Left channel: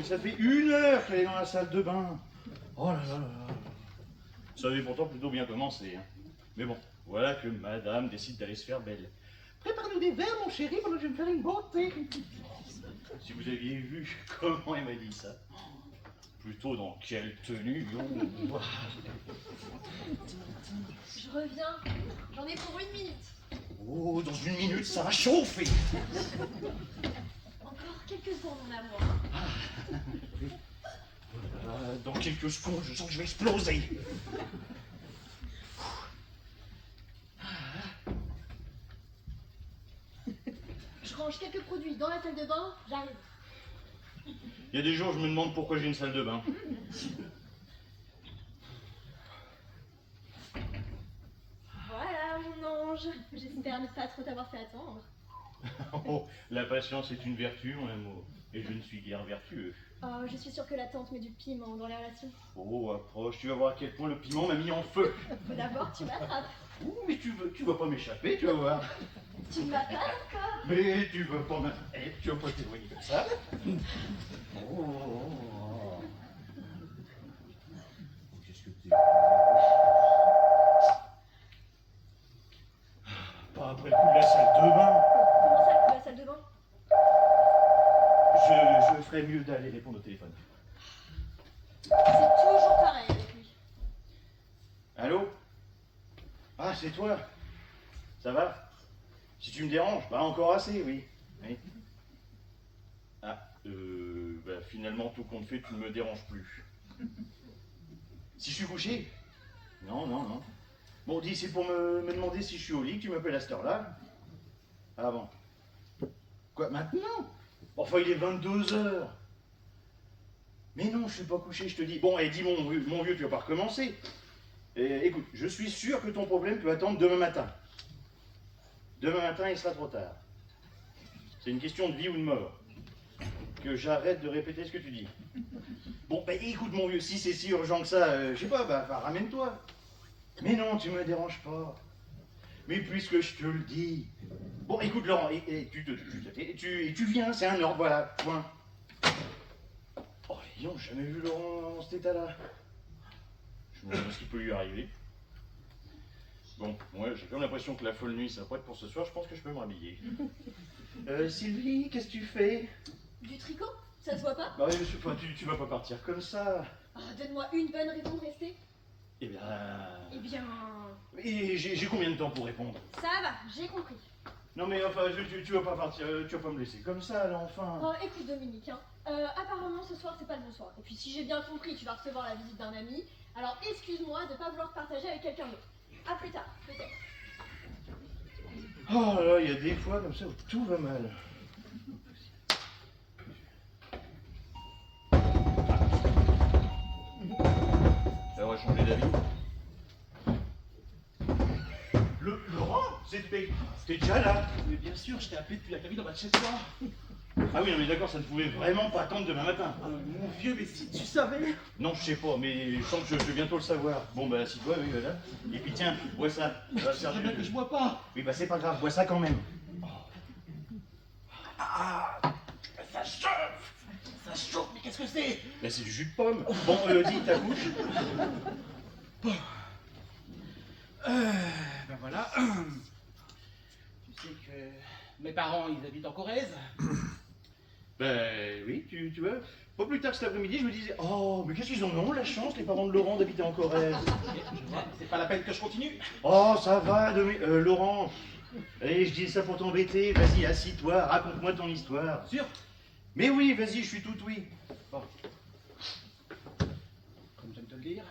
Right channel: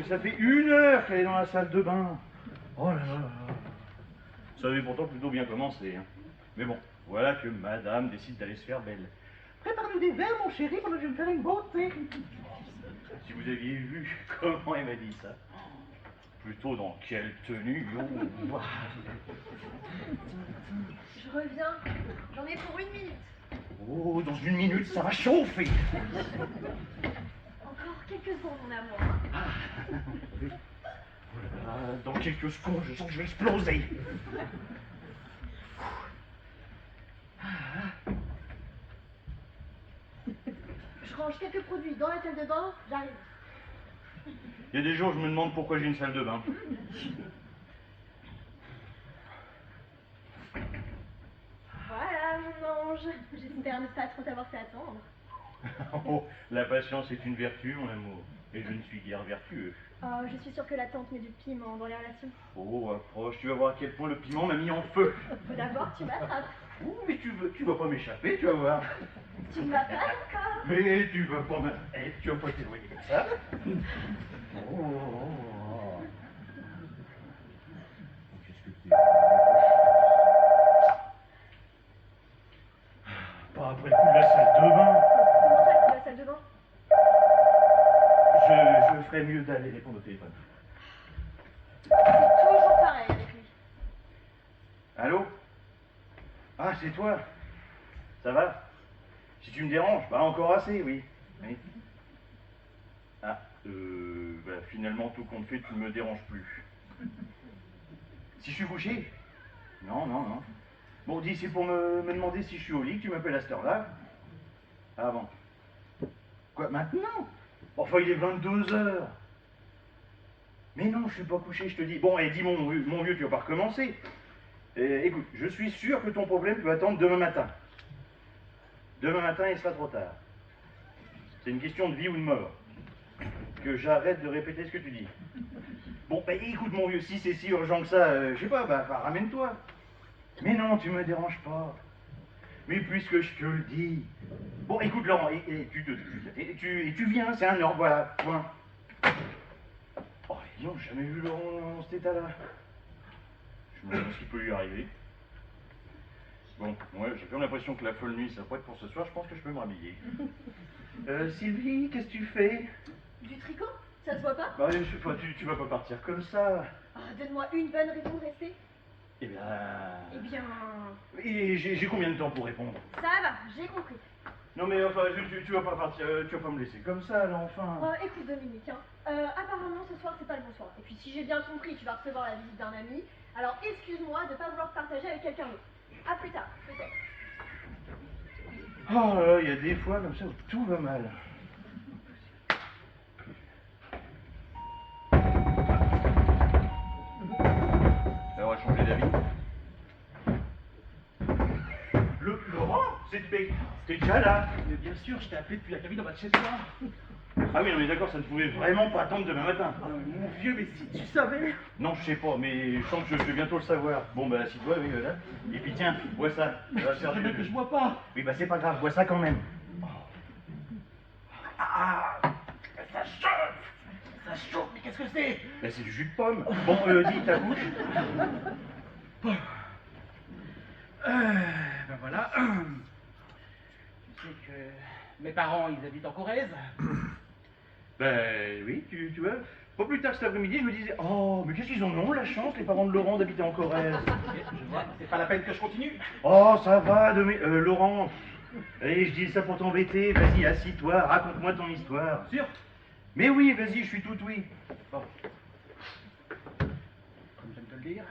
mais ça fait 1 heure qu'elle est dans la salle de bain. Oh là là là là. Ça avait pourtant plutôt bien commencé. Hein. Mais bon, voilà que madame décide d'aller se faire belle. Prépare-nous des verres, mon chéri, pendant que je vais me faire une beauté. Si vous aviez vu comment elle m'a dit ça. Plutôt dans quelle tenue. Oh. Je reviens. J'en ai pour 1 minute. Oh, dans 1 minute, ça va chauffer. Encore quelques secondes, mon amour. Dans quelques secondes, je sens que je vais exploser. Je range quelques produits dans la salle de bain, j'arrive. Il y a des jours, je me demande pourquoi j'ai une salle de bain. Voilà, mon ange. J'espère ne pas trop t'avoir fait attendre. Oh, la patience est une vertu, mon amour. Et je ne suis guère vertueux. Oh, je suis sûre que la tante met du piment dans les relations. Oh, approche, tu vas voir à quel point le piment m'a mis en feu. Faut d'abord que tu m'attrapes. Ouh, mais tu vas pas m'échapper, tu vas voir. Tu ne m'as pas encore. Mais tu vas pas m'arrêter, tu vas pas t'éloigner comme ça. Oh. Qu'est-ce que t'es... Pas après le coup de la salle de bain. Comment ça, la salle de bain? Je ferais mieux d'aller répondre au téléphone. C'est toujours pareil avec lui. Allô? Ah, c'est toi? Ça va? Si tu me déranges, bah encore assez, oui. Oui. Ah, bah finalement, tout compte fait, tu ne me déranges plus. Si je suis couché? Non, non, non. Bon, dis, c'est pour me demander si je suis au lit que tu m'appelles à cette heure-là? Ah bon. Quoi, maintenant? Enfin, il est 22 h. Mais non, je suis pas couché, je te dis. Bon, et dis mon vieux, tu vas pas recommencer. Écoute, je suis sûr que ton problème peut attendre demain matin. Demain matin, il sera trop tard. C'est une question de vie ou de mort. Que j'arrête de répéter ce que tu dis. Bon, bah écoute mon vieux, si c'est si urgent que ça, je sais pas, bah ramène-toi. Mais non, tu me déranges pas. Mais puisque je te le dis. Bon, écoute Laurent, tu viens, c'est un ordre, voilà, point. Oh, ils n'ont jamais vu Laurent dans cet état-là. Je me demande ce qui peut lui arriver. Bon, ouais, j'ai comme l'impression que la folle nuit s'apprête pour ce soir, je pense que je peux me rhabiller. Sylvie, qu'est-ce que tu fais? Du tricot? Ça se voit pas? Bah, tu vas pas partir comme ça. Oh, donne-moi une bonne raison de rester. Eh bien... Eh bien... Et j'ai combien de temps pour répondre? Ça va, j'ai compris. Non mais enfin, tu vas pas partir, tu vas pas me laisser comme ça, là, enfin. Oh, écoute Dominique, hein. Apparemment ce soir c'est pas le bon soir. Et puis si j'ai bien compris, tu vas recevoir la visite d'un ami. Alors excuse-moi de pas vouloir te partager avec quelqu'un d'autre. À plus tard, peut-être. Oh là, il y a des fois comme ça où tout va mal. Ça va changer d'avis. Laurent, t'es déjà là? Mais bien sûr, je t'ai appelé depuis la cabine en bas de chez toi. Ah oui, non mais d'accord, ça ne pouvait vraiment pas attendre demain matin. Mon vieux, mais si tu savais. Non, je sais pas, mais je sens que je vais bientôt le savoir. Bon, bah, assis-toi, oui, voilà. Et puis tiens, bois ça. Ça va faire C'est bien du... que je bois pas. Oui, bah, c'est pas grave, bois ça quand même. Ah, ça chauffe. Ça chauffe, mais qu'est-ce que c'est? Bah, c'est du jus de pomme. Bon, dis ta bouche. Ben voilà. Tu sais que mes parents, ils habitent en Corrèze. Ben oui, tu vois. Pas plus tard que cet après-midi, je me disais, oh, mais qu'est-ce qu'ils en ont la chance, les parents de Laurent, d'habiter en Corrèze. Je vois, c'est pas la peine que je continue. Oh, ça va, Laurent. Allez, je dis ça pour t'embêter. Vas-y, assis-toi, raconte-moi ton histoire. Sûr? Mais oui, vas-y, je suis tout oui. Bon. Comme j'aime te le dire,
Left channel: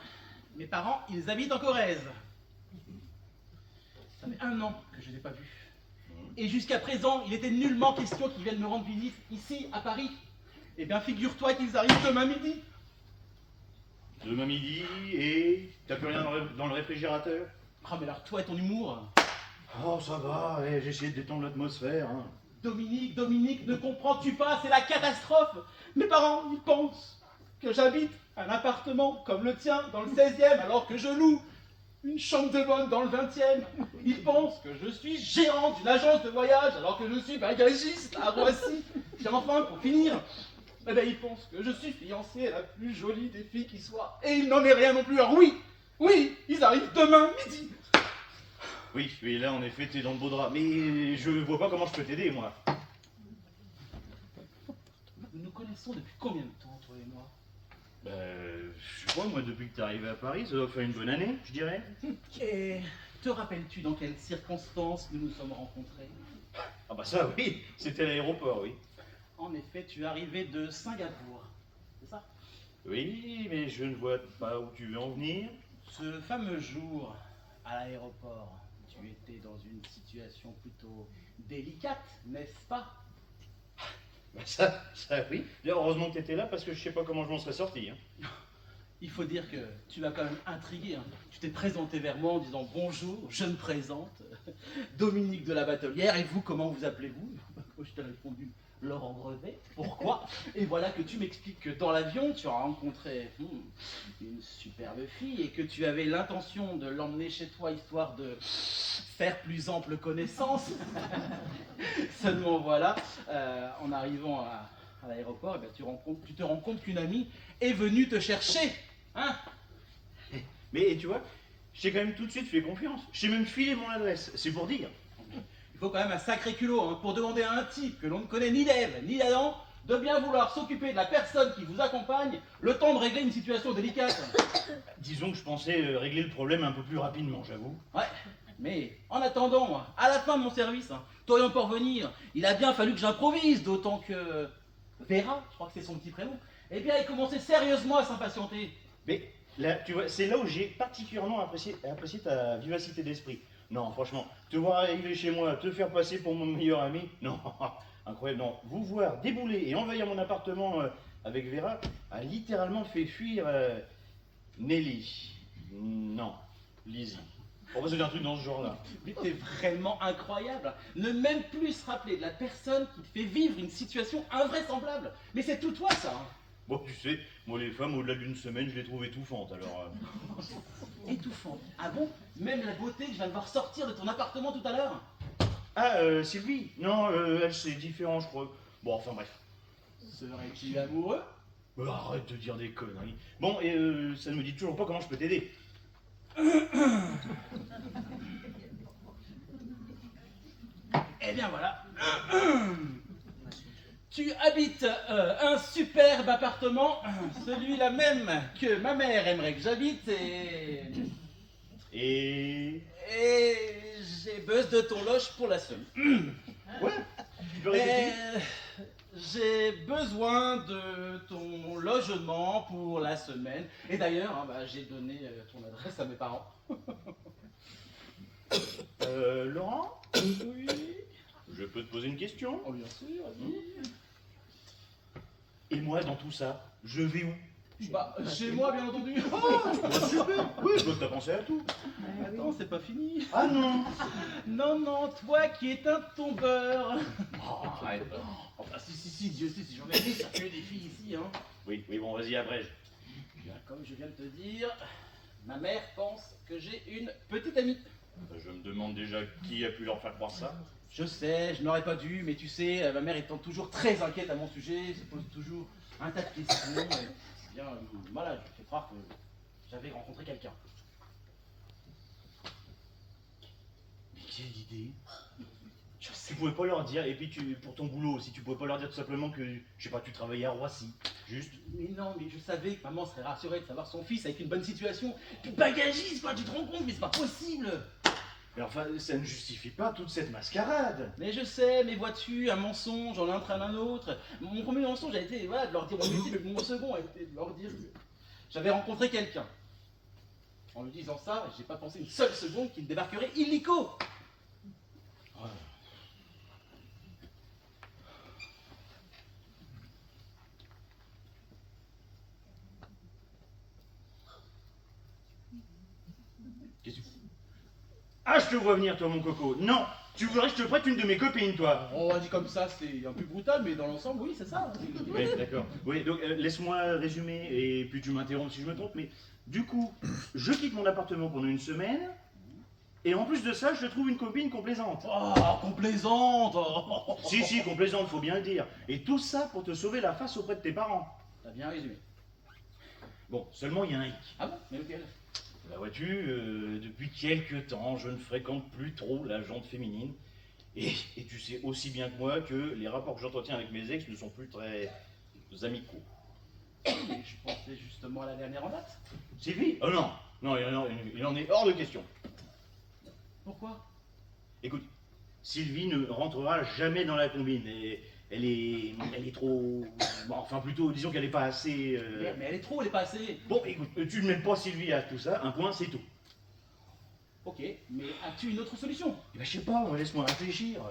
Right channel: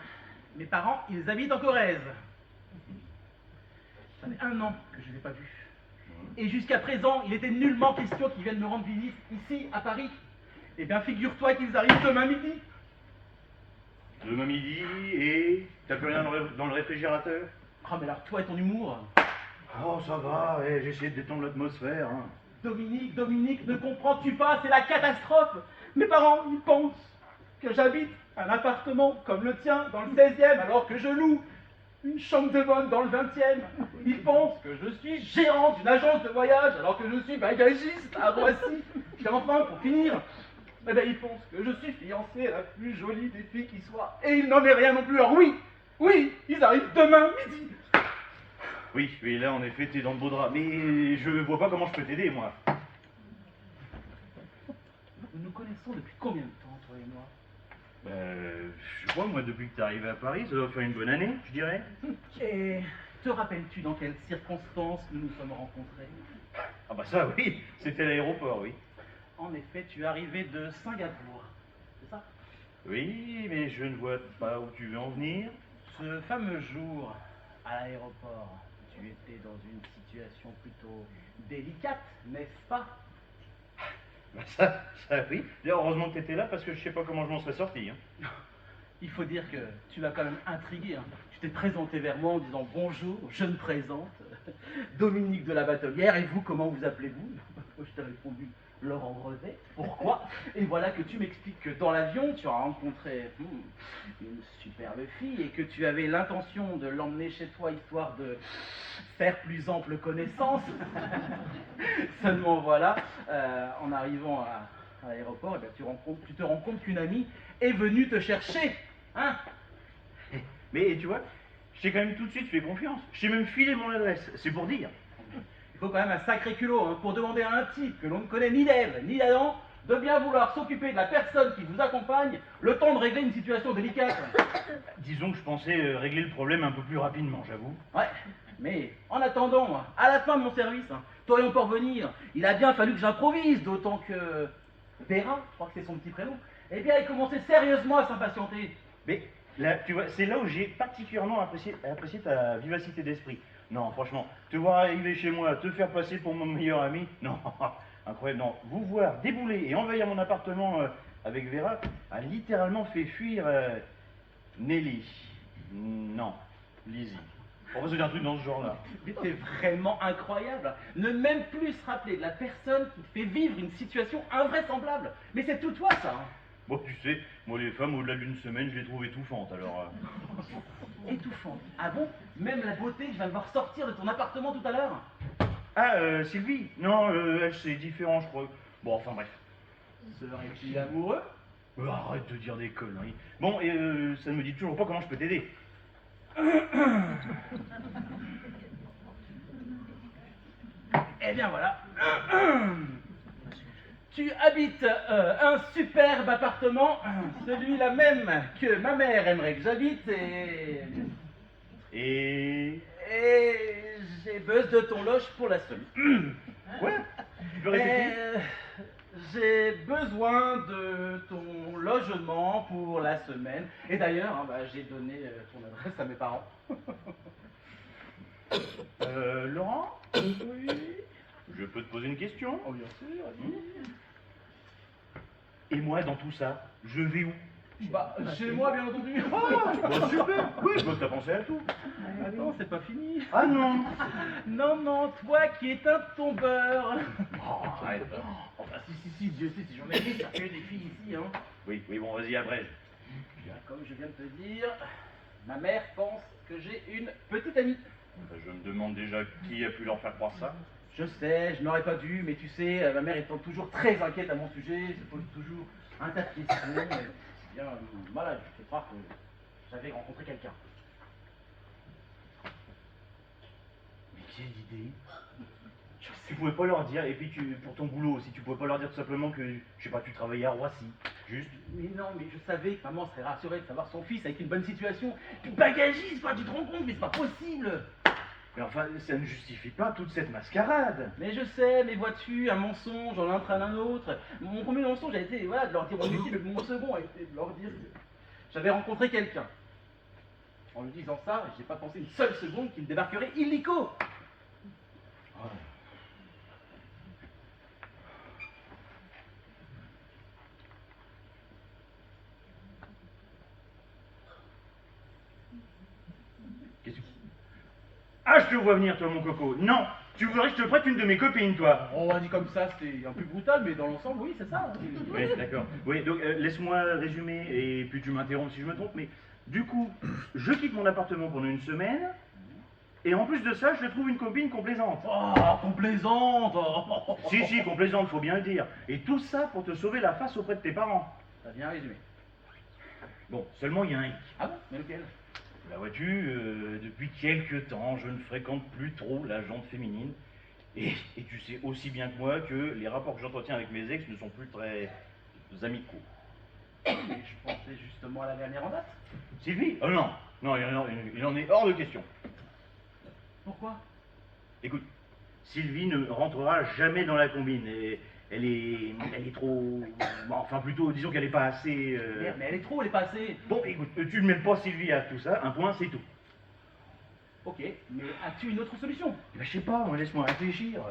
mes parents, ils habitent en Corrèze. Ça fait 1 an que je ne les ai pas vus. Et jusqu'à présent, il était nullement question qu'ils viennent me rendre visite ici, à Paris. Eh bien, figure-toi qu'ils arrivent demain midi. Demain midi, et t'as plus rien dans le réfrigérateur? Oh, mais alors, toi et ton humour. Oh, ça va, ouais, j'ai essayé de détendre l'atmosphère. Hein. Dominique, ne comprends-tu pas? C'est la catastrophe. Mes parents, ils pensent que j'habite un appartement comme le tien dans le 16e, alors que je loue une chambre de bonne dans le 20e. Ils pensent que je suis gérant d'une agence de voyage, alors que je suis bagagiste à Roissy. Et enfin, pour finir, Eh ben, il pense que je suis fiancé à la plus jolie des filles qui soit. Et il n'en est rien non plus. Alors oui, ils arrivent demain midi. Oui, oui, là en effet, t'es dans le beau drap. Mais je vois pas comment je peux t'aider, moi. Nous nous connaissons depuis combien de temps, toi et moi? Je sais pas, moi, depuis que t'es arrivé à Paris, ça doit faire une bonne année, je dirais. Et te rappelles-tu dans quelles circonstances nous nous sommes rencontrés? Ah bah ça, oui, c'était à l'aéroport, oui. En effet, tu es arrivé de Singapour, c'est ça? Oui, mais je ne vois pas où tu veux en venir. Ce fameux jour à l'aéroport, tu étais dans une situation plutôt délicate, n'est-ce pas? Bah ça oui. D'ailleurs, heureusement que t'étais là parce que je sais pas comment je m'en serais sorti. Hein. Il faut dire que tu m'as quand même intrigué. Hein. Tu t'es présenté vers moi en disant bonjour, je me présente, Dominique de la Batelière, et vous, comment vous appelez-vous? Moi, je t'ai répondu Laurent Brevet. Pourquoi? Et voilà que tu m'expliques que dans l'avion, tu as rencontré une superbe fille et que tu avais l'intention de l'emmener chez toi histoire de faire plus ample connaissance. Seulement voilà, en arrivant à l'aéroport, eh bien, tu te rends compte qu'une amie est venue te chercher. Hein? Mais tu vois, je t'ai quand même tout de suite fait confiance. Je t'ai même filé mon adresse. C'est pour dire. Il faut quand même un sacré culot hein, pour demander à un type que l'on ne connaît ni d'Ève ni d'Adam de bien vouloir s'occuper de la personne qui vous accompagne le temps de régler une situation délicate. Disons que je pensais régler le problème un peu plus rapidement, j'avoue. Ouais, mais en attendant, à la fin de mon service, t'orients pour venir, il a bien fallu que j'improvise, d'autant que Vera, je crois que c'est son petit prénom, eh bien, elle commençait sérieusement à s'impatienter. Mais là, tu vois, c'est là où j'ai particulièrement apprécié ta vivacité d'esprit. Non, franchement, te voir arriver chez moi, te faire passer pour mon meilleur ami, non, incroyable, non. Vous voir débouler et envahir mon appartement avec Vera a littéralement fait fuir Nelly. Non, Lizzie. On va se dire un truc dans ce genre-là. Mais t'es vraiment incroyable. Ne même plus se rappeler de la personne qui te fait vivre une situation invraisemblable. Mais c'est tout toi, ça. Hein. Bon, tu sais, moi les femmes, au-delà d'une semaine, je les trouve étouffantes, alors... Étouffante. Ah bon? Même la beauté que je viens de voir sortir de ton appartement tout à l'heure? Ah, Sylvie? Non, elle, c'est différent, je crois. Bon, enfin bref. Serais-tu amoureux? Arrête de dire des conneries. Bon, et ça ne me dit toujours pas comment je peux t'aider. Eh bien voilà. Tu habites un superbe appartement, celui-là même que ma mère aimerait que j'habite Et... et j'ai besoin de ton loge pour la semaine. Quoi? Tu peux répéter? J'ai besoin de ton logement pour la semaine. Et d'ailleurs, hein, bah, j'ai donné ton adresse à mes parents. Laurent? Oui. Je peux te poser une question? Oh, bien sûr, vas-y. Et moi, dans tout ça, je vais où? Bah, chez moi, bien entendu. Bah, super! Oui, je vois que t'as pensé à tout. Attends, c'est pas fini. Ah non! Non, toi qui es un tombeur. Oh, arrête. Enfin, si, Dieu sait si j'en ai vu circuler des filles ici, hein. Oui, bon, vas-y, abrège. Bien, comme je viens de te dire, ma mère pense que j'ai une petite amie. Je me demande déjà qui a pu leur faire croire ça. Je sais, je n'aurais pas dû, mais tu sais, ma mère étant toujours très inquiète à mon sujet, se pose toujours un tas de questions. Eh bien, voilà, je fais croire que j'avais rencontré quelqu'un. Mais quelle idée! Tu pouvais pas leur dire, et puis pour ton boulot aussi, tu pouvais pas leur dire tout simplement que, je sais pas, tu travaillais à Roissy, juste. Mais non, mais je savais que maman serait rassurée de savoir son fils avec une bonne situation. Puis bagagiste, quoi, tu te rends compte, mais c'est pas possible! Mais enfin, ça ne justifie pas toute cette mascarade. Mais je sais, mais vois-tu, un mensonge en entraîne un autre. Mon premier mensonge a été voilà, de leur dire mon métier, mais mon second a été de leur dire que j'avais rencontré quelqu'un. En lui disant ça, j'ai pas pensé une seule seconde qu'il débarquerait illico. Oh. Qu'est-ce que... Ah, je te vois venir, toi, mon coco. Non, tu voudrais que je te prête une de mes copines, toi. On va dire comme ça, c'est un peu brutal, mais dans l'ensemble, oui, c'est ça. Oui, d'accord. Oui, donc laisse-moi résumer, et puis tu m'interromps si je me trompe, mais du coup, je quitte mon appartement pendant une semaine, Et en plus de ça, je te trouve une copine complaisante. Oh, complaisante. Oh. Si, complaisante, faut bien le dire. Et tout ça pour te sauver la face auprès de tes parents. T'as bien résumé. Bon, seulement il y a un hic. Ah bon? Mais lequel? Bah vois-tu, depuis quelques temps, je ne fréquente plus trop la jante féminine. Et tu sais aussi bien que moi que les rapports que j'entretiens avec mes ex ne sont plus très amicaux. Mais je pensais justement à la dernière en date. Sylvie? Oh non, il en est hors de question. Pourquoi? Écoute, Sylvie ne rentrera jamais dans la combine. Et elle est trop... bon, enfin plutôt, disons qu'elle n'est pas assez... Merde, mais elle est trop, elle est pas assez. Bon, écoute, tu ne mêles pas Sylvie à tout ça, un point, c'est tout. Ok, mais as-tu une autre solution? Bah, je sais pas, laisse-moi réfléchir.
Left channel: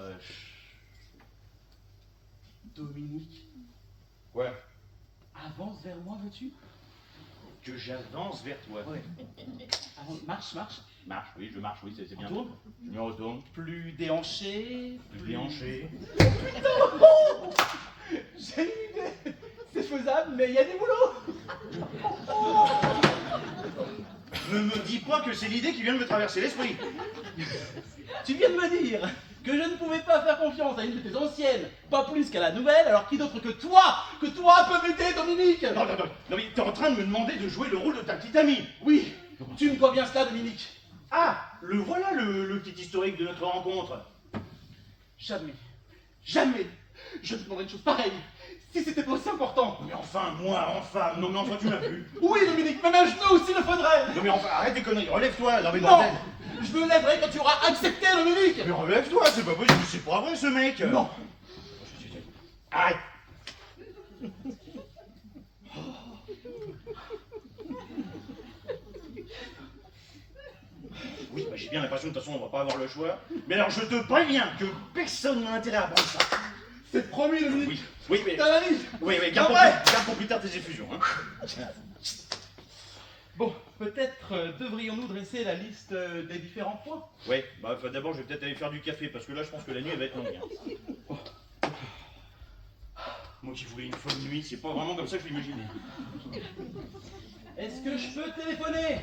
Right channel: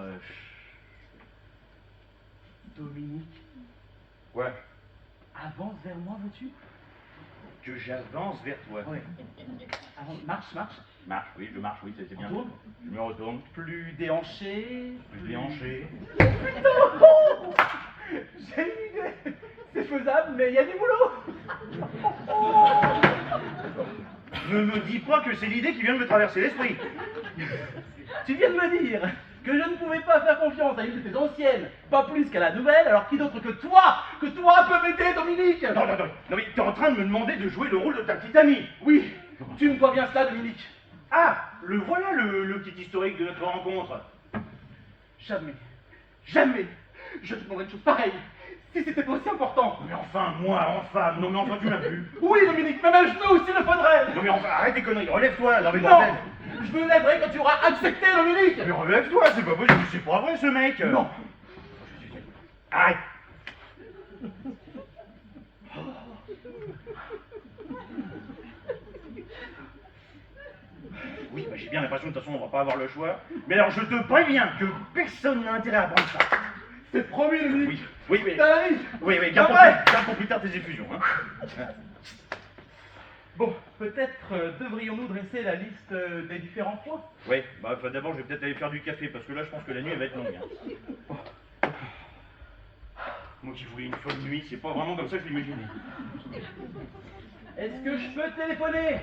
Dominique, Ouais. avance vers moi, veux-tu? Que j'avance vers toi. Ouais. Marche. Marche, oui, je marche, oui, c'est bien. Retourne. Je me retourne, Plus déhanché. plus déhanché. J'ai une idée. C'est faisable, mais il y a du boulot. Ne me dis pas que c'est l'idée qui vient de me traverser l'esprit. Tu viens de me dire que je ne pouvais pas faire confiance à une de tes anciennes, pas plus qu'à la nouvelle, alors qui d'autre que toi peut m'aider, Dominique? Non, mais t'es en train de me demander de jouer le rôle de ta petite amie. Oui, tu me dois bien cela, Dominique. Ah, le voilà le petit historique de notre rencontre. Jamais, je te demanderais une chose pareille, si c'était pas aussi important. Mais enfin, moi, en femme, non mais enfin tu m'as plus. Oui, Dominique, même un genou s'il le faudrait. Non mais enfin, arrête tes conneries, relève-toi, non mais Non, bordel. je me lèverai quand tu auras accepté, Dominique. Mais relève-toi, c'est pas possible, c'est pas vrai ce mec. Non. Arrête. Oui, mais j'ai bien l'impression que de toute façon on va pas avoir le choix. Mais alors je te préviens que personne n'a intérêt à prendre ça. C'est promis, Dominique. Oui, mais... T'as la vie. Oui, garde pour plus tard tes effusions. Hein. Bon, peut-être devrions-nous dresser la liste des différents points. Ouais, bah enfin, d'abord je vais peut-être aller faire du café parce que là je pense que la nuit elle va être longue. Hein. Moi qui voulais une folle nuit, c'est pas vraiment comme ça que je l'imaginais. Est-ce que je peux téléphoner?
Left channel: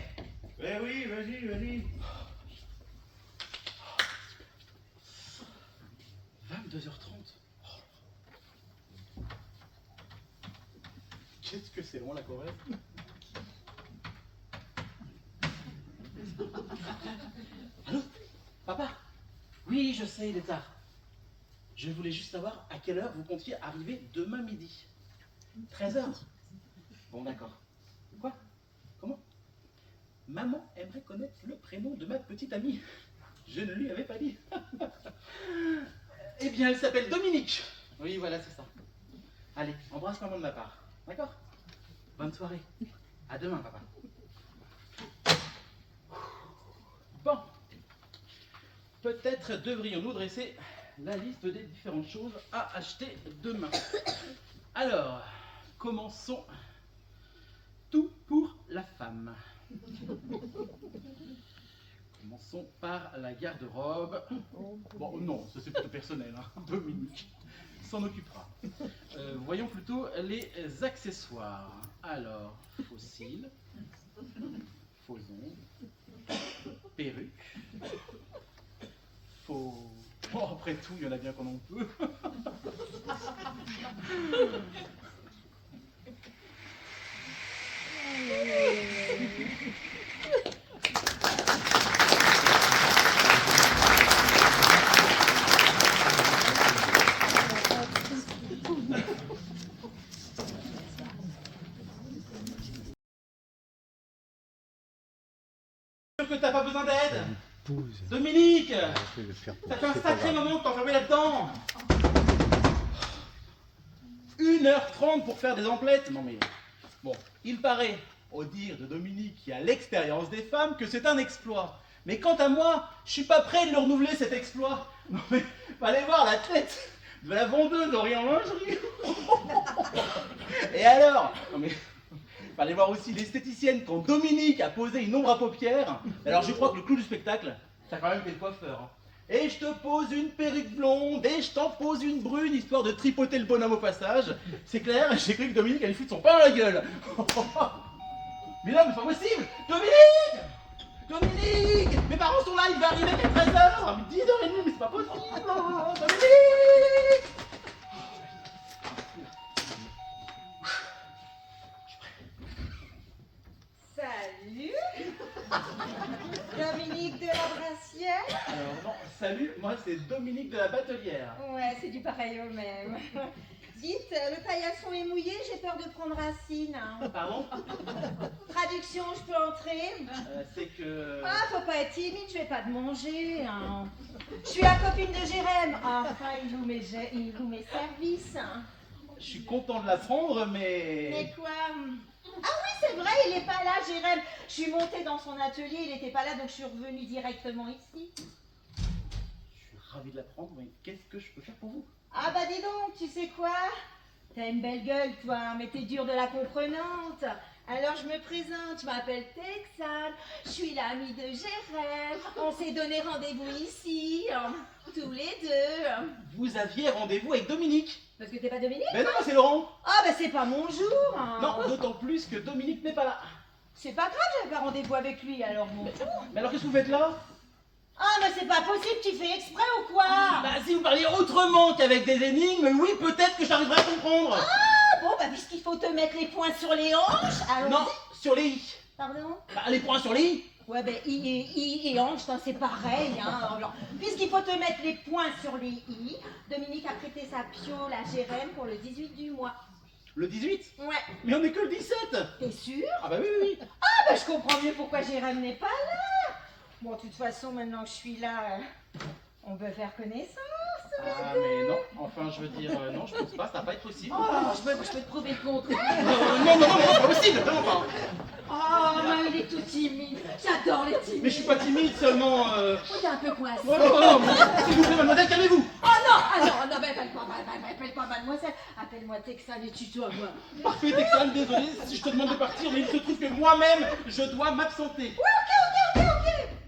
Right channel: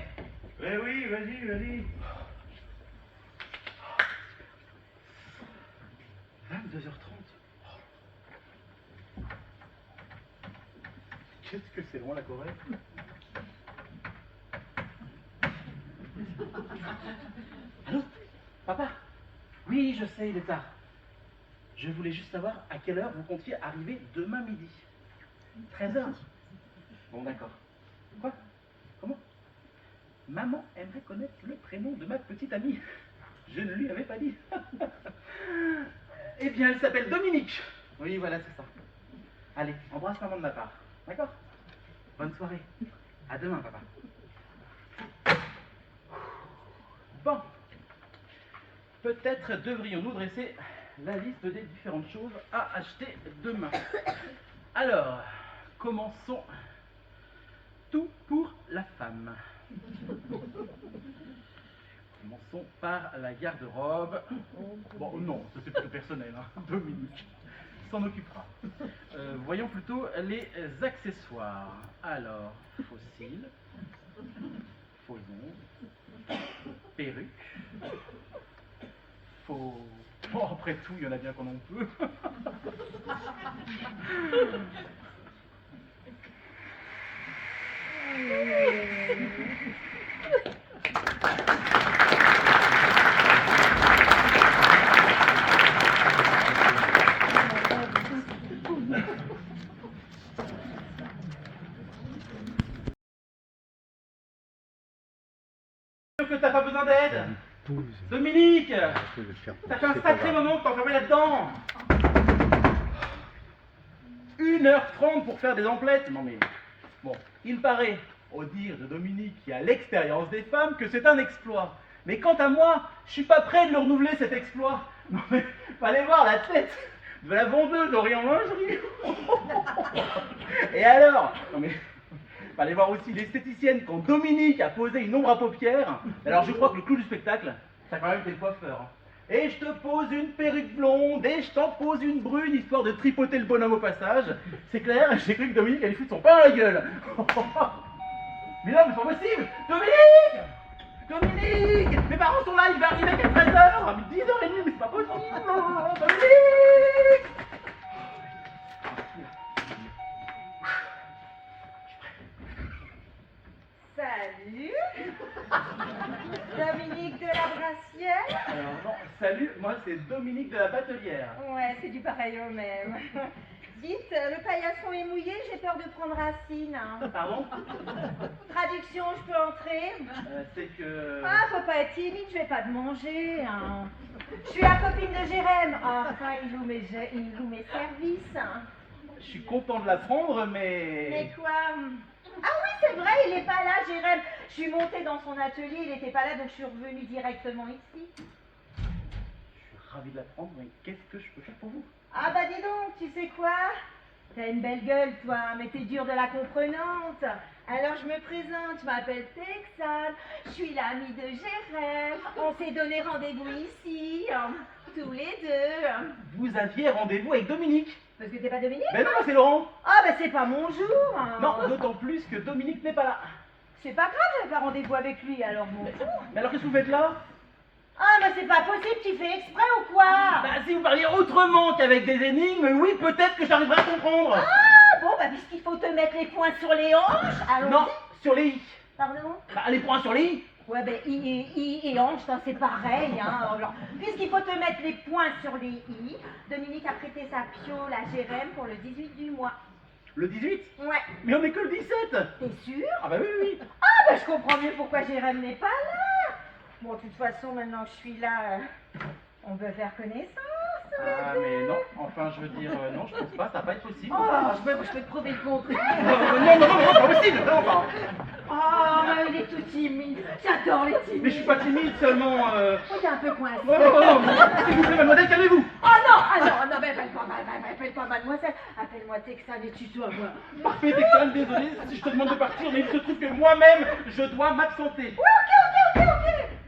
Eh oui, vas-y. 22h30. Qu'est-ce que c'est long la Corée? Allô? Papa? Oui, je sais, il est tard. Je voulais juste savoir à quelle heure vous comptiez arriver demain midi. 13h. Bon, d'accord. Quoi? Comment? Maman aimerait connaître le prénom de ma petite amie. Je ne lui avais pas dit. Eh bien, elle s'appelle Dominique. Oui, voilà, c'est ça. Allez, embrasse maman de ma part. D'accord? Bonne soirée. À demain, papa. Bon. Peut-être devrions-nous dresser la liste des différentes choses à acheter demain. Alors, commençons. Tout pour la femme. Commençons par la garde-robe. Bon, non, ça c'est plutôt personnel, hein. Dominique s'en occupera. Voyons plutôt les accessoires. Alors, fossiles, faux ongles, perruque, faux... Bon, après tout, il y en a bien qu'on en peut. Que t'as pas besoin d'aide. Dominique, ça fait un sacré moment que t'es enfermé là-dedans. 1h30 pour faire des emplettes. Non mais, bon, il paraît, au dire de Dominique qui a l'expérience des femmes, que c'est un exploit. Mais quant à moi, je suis pas prêt de le renouveler cet exploit. Non mais, fallait voir la tête de la vendeuse d'Orient Lingerie. Et alors? Non mais... Fallait voir aussi l'esthéticienne quand Dominique a posé une ombre à paupières. Alors je crois que le clou du spectacle, ça a quand même été le coiffeur. Et je te pose une perruque blonde, et je t'en pose une brune, histoire de tripoter le bonhomme au passage. C'est clair, j'ai cru que Dominique allait foutre son pain à la gueule. Mais là, mais c'est pas possible. Dominique! Dominique! Mes parents sont là, il va arriver à 13h! 10h30, mais c'est pas possible! Dominique! Salut Dominique de la Brassière. Alors non, salut, moi c'est Dominique de la Batelière. Ouais, c'est du pareil au même. Dites, le paillasson est mouillé, j'ai peur de prendre racine. Pardon? Traduction, je peux entrer? C'est que... Ah, faut pas être timide, je vais pas te manger. Hein. Je suis la copine de Jérém. Enfin, il loue mes services. Je suis content de l'apprendre, mais... Mais quoi? Ah oui, c'est vrai, il est pas là, Jérém. Je suis montée dans son atelier, il était pas là, donc je suis revenue directement ici. Je suis ravi de l'apprendre, mais qu'est-ce que je peux faire pour vous? Ah bah dis donc, tu sais quoi? T'as une belle gueule, toi, mais t'es dure de la comprenante. Alors je me présente, je m'appelle Texane, je suis l'amie de Jérém. On s'est donné rendez-vous ici, tous les deux. Vous aviez rendez-vous avec Dominique? Parce que t'es pas Dominique? Mais non, c'est Laurent! Ah bah c'est pas mon jour. Non, d'autant plus que Dominique n'est pas là. C'est pas grave, j'avais pas rendez-vous avec lui, alors mon tour. Mais alors qu'est-ce que vous faites là? Ah mais c'est pas possible, tu fais exprès ou quoi? Bah si vous parliez autrement qu'avec des énigmes, oui, peut-être que j'arriverai à comprendre. Ah bon, bah puisqu'il faut te mettre les poings sur les hanches, allons-y. Non, sur les i. Pardon? Bah les points sur les i. Ouais, ben I et hanche, c'est pareil. Hein. Alors, puisqu'il faut te mettre les poings sur les I, Dominique a prêté sa piole à Jérém pour le 18 du mois. Le 18? Ouais. Mais on est que le 17. T'es sûr? Ah bah oui, oui. Ah, ben je comprends mieux pourquoi Jérém n'est pas là. Bon, de toute façon, maintenant que je suis là, on peut faire connaissance. Ah mais non, enfin je veux dire, non, je pense pas, ça va pas être possible. Oh, je peux te prouver le contraire. Non, c'est pas possible, vraiment pas. Oh, il est tout timide. J'adore les timides. Mais je suis pas timide, seulement... Oh, t'es un peu coincé. Oh, s'il vous plaît, mademoiselle, calmez-vous. Oh non, ah non, mais appelle-moi mademoiselle, appelle-moi Texane et tutoie-moi. Parfait, Texane, désolé si je te demande de partir, mais il se trouve que moi-même, je dois m'absenter. Ouais,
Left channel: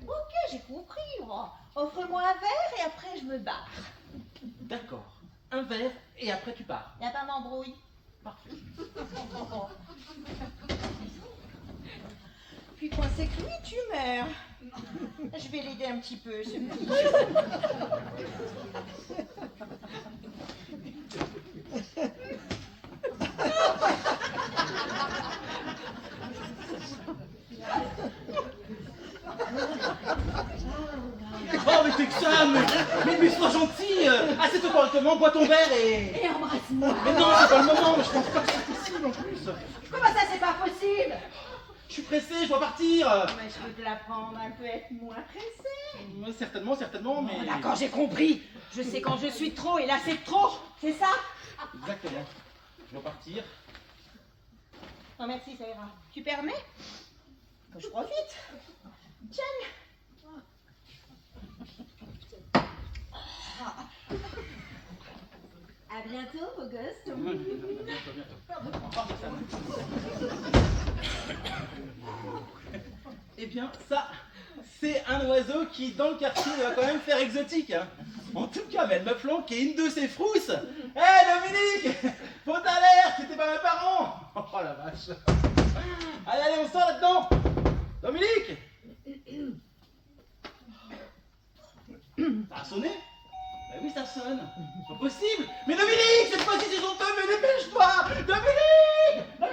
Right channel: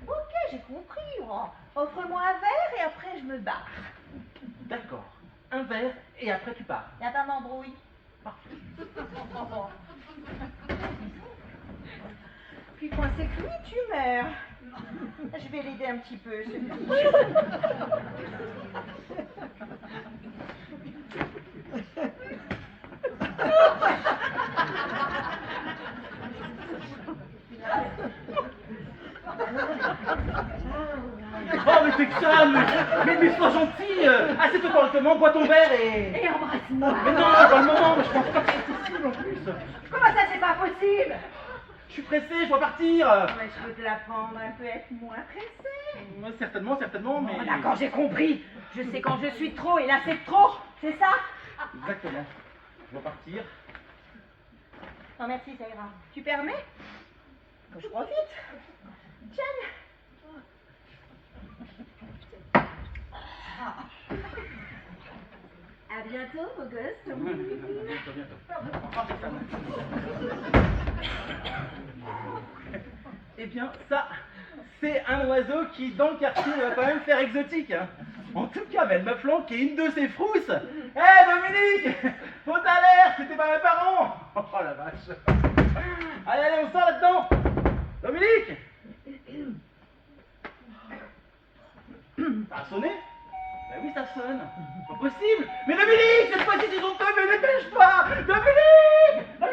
ok, j'ai compris. Oh. Offre-moi un verre et après je me barre. D'accord, un verre et après tu pars. Y'a pas d'embrouille. Parfait. Puis coincé que lui, tu meurs. Je vais l'aider un petit peu, ce petit. Oh mais Texane, mais sois gentil, assieds-toi correctement, bois ton verre et... Et embrasse-moi. Mais non, c'est pas le moment, mais je pense pas que c'est possible en plus. Comment ça, c'est pas possible? Je suis pressé, je dois partir. Mais je peux te l'apprendre un peu être moins pressé. Ouais, certainement, mais... Oh, d'accord, j'ai compris. Je sais quand je suis trop et là c'est trop. C'est ça? Exactement. Je dois partir. Non, merci, ça ira. Tu permets? Que je profite. Tiens. À bientôt, beau gosse. Eh bien, ça, c'est un oiseau qui, dans le quartier, va quand même faire exotique. Hein. En tout cas, mais elle m'a flanqué une de ses frousses. Hé, Dominique, faut alerte, c'était pas mes parents. Oh la vache. Allez, on sort là-dedans. Dominique. Ça a sonné? Bah oui, ça sonne. C'est pas possible. Mais Dominique, cette fois-ci, c'est honteux, mais dépêche-toi. Dominique. Oh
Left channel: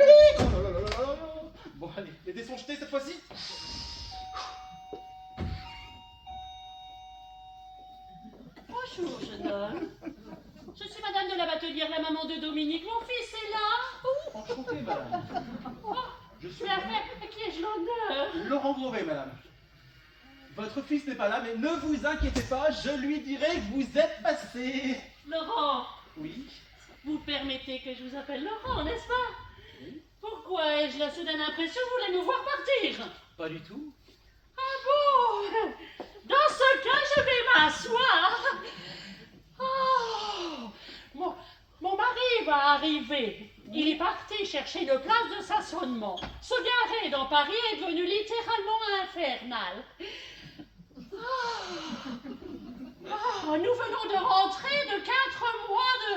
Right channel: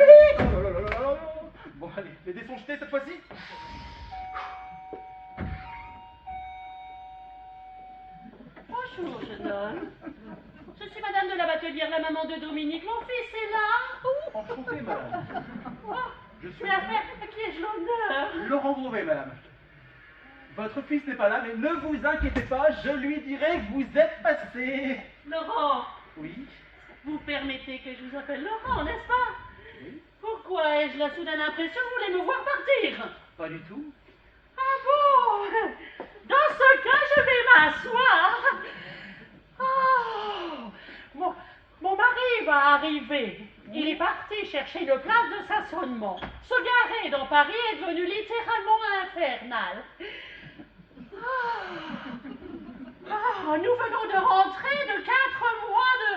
là là là là là. Bon, allez, les dés sont jetés cette fois-ci. Bonjour, jeune homme. Je suis madame de la Batelière, la maman de Dominique. Mon fils est là. Enchanté, madame. Oh, Je suis mais à qui ai-je l'honneur? Laurent Grouvet, madame. Votre fils n'est pas là, mais ne vous inquiétez pas, je lui dirai que vous êtes passé. Laurent, Oui. vous permettez que je vous appelle Laurent, n'est-ce pas? Oui. Pourquoi ai-je la soudaine impression que vous voulez me voir partir? Pas du tout. Ah bon? Dans ce cas, je vais m'asseoir. Oh, mon mari va arriver. Il est parti chercher une place de stationnement. Se garer dans Paris est devenu littéralement infernal. Oh, nous venons de rentrer de 4 mois de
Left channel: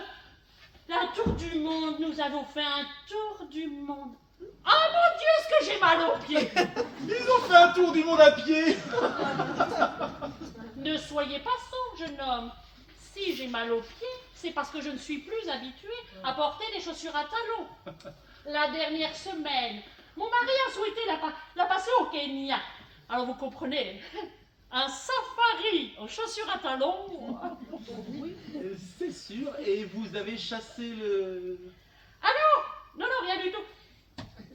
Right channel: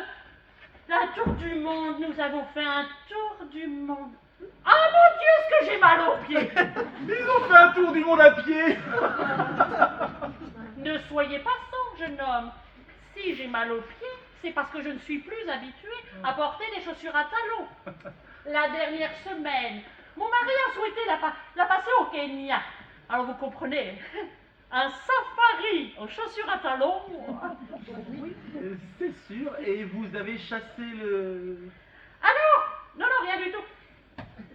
la tour du monde. Nous avons fait un tour du monde Ah mon Dieu, est-ce que j'ai mal aux pieds! Ils ont fait un tour du monde à pied. Ne soyez pas sot, jeune homme. Si j'ai mal aux pieds, c'est parce que je ne suis plus habituée à porter des chaussures à talons. La dernière semaine, mon mari a souhaité la passer au Kenya. Alors vous comprenez, un safari aux chaussures à talons. C'est sûr. Et vous avez chassé le... Ah non, rien du tout.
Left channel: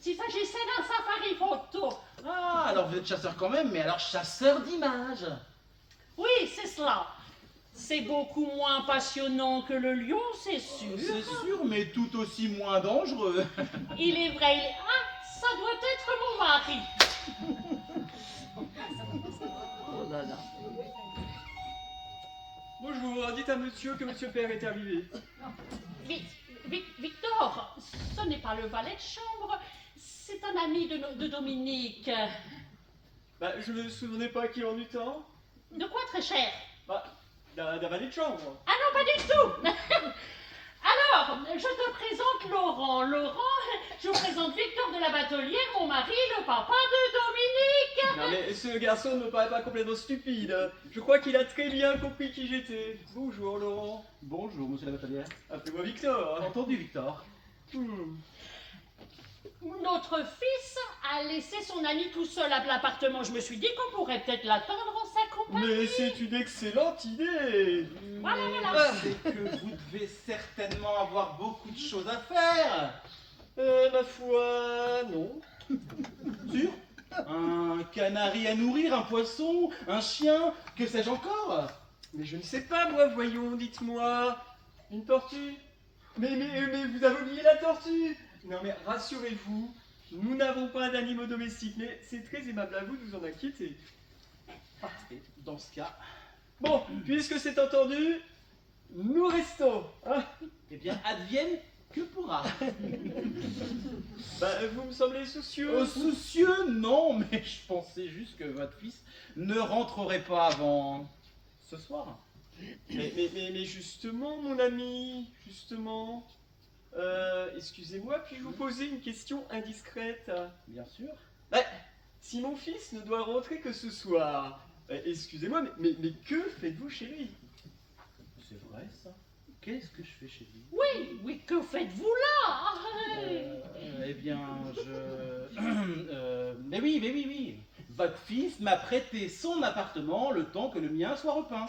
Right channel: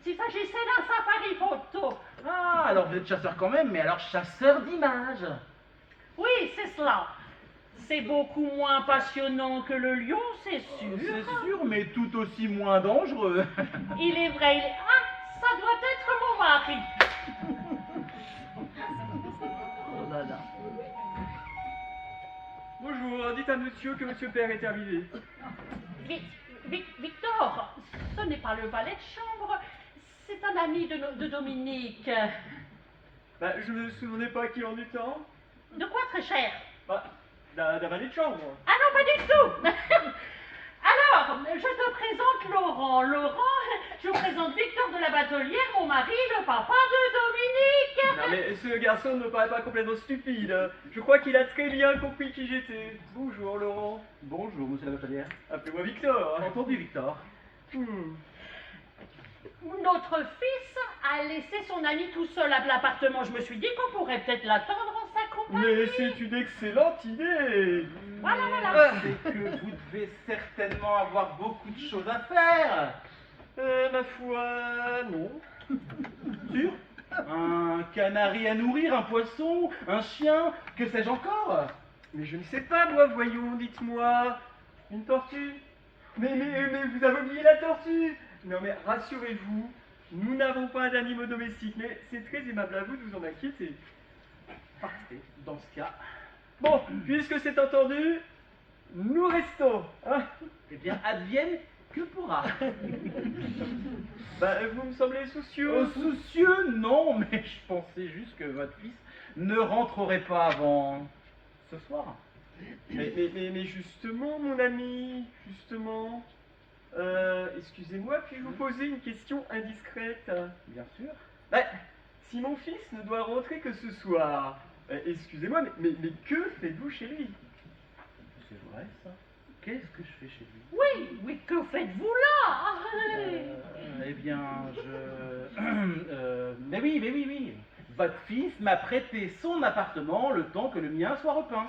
S'il s'agissait d'un safari photo. Ah, alors vous êtes chasseur quand même, mais alors chasseur d'images. Oui, c'est cela. C'est beaucoup moins passionnant que le lion, c'est sûr. C'est sûr, mais tout aussi moins dangereux. Il est vrai, Ah, ça doit être mon mari. Oh là là. Bonjour, dites à monsieur que monsieur Père est arrivé. Victor, ce n'est pas le valet de chambre, c'est un ami de Dominique. Bah, je ne me souvenais pas qu'il en eut temps. De quoi, très cher? Bah, d'un valet de chambre. Ah non, pas du tout. Alors, je te présente Laurent. Je vous présente Victor de la Batelière, mon mari, le papa de Dominique. Non mais ce garçon ne me paraît pas complètement stupide. Je crois qu'il a très bien compris qui j'étais. Bonjour Laurent. Bonjour, monsieur la Batelière. Appelez-moi Victor. Entendu, Victor. Notre fils a laissé son ami tout seul à l'appartement. Je me suis dit qu'on pourrait peut-être l'attendre en sa compagnie. Mais c'est une excellente idée. Voilà. C'est que vous devez certainement avoir beaucoup de choses à faire. Ma foi, non. Sûr? Un canari à nourrir, un poisson, un chien, que sais-je encore? Mais je ne sais pas, moi, voyons, dites-moi. Une tortue? Mais vous avez oublié la tortue? Non mais rassurez-vous, nous n'avons pas d'animaux domestiques, mais c'est très aimable à vous de vous en inquiéter. Parfait. Dans ce cas, Bon, puisque c'est entendu, nous restons. Hein. eh bien, advienne que pourra. Bah, vous me semblez soucieux. Oh, soucieux, non, mais je pensais juste que votre fils ne rentrerait pas avant ce soir. Mais justement, mon ami, justement. Excusez-moi, puis-je vous poser une question indiscrète? Bien sûr. Bah, si mon fils ne doit rentrer que ce soir, excusez-moi, mais que faites-vous chez lui? C'est vrai, ça. Qu'est-ce que je fais chez lui? Oui, que faites-vous là? Eh bien, mais oui. Votre fils m'a prêté son appartement le temps que le mien soit repeint.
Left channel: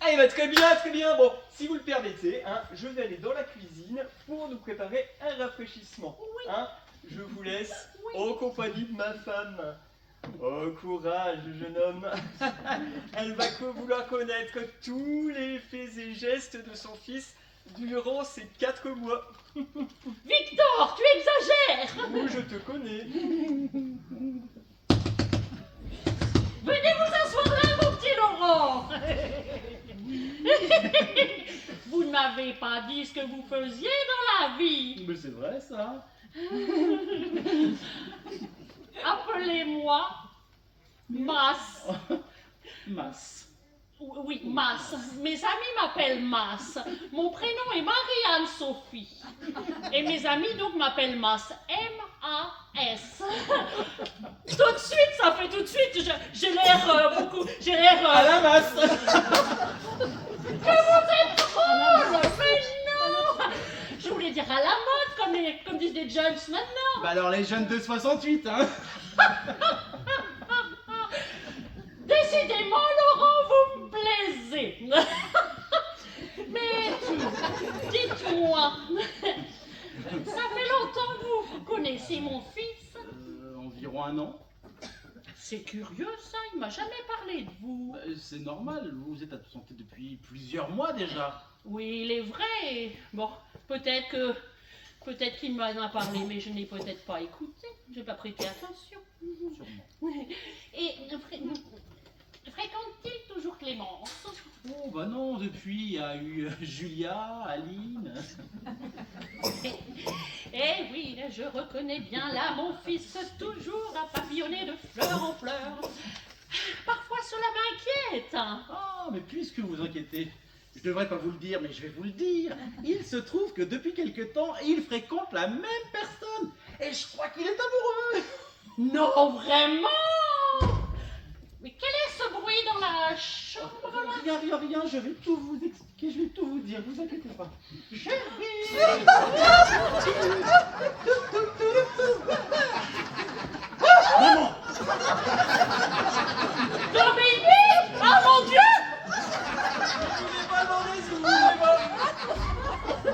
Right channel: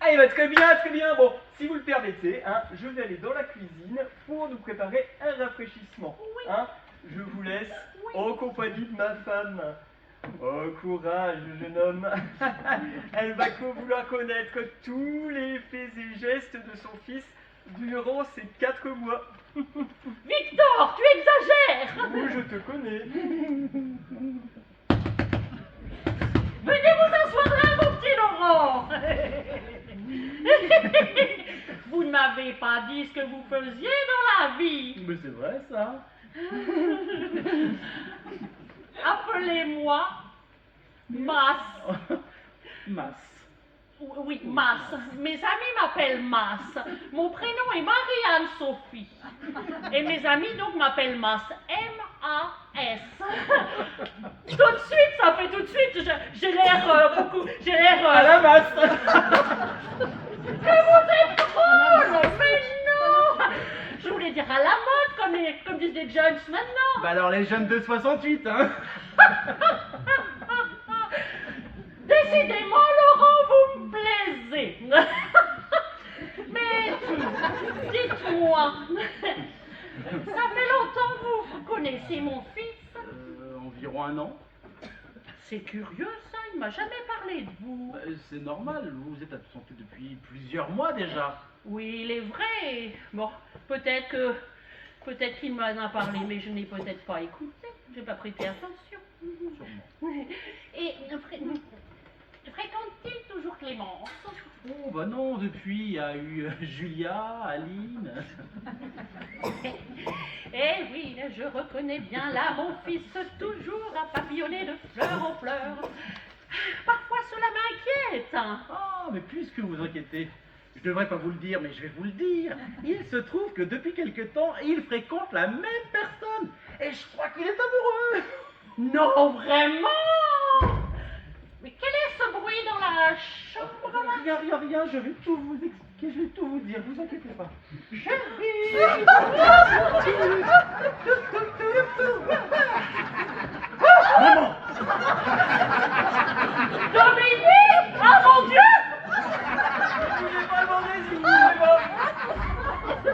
Ah, bah, très bien. Bon, si vous le permettez, hein, je vais aller dans la cuisine pour nous préparer un rafraîchissement. Hein. Je vous laisse en compagnie de ma femme. Oh, courage, jeune homme. Elle va vouloir connaître tous les faits et gestes de son fils durant ces 4 mois. Victor, tu exagères. Oui, je te connais. Venez vous asseoir là, mon petit Laurent. Vous ne m'avez pas dit ce que vous faisiez dans la vie. Mais c'est vrai, ça. Appelez-moi Mas. Masse. Oui, Mas. Mes amis m'appellent Mas. Mon prénom est Marie-Anne Sophie. Et mes amis donc m'appellent Mas. M-A-S. Tout de suite, ça fait tout de suite. J'ai l'air beaucoup. J'ai l'air. À la masse. Que vous êtes drôle. Mais non. Je voulais dire à la mode, comme disent les jeunes maintenant. Bah alors les jeunes de 68, hein. Décidément, Laurent, vous me plaisez. Mais dites-moi, ça fait longtemps que vous connaissez mon fils? Environ 1 an. C'est curieux ça, il m'a jamais parlé de vous. Bah, c'est normal, vous êtes absenté depuis plusieurs mois déjà. Oui, il est vrai. Bon, peut-être qu'il m'en a parlé, mais je n'ai peut-être pas écouté. J'ai pas prêté attention. Sûrement. Et fréquente-t-il toujours Clémence? Oh bah non, depuis il y a eu Julia, Aline. Eh oui, je reconnais bien là mon fils toujours à papillonner de fleur en fleur. Parfois cela m'inquiète. Ah, mais puisque vous inquiétez, Je devrais pas vous le dire, mais je vais vous le dire. Il se trouve que depuis quelque temps, il fréquente la même personne. Et je crois qu'il est amoureux. Non, vraiment? Mais quel est ce bruit dans la chambre là? Rien, je vais tout vous expliquer, je vais tout vous dire, vous inquiétez pas. Maman! Dominique! Ah mon Dieu! Je voulais pas demander si vous voulez pas.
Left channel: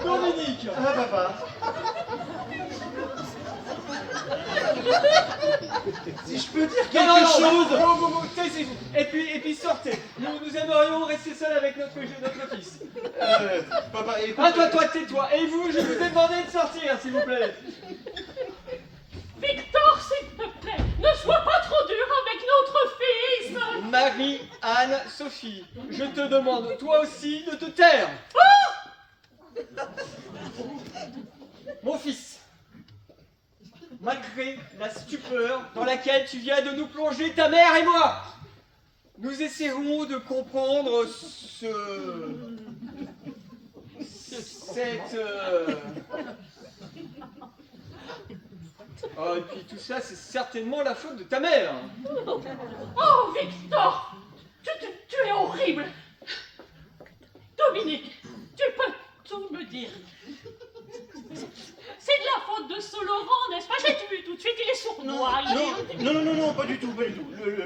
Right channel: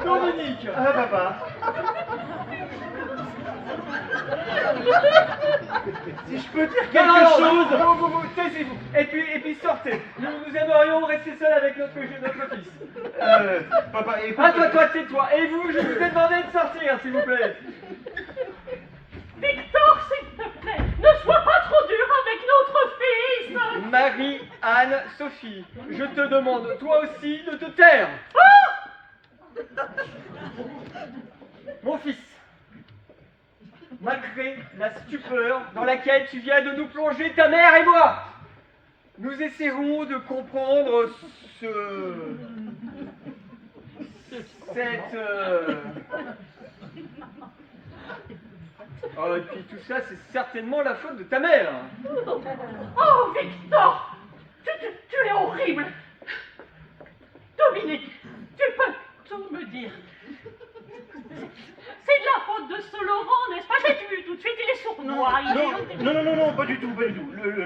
Dominique. Ah, papa! Si je peux dire quelque Non, chose! taisez-vous. Et puis sortez. Nous aimerions rester seuls avec notre fils. Papa, écoute... Ah, toi, tais-toi. Et vous, je vous ai demandé de sortir, s'il vous plaît. Victor, s'il te plaît, ne sois pas trop dur avec notre fils! Marie-Anne Sophie, je te demande, toi aussi, de te taire. Mon fils, malgré la stupeur dans laquelle tu viens de nous plonger, ta mère et moi, nous essaierons de comprendre Oh, et puis tout ça, c'est certainement la faute de ta mère. Oh, Victor! Tu es horrible! Dominique, tu peux tout me dire. C'est de la faute de ce Laurent, n'est-ce pas? J'ai vu tout de suite, il est sournois. Non, pas du tout.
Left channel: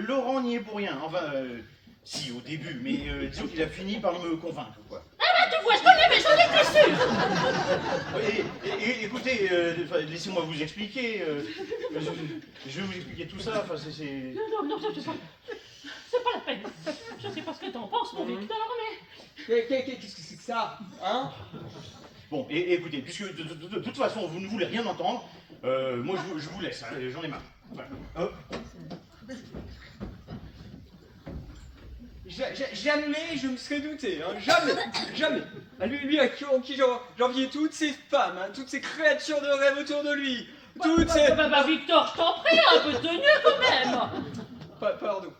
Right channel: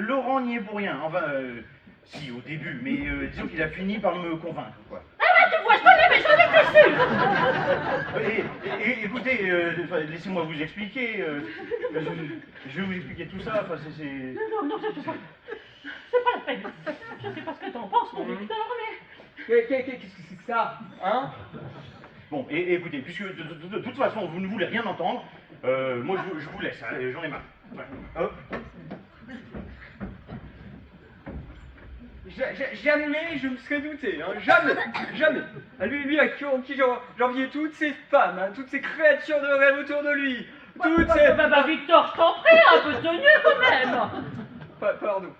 Laurent n'y est pour rien. Enfin, si, au début, mais disons qu'il a fini par me convaincre, quoi. Ah bah tu vois, je l'ai, mais j'en étais sûre! Écoutez, laissez-moi vous expliquer. Je vais vous expliquer tout ça. Enfin, c'est... Non, c'est pas la peine. Je sais pas ce que t'en penses, mon Victor, mais... Qu'est-ce que c'est que ça, hein? Bon, écoutez, puisque de toute façon, vous ne voulez rien entendre, moi, je vous laisse, hein, j'en ai marre. Voilà. Hop. Jamais je me serais douté, hein, jamais. À lui à qui j'enviais toutes ces femmes, hein, toutes ces créatures de rêve autour de lui, toutes ces... Bah, Victor, je t'en prie, un peu de tenue quand même. Pardon.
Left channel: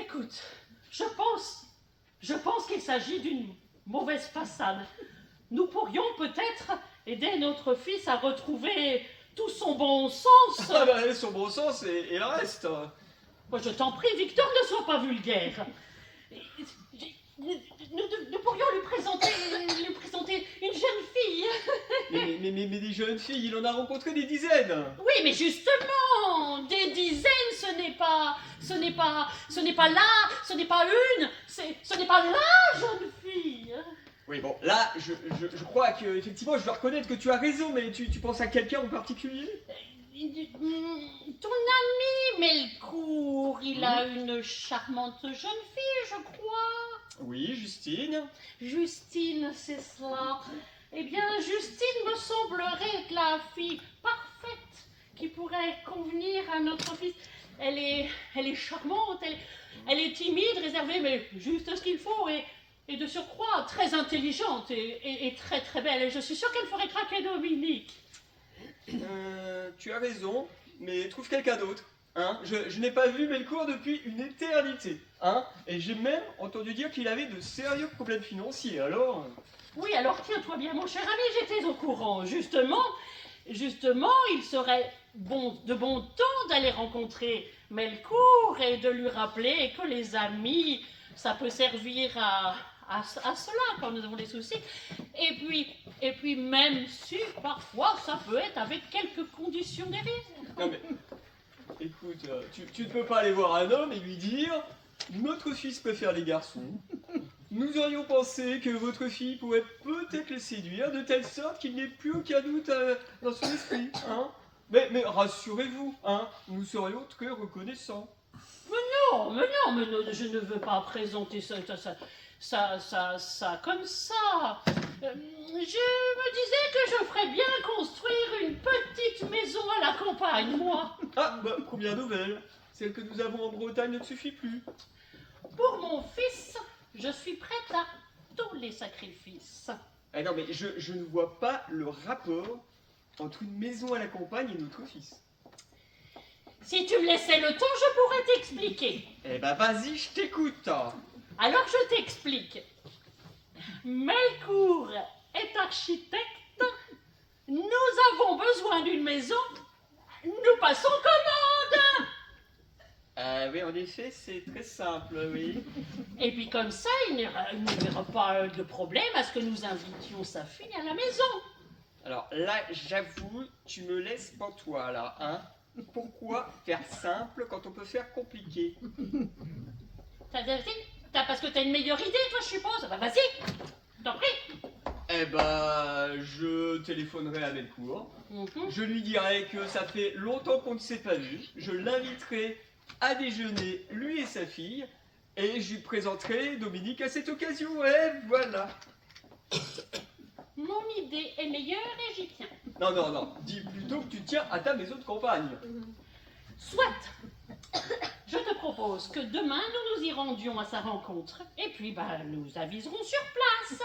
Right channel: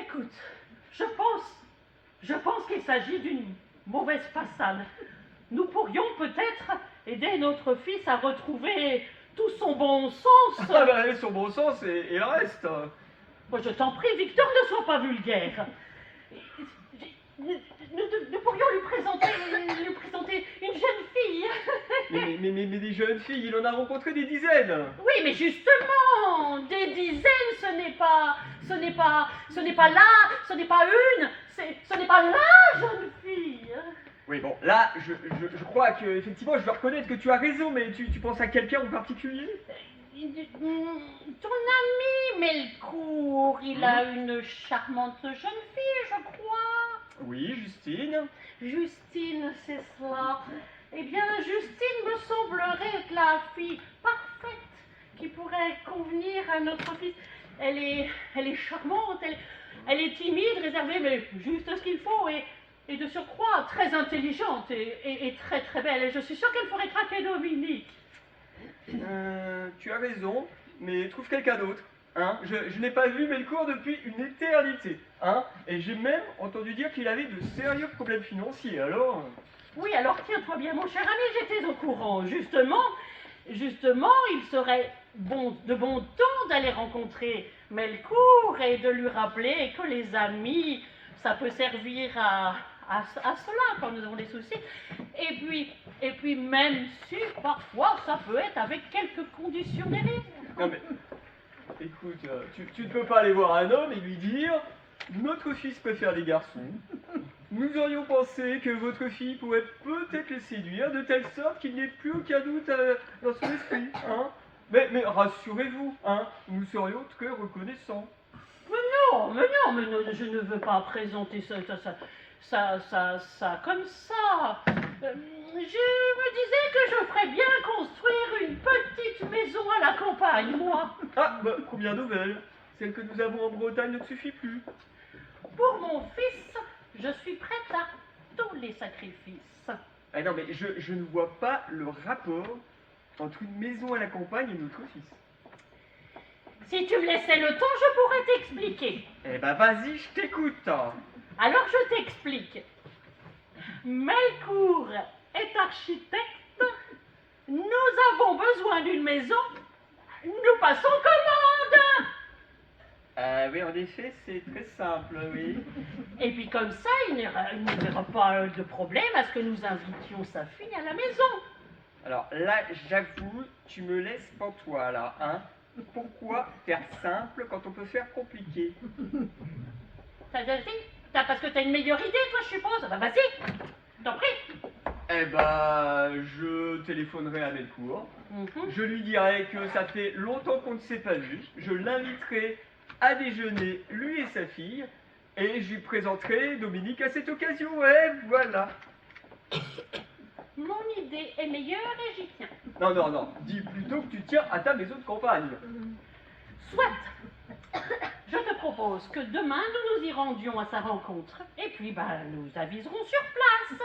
Écoute, je pense qu'il s'agit d'une mauvaise façade. Nous pourrions peut-être aider notre fils à retrouver tout son bon sens. Ah bah, son bon sens et le reste. Moi, je t'en prie, Victor, ne sois pas vulgaire. Nous pourrions lui présenter une jeune fille. Mais des jeunes filles, il en a rencontré des dizaines. Oui, mais justement, des dizaines, ce n'est pas la jeune fille. Oui, bon, là, je crois que, effectivement, je dois reconnaître que tu as raison, mais tu penses à quelqu'un en particulier? Ton ami Melcourt, il a une charmante jeune fille, je crois. Oui, Justine. Justine, c'est cela. Eh bien, Justine me semblerait être la fille parfaite qui pourrait convenir à notre fils. Elle est charmante, elle est timide, réservée, mais juste ce qu'il faut, et de surcroît très intelligente et très très belle. Je suis sûre qu'elle ferait craquer Dominique. Tu as raison, mais trouve quelqu'un d'autre. Hein, je n'ai pas vu Melcourt depuis une éternité. Hein, et j'ai même entendu dire qu'il avait de sérieux problèmes financiers, alors... Oui, alors tiens-toi bien, mon cher ami, j'étais au courant. Justement, il serait de bon ton d'aller rencontrer Melcourt et de lui rappeler que les amis, ça peut servir à cela quand nous avons des soucis. Et puis même si parfois ça peut être avec quelques conditions des risques. Non mais, écoute, tu ne peux pas aller voir un homme et lui dire « Notre fils préfère les garçons. Nous aurions pensé que votre fille pourrait peut-être les séduire de telle sorte qu'il n'ait plus aucun doute dans son esprit. Hein, mais rassurez-vous, hein, nous serions très reconnaissants. » Non, je ne veux pas présenter ça comme ça. Je me disais que je ferais bien construire une petite maison à la campagne, moi. Ah, bah, première nouvelle. Celle que nous avons en Bretagne ne suffit plus. Pour mon fils, je suis prête à tous les sacrifices. Ah non, mais je ne vois pas le rapport entre une maison à la campagne et notre fils. Si tu me laissais le temps, je pourrais t'expliquer. Eh ben vas-y, je t'écoute. Alors je t'explique. Melcourt est architecte. Nous avons besoin d'une maison. Nous passons commande. Oui, en effet, c'est très simple, oui. Et puis comme ça, il n'y aura pas de problème à ce que nous invitions sa fille à la maison. Alors là, j'avoue, tu me laisses pantois, là, hein. Pourquoi faire simple quand on peut faire compliqué? Parce que t'as une meilleure idée, toi, je suppose. Bah vas-y, t'en prie. Eh ben, je téléphonerai à Melcourt. Je lui dirai que ça fait longtemps qu'on ne s'est pas vu. Je l'inviterai à déjeuner, lui et sa fille, et je lui présenterai Dominique à cette occasion. Et voilà. Mon idée est meilleure et j'y tiens. Non, non, non. Dis plutôt que tu tiens à ta maison de campagne. Soit. Je te propose que demain nous nous y rendions à sa rencontre. Et puis, bah, nous aviserons sur place.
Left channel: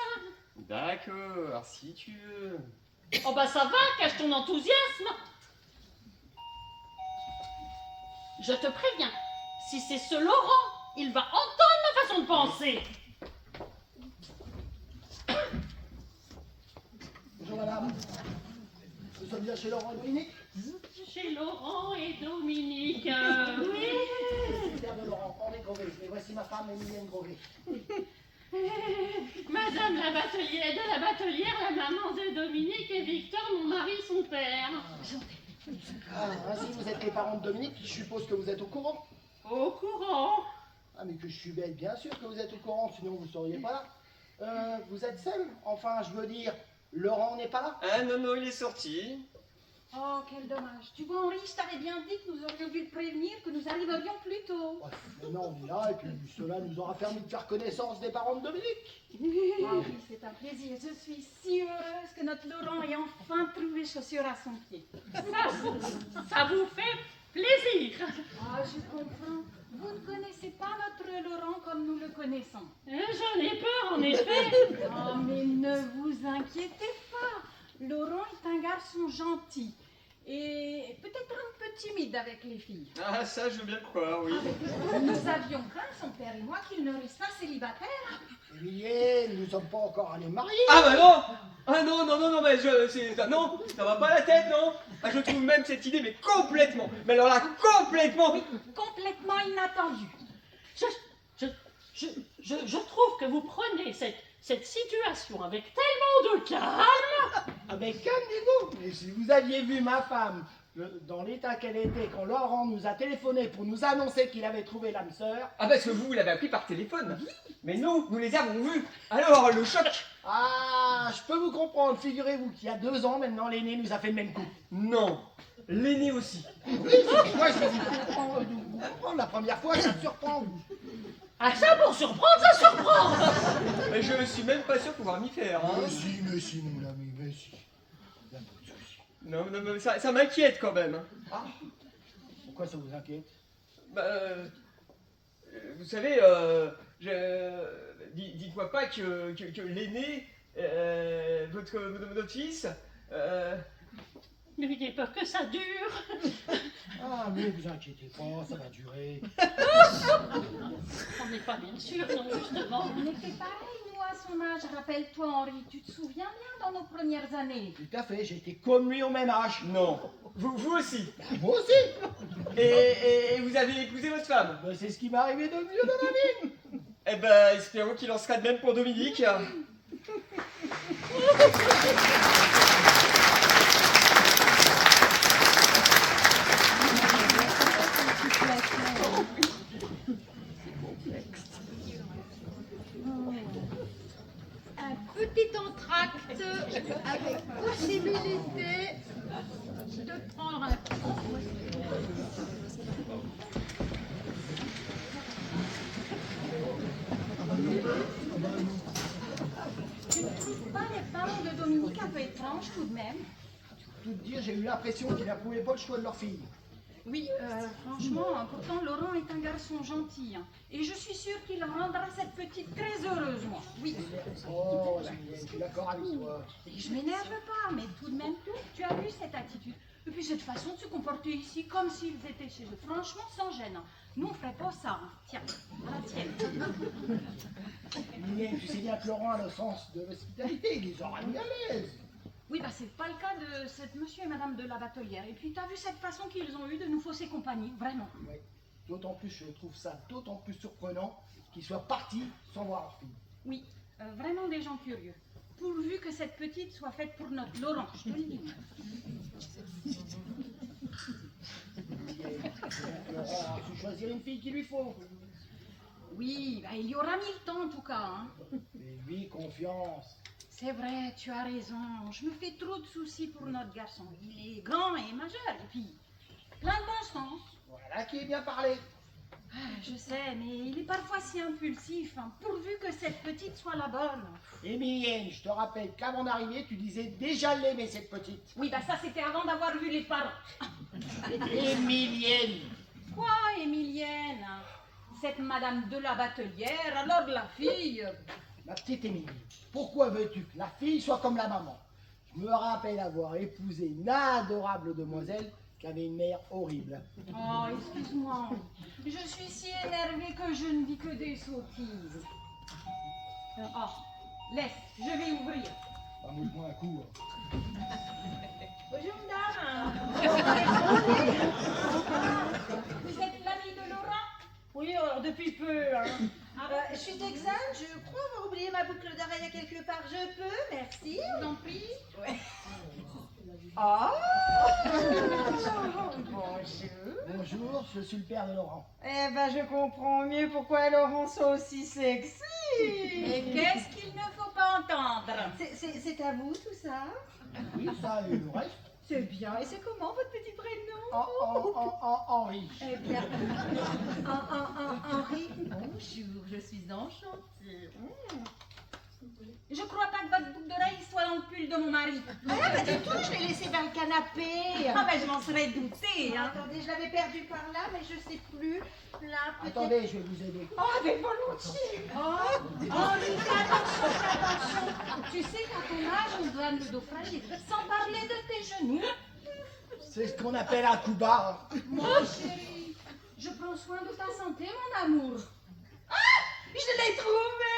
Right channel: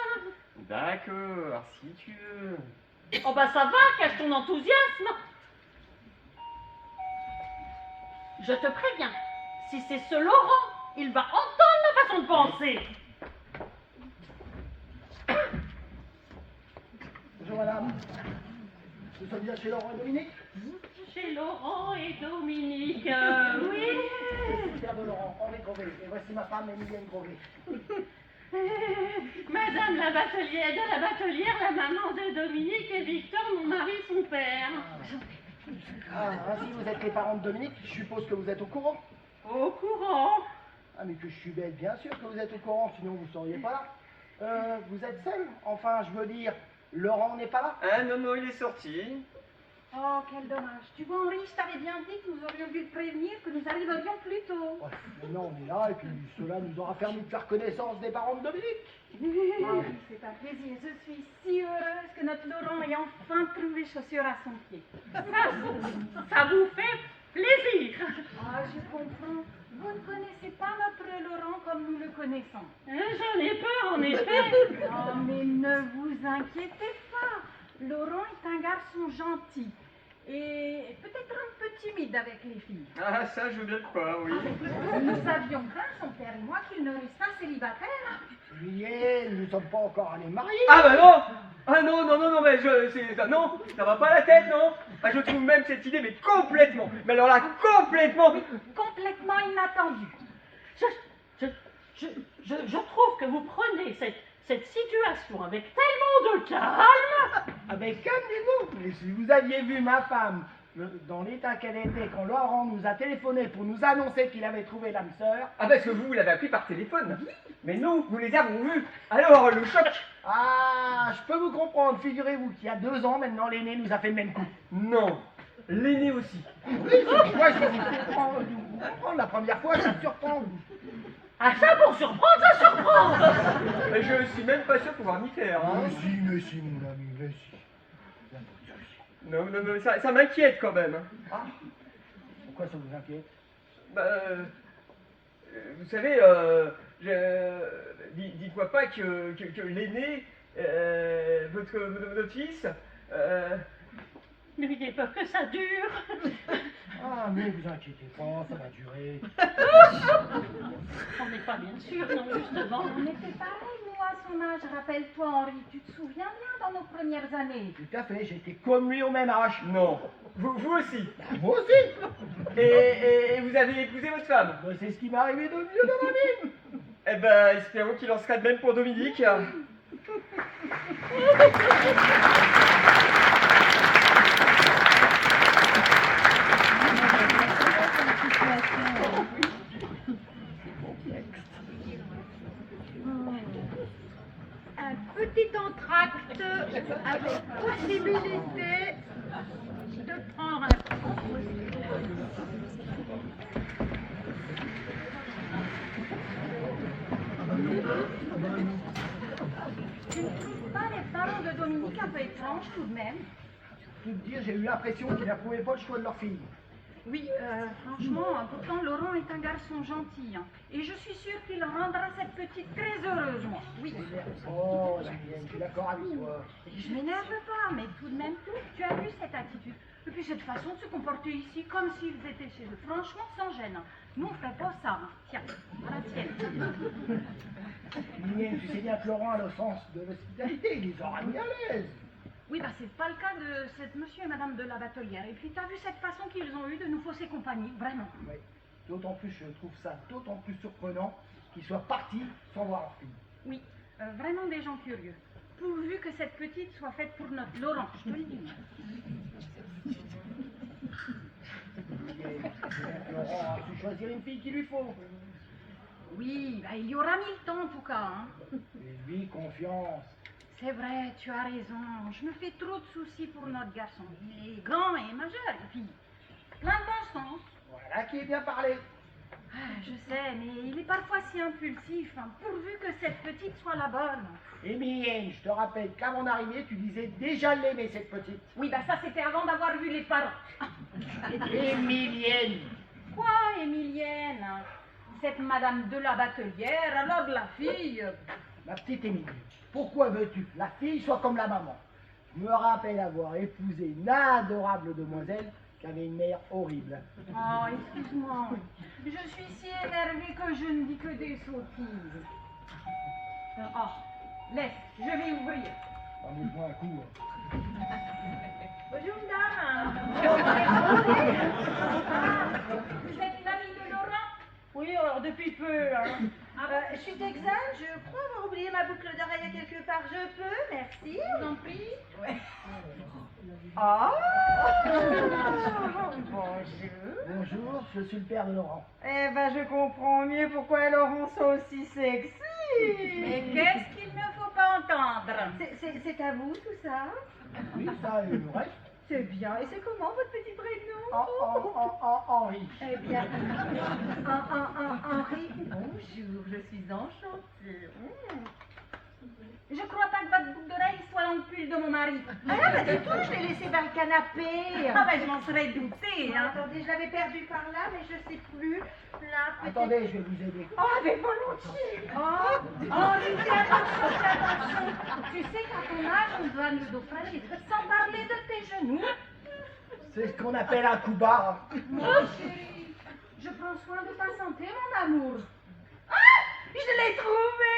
D'accord, si tu veux. Oh bah ça va, cache ton enthousiasme. Je te préviens, si c'est ce Laurent, il va entendre ma façon de penser. Bonjour madame. Nous sommes bien chez Laurent et Dominique. Chez Laurent et Dominique, oui. Je suis le père de Laurent, Henri Grovet. Et voici ma femme, Emilienne Grovet. Madame la batelière, de la batelière, la maman de Dominique et Victor, mon mari, son père. Ah, ainsi vous êtes les parents de Dominique, je suppose que vous êtes au courant. Au courant. Ah, mais que je suis bête, bien sûr que vous êtes au courant, sinon vous ne seriez pas là. Vous êtes seul? Enfin, je veux dire, Laurent n'est pas là? Ah non, non, il est sorti. Oh, quel dommage. Tu vois, Henri, je t'avais bien dit que nous aurions dû le prévenir, que nous arriverions plus tôt. Oh, maintenant on est là, et puis cela nous aura permis de faire connaissance des parents de Dominique. Oh oui, c'est un plaisir. Je suis si heureuse que notre Laurent ait enfin trouvé chaussure à son pied. Ça vous fait plaisir. Ah, je comprends. Vous ne connaissez pas notre Laurent comme nous le connaissons. J'en ai peur, en effet. Oh, mais ne vous inquiétez pas. Laurent est un garçon gentil et peut-être un peu timide avec les filles. Ah, ça, je veux bien le croire, oui. Nous avions craint, son père et moi, qu'il ne restât célibataire. Emilienne, nous ne sommes pas encore allés marier. Ah bah non. Ah non, non, non, non, mais non, ça va pas la tête, non. Ah, je trouve même cette idée, mais complètement. Mais alors là, complètement. Complètement inattendu. Je trouve que vous prenez cette situation avec tellement de calme. Ah ben calmez-vous, mais si vous aviez vu ma femme dans l'état qu'elle était quand Laurent nous a téléphoné pour nous annoncer qu'il avait trouvé l'âme sœur. Ah parce que vous l'avez appris par téléphone. Mais nous les avons vus. Alors, le choc. Ah, je peux vous comprendre, figurez-vous qu'il y a 2 ans maintenant l'aîné nous a fait le même coup. Non, l'aîné aussi. Oui, c'est moi je vais vous comprendre, la première fois ça surprend. Ah ça, pour surprendre, ça surprend. Mais je suis même pas sûr pouvoir m'y faire, hein. Mais si, mon ami, mais si. Y a pas de souci. Non, non, mais ça m'inquiète quand même. Ah, pourquoi ça vous inquiète? Bah, vous savez, dites-moi pas que l'aîné, votre fils, Mais j'ai peur que ça dure. Ah, mais vous inquiétez pas, ça va durer. On n'est pas bien sûr, non, justement. On était pareil, nous, à son âge. Rappelle-toi, Henri, tu te souviens bien dans nos premières années. Tout à fait, j'étais comme lui au même âge. non. Vous aussi. Moi aussi. Et vous avez épousé votre femme. Ben, c'est ce qui m'est arrivé de mieux dans ma vie. Eh ben, espérons qu'il en sera de même pour Dominique. Un petit entracte avec possibilité de prendre un Tu ne trouves pas les parents de Dominique un peu étranges tout de même? Tout dire, j'ai eu l'impression qu'ils n'approuvaient pas le choix de leur fille. Oui, franchement, pourtant Laurent est un garçon gentil. Hein, et je suis sûre qu'il rendra cette petite très heureuse, moi. Oui. Oh, Emilienne, je suis d'accord avec toi. Et je m'énerve pas, mais tout de même, tu as vu cette attitude. Et puis cette façon de se comporter ici, comme s'ils étaient chez eux, franchement sans gêne. Nous, on ferait pas ça. Hein. Tiens, à la tienne. Mais tu sais bien que Laurent a le sens de l'hospitalité, il les aura mis à l'aise. Oui, bah c'est pas le cas de cette monsieur et madame de la Batelière. Et puis t'as vu cette façon qu'ils ont eue de nous fausser compagnie, vraiment. Oui. D'autant plus, je trouve ça d'autant plus surprenant qu'ils soient partis sans voir leur fille. Oui, vraiment des gens curieux. Pourvu que cette petite soit faite pour notre Laurent, je te le dis. Laurent a su choisir une fille qu'il lui faut. Oui, bah, il y aura 1000 temps en tout cas. Hein. Et lui, confiance. C'est vrai, tu as raison. Je me fais trop de soucis pour notre garçon. Il est grand et majeur, et puis plein de bon sens. Voilà qui est bien parlé. Ah, je sais, mais il est parfois si impulsif, hein, pourvu que cette petite soit la bonne. Émilienne, je te rappelle qu'à mon arrivée, tu disais déjà l'aimer, cette petite. Oui, bah ça c'était avant d'avoir vu les parents. Émilienne. Quoi, Émilienne? Cette madame de la Batelière, alors de la fille. Ma petite Émilie, pourquoi veux-tu que la fille soit comme la maman? Je me rappelle avoir épousé une adorable demoiselle qui avait une mère horrible. Oh, excuse-moi. Je suis si énervée que je ne dis que des sottises. Oh, laisse, je vais ouvrir. Bah, bouge-moi un coup. Bonjour, madame. Vous êtes l'amie de Laurent? Oui, alors depuis peu. Hein. Je suis Texane, je crois avoir oublié ma boucle d'oreille quelque part. Je peux, merci. Je vous en prie. Oh bonjour. Bonjour, je suis le père de Laurent. Eh ben, je comprends mieux pourquoi Laurent soit aussi sexy. Mais qu'est-ce qu'il ne faut pas entendre? C'est à vous tout ça? Oui, ça et le reste. C'est bien. Et c'est comment votre petit prénom? Henri. Eh bien, Henri, bonjour, je suis enchantée. Je crois pas que votre boucle d'oreille soit dans le pull de mon mari. Ah, bah du tout, je l'ai laissé dans le canapé. Ah ben je m'en serais doutée, hein. Attendez, je l'avais perdu par là, mais je sais plus. Là, peut-être. Attendez, je vais vous aider. Oh, mais volontiers. Oh, Henri, fais attention, fais attention. Tu sais qu'à ton âge, on doit nous naufrager. Sans parler de tes genoux. C'est ce qu'on appelle un coup barre. Mon chéri, je prends soin de ta santé, mon amour. Je l'ai trouvé.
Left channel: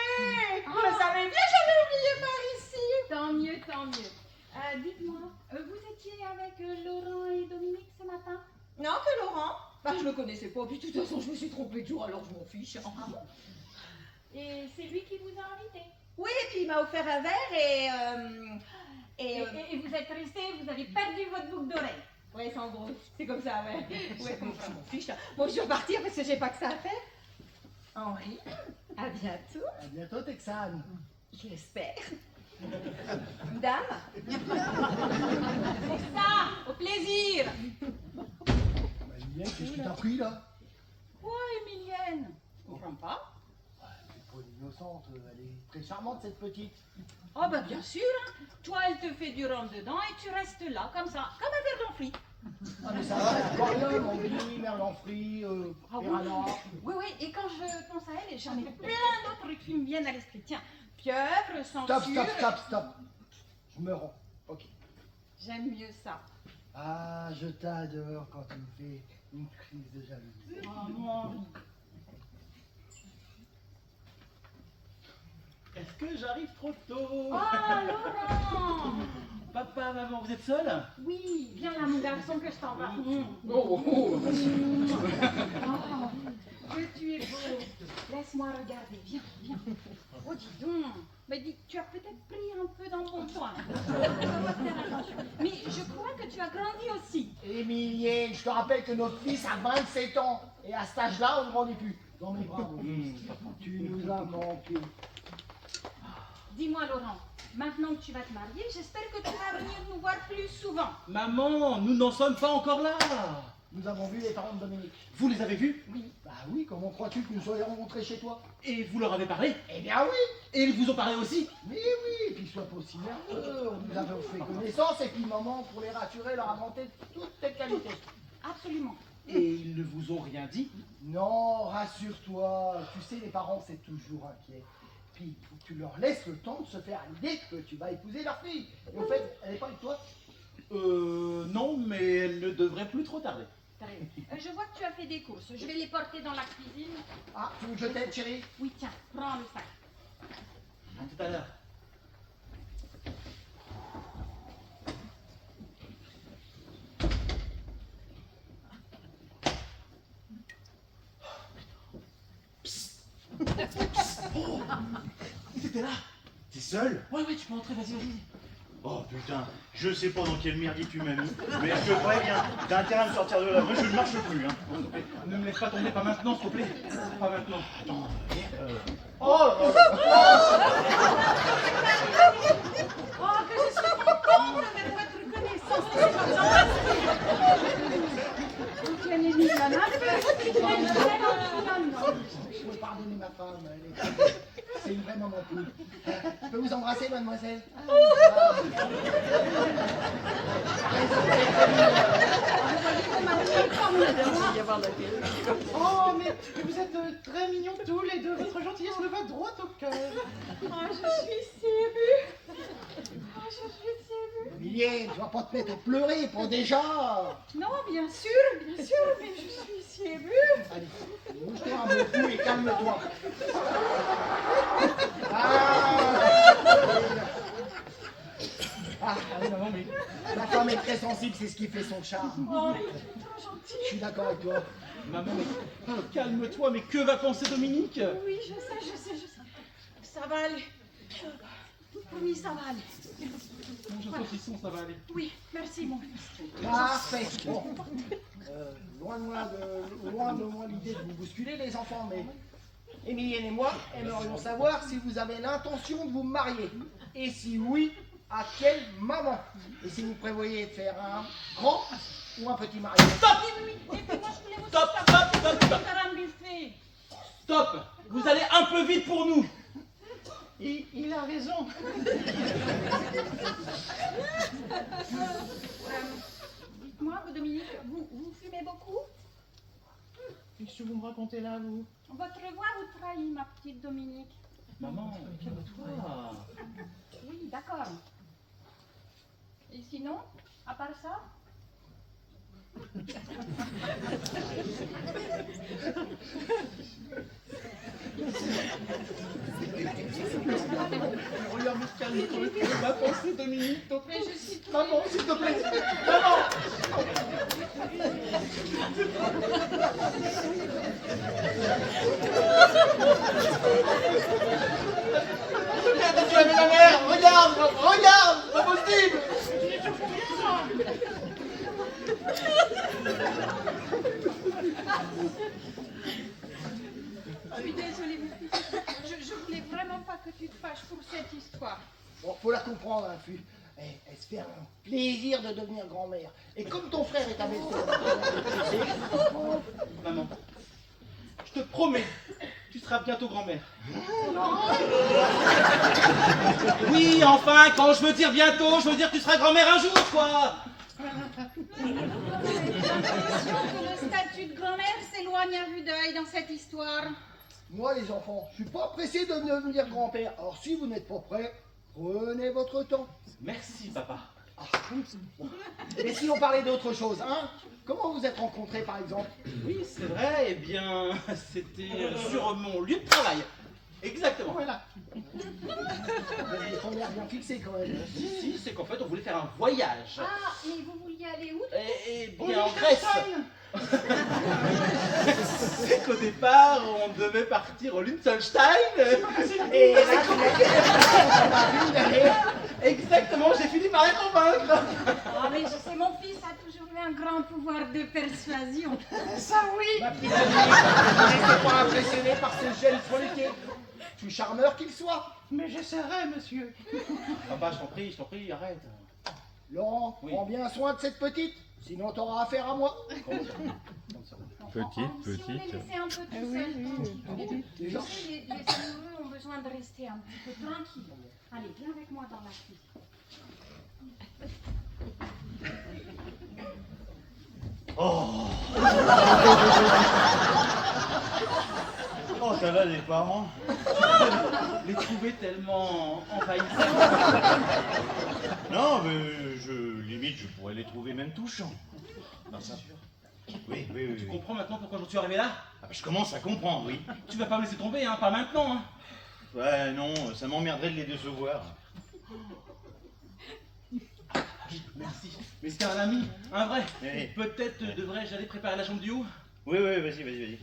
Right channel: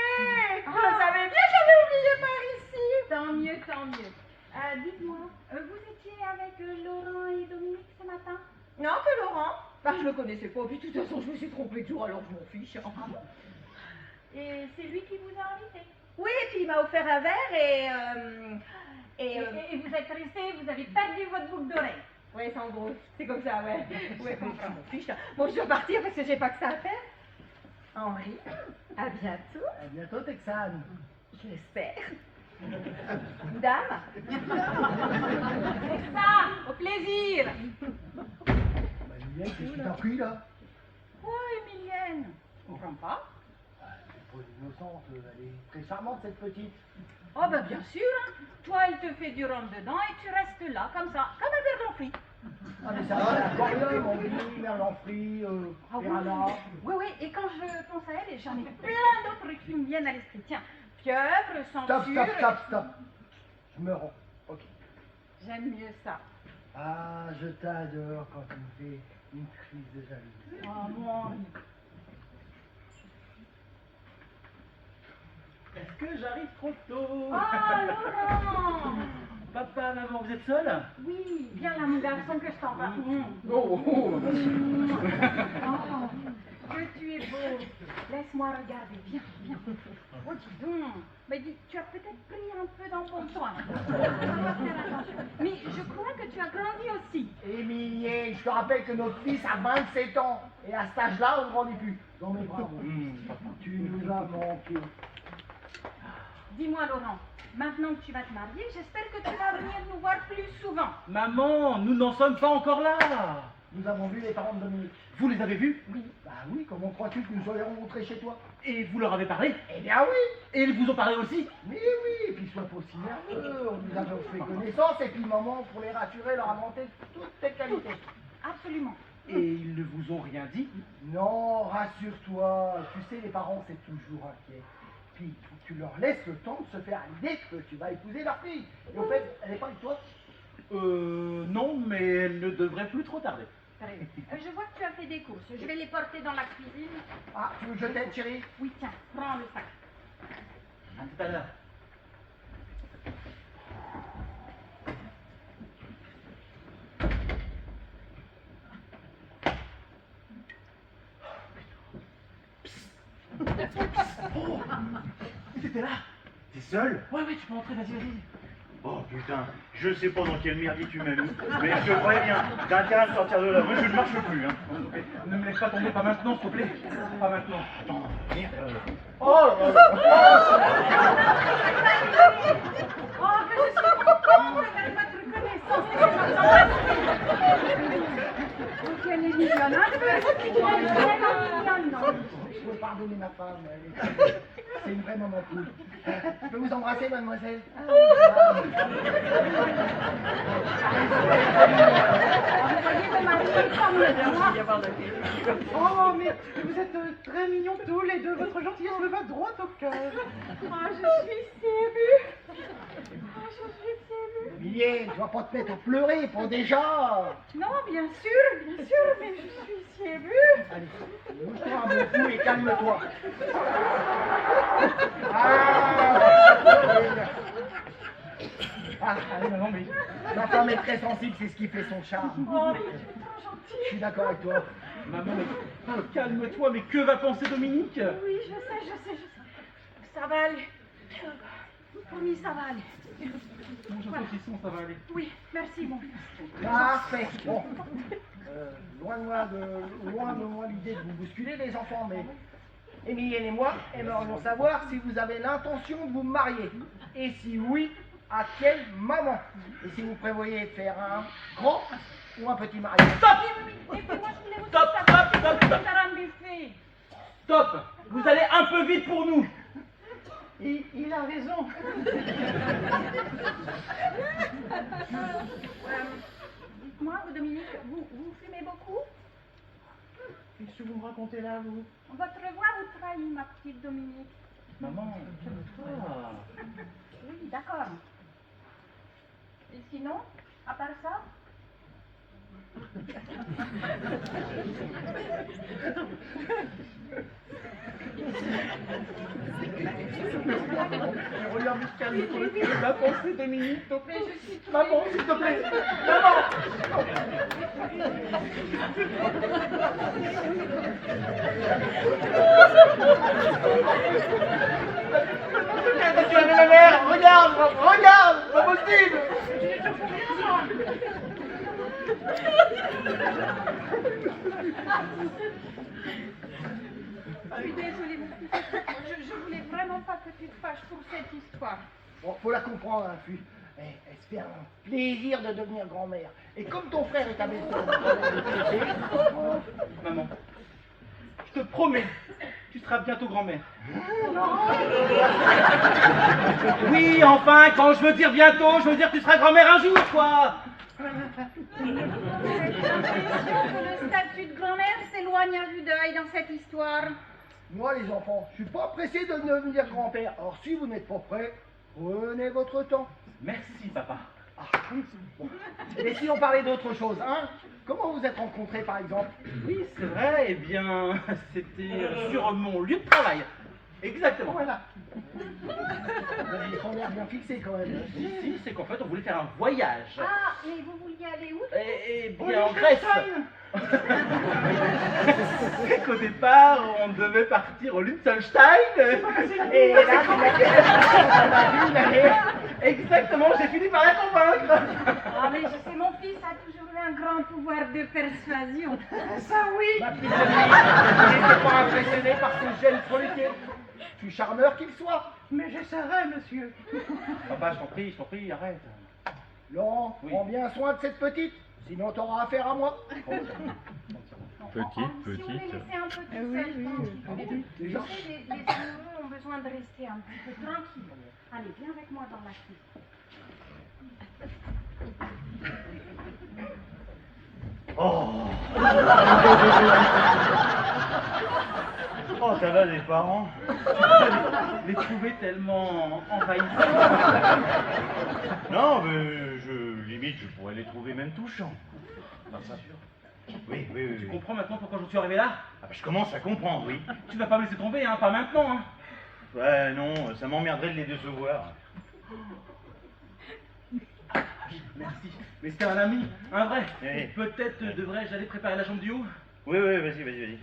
Ah. Je savais bien, j'avais oublié par ici. Tant mieux, tant mieux. Dites-moi, vous étiez avec Laurent et Dominique ce matin? Non, que Laurent. Bah, je le connaissais pas, puis de toute façon, je me suis trompée de jour, alors je m'en fiche. Et c'est lui qui vous a invité? Oui, et puis il m'a offert un verre Et vous êtes resté, vous avez perdu votre boucle d'oreille. Ouais, c'est en gros, c'est comme ça, ouais. Ouais, bon, je m'en fiche. Bon, je vais repartir parce que j'ai pas que ça à faire. Henri, à bientôt, À bientôt, Texane. je l'espère. Dame, C'est ça, au plaisir. Bah, Émilienne, qu'est-ce qui t'a pris là? Oh, Émilienne, je comprends pas. Ah, c'est pas une innocente, elle est très charmante cette petite. Oh, ben bien sûr, hein. Toi, elle te fait du rhum dedans et tu restes là, comme ça, comme un verre d'enfri. Ah, mais ça va, l'aquarium, on dit, merlan frit, Ah oui. piranha. Oui, oui, et quand je pense à elle, j'en ai plein d'autres qui me viennent à l'esprit. Tiens, pieuvre, Stop, censure. stop, stop, stop. Je me rends. Ok. J'aime mieux ça. Ah, je t'adore quand tu me fais une crise de jalousie. Oh, mon Henri. Est-ce que j'arrive trop tôt? Ah, Laurent. Papa, maman, vous êtes seuls? Oui, viens là, mon garçon, que je t'envoie. Oh, oh. Oh, que tu es beau. Laisse-moi regarder. Viens, viens. Oh, dis donc. Mais dis, tu as peut-être pris un peu d'embonpoint. Faire attention. Mais je crois que tu as grandi aussi. Émilienne, je te rappelle que notre fils a 27 ans. Et à cet âge-là, on ne grandit plus. Dans mes bras, mon fils. Tu nous as manqué. Dis-moi, Laurent, maintenant que tu vas te marier, j'espère que tu vas venir nous voir plus souvent. Maman, nous n'en sommes pas encore là. Nous avons vu les parents de Dominique. Vous les avez vus? Oui. Bah oui, comment crois-tu que nous soyons rencontrés chez toi? Et vous leur avez parlé? Eh bien oui. Et ils vous ont parlé aussi? Mais oui, et puis sois pas aussi nerveux. Nous avons fait connaissance et puis maman, pour les rassurer, leur a vanté toutes tes qualités. Absolument. Et ils ne vous ont rien dit? Non, rassure-toi. Tu sais, les parents, c'est toujours inquiet. Puis, il faut que tu leur laisses le temps de se faire à l'idée que tu vas épouser leur fille. Et au fait, elle n'est pas avec toi? Non, mais elle ne devrait plus trop tarder. Très bien. Je vois que tu as fait des courses. Je vais les porter dans la cuisine. Ah, tu veux que je t'aide, chérie? Oui, tiens, prends le sac. À tout à l'heure. Oh, t'étais là? T'es seul? Ouais, tu peux entrer, vas-y. Oh putain, je sais pas dans quel merdier tu m'as mis, mais je te préviens, t'as intérêt à me sortir de là. Moi, je ne marche plus, hein. Ne me laisse pas tomber, pas maintenant, s'il te plaît. Pas maintenant. Attends, merde. Oh, Oh, que je suis contente de faire votre connaissance. Donc, elle est mignonne. Elle est vraiment mignonne. je peux pardonner ma femme, c'est une vraie maman poule. Je peux vous embrasser, mademoiselle? Oh, mais vous êtes très mignons tous les deux. Votre gentillesse me va droit au cœur. Oh, je suis si émue. Oh, je suis si émue. Emilien, tu vas pas te mettre à pleurer, pas déjà. Non, bien sûr, mais je suis si émue. Allez, bouge-toi un bon coup et calme-toi. Allez, maman, mais... Ma femme est très sensible, c'est ce qui fait son charme. Oh, mais tu es trop gentil. Je suis d'accord avec toi. Maman, mais... calme-toi, mais que va penser Dominique? Oui, je sais. Ça va aller. Promis, ça va aller. Mange un saucisson, ça va aller. Oui, merci, mon fils. Parfait. Bon. Loin de moi l'idée de vous bousculer, les enfants, mais Emilienne et moi aimerions savoir si vous avez l'intention de vous marier. Et si oui, à quelle maman? Et si vous prévoyez de faire un grand ou un petit mariage? Et puis moi, je voulais aussi Stop, savoir stop, stop, stop. faire un buffet. Stop! Vous allez un peu vite pour nous. Il a raison. Dites-moi, vous, Dominique, vous fumez beaucoup? Qu'est-ce que vous me racontez là, vous? Votre voix vous trahit, ma petite Dominique. Maman, calme-toi. Oui, d'accord. Et sinon, à part ça? Regarde, calme-toi. Ma pensée, Dominique, s'il te plaît. Mais je suis toute Maman, s'il te plaît. Maman! Regardez, tu avais ma mère! Regarde! Pas possible! Je suis désolée, mon fils. Je voulais vraiment pas que tu te fâches pour cette histoire. Bon, faut la comprendre, hein, Fu. Elle se fait un plaisir de devenir grand-mère. Et comme ton frère est avec toi, Maman, je te promets, tu seras bientôt grand-mère. Oui, enfin, quand je veux dire bientôt, je veux dire que tu seras grand-mère un jour, quoi. J'ai l'impression que le statut de grand-mère s'éloigne à vue d'œil dans cette histoire. moi, les enfants, je suis pas pressé de devenir grand-père. Alors, si vous n'êtes pas prêts, prenez votre temps. Merci, papa. Bon. Et si on parlait d'autre chose, hein? Comment vous êtes rencontrés, par exemple? Oui, c'est vrai, eh bien, c'était sur mon lieu de travail. Exactement. Voilà. Vous aviez pas l'air bien fixé, quand même. Si, c'est qu'en fait, on voulait faire un voyage. Ah, mais vous vouliez aller où? Et bien en Grèce. C'est qu'au départ, on devait partir au Liechtenstein. Et là, exactement, j'ai fini par la convaincre. Ah, mais je sais, mon fils a toujours eu un grand pouvoir de persuasion. Ça, oui. Ma petite Dominique, n'étais pas impressionné par ce jeune folliqué. Tout charmeur qu'il soit. Mais j'essaierai, monsieur. Papa, je t'en prie, arrête. Laurent, Oui. prends bien soin de cette petite, sinon t'auras affaire à moi. Petite, Si on les petite. laissait un peu tout seuls, tranquilles. Tu sais, les amoureux ont besoin de rester un petit peu tranquilles. Allez, viens avec moi dans la cuisine. Oh Oh, t'as là des parents. Les trouver tellement envahissants. Non, mais limite, je pourrais les trouver même touchants. Non, ça. Oui. Tu comprends maintenant pourquoi je suis arrivé là? Ah, bah, je commence à comprendre, oui. Tu vas pas me laisser tomber, hein, pas maintenant, hein. Ouais, non, ça m'emmerderait de les décevoir. Merci. Mais c'était un ami, un vrai. Oui. Peut-être devrais-je aller préparer la chambre du haut? Oui, vas-y.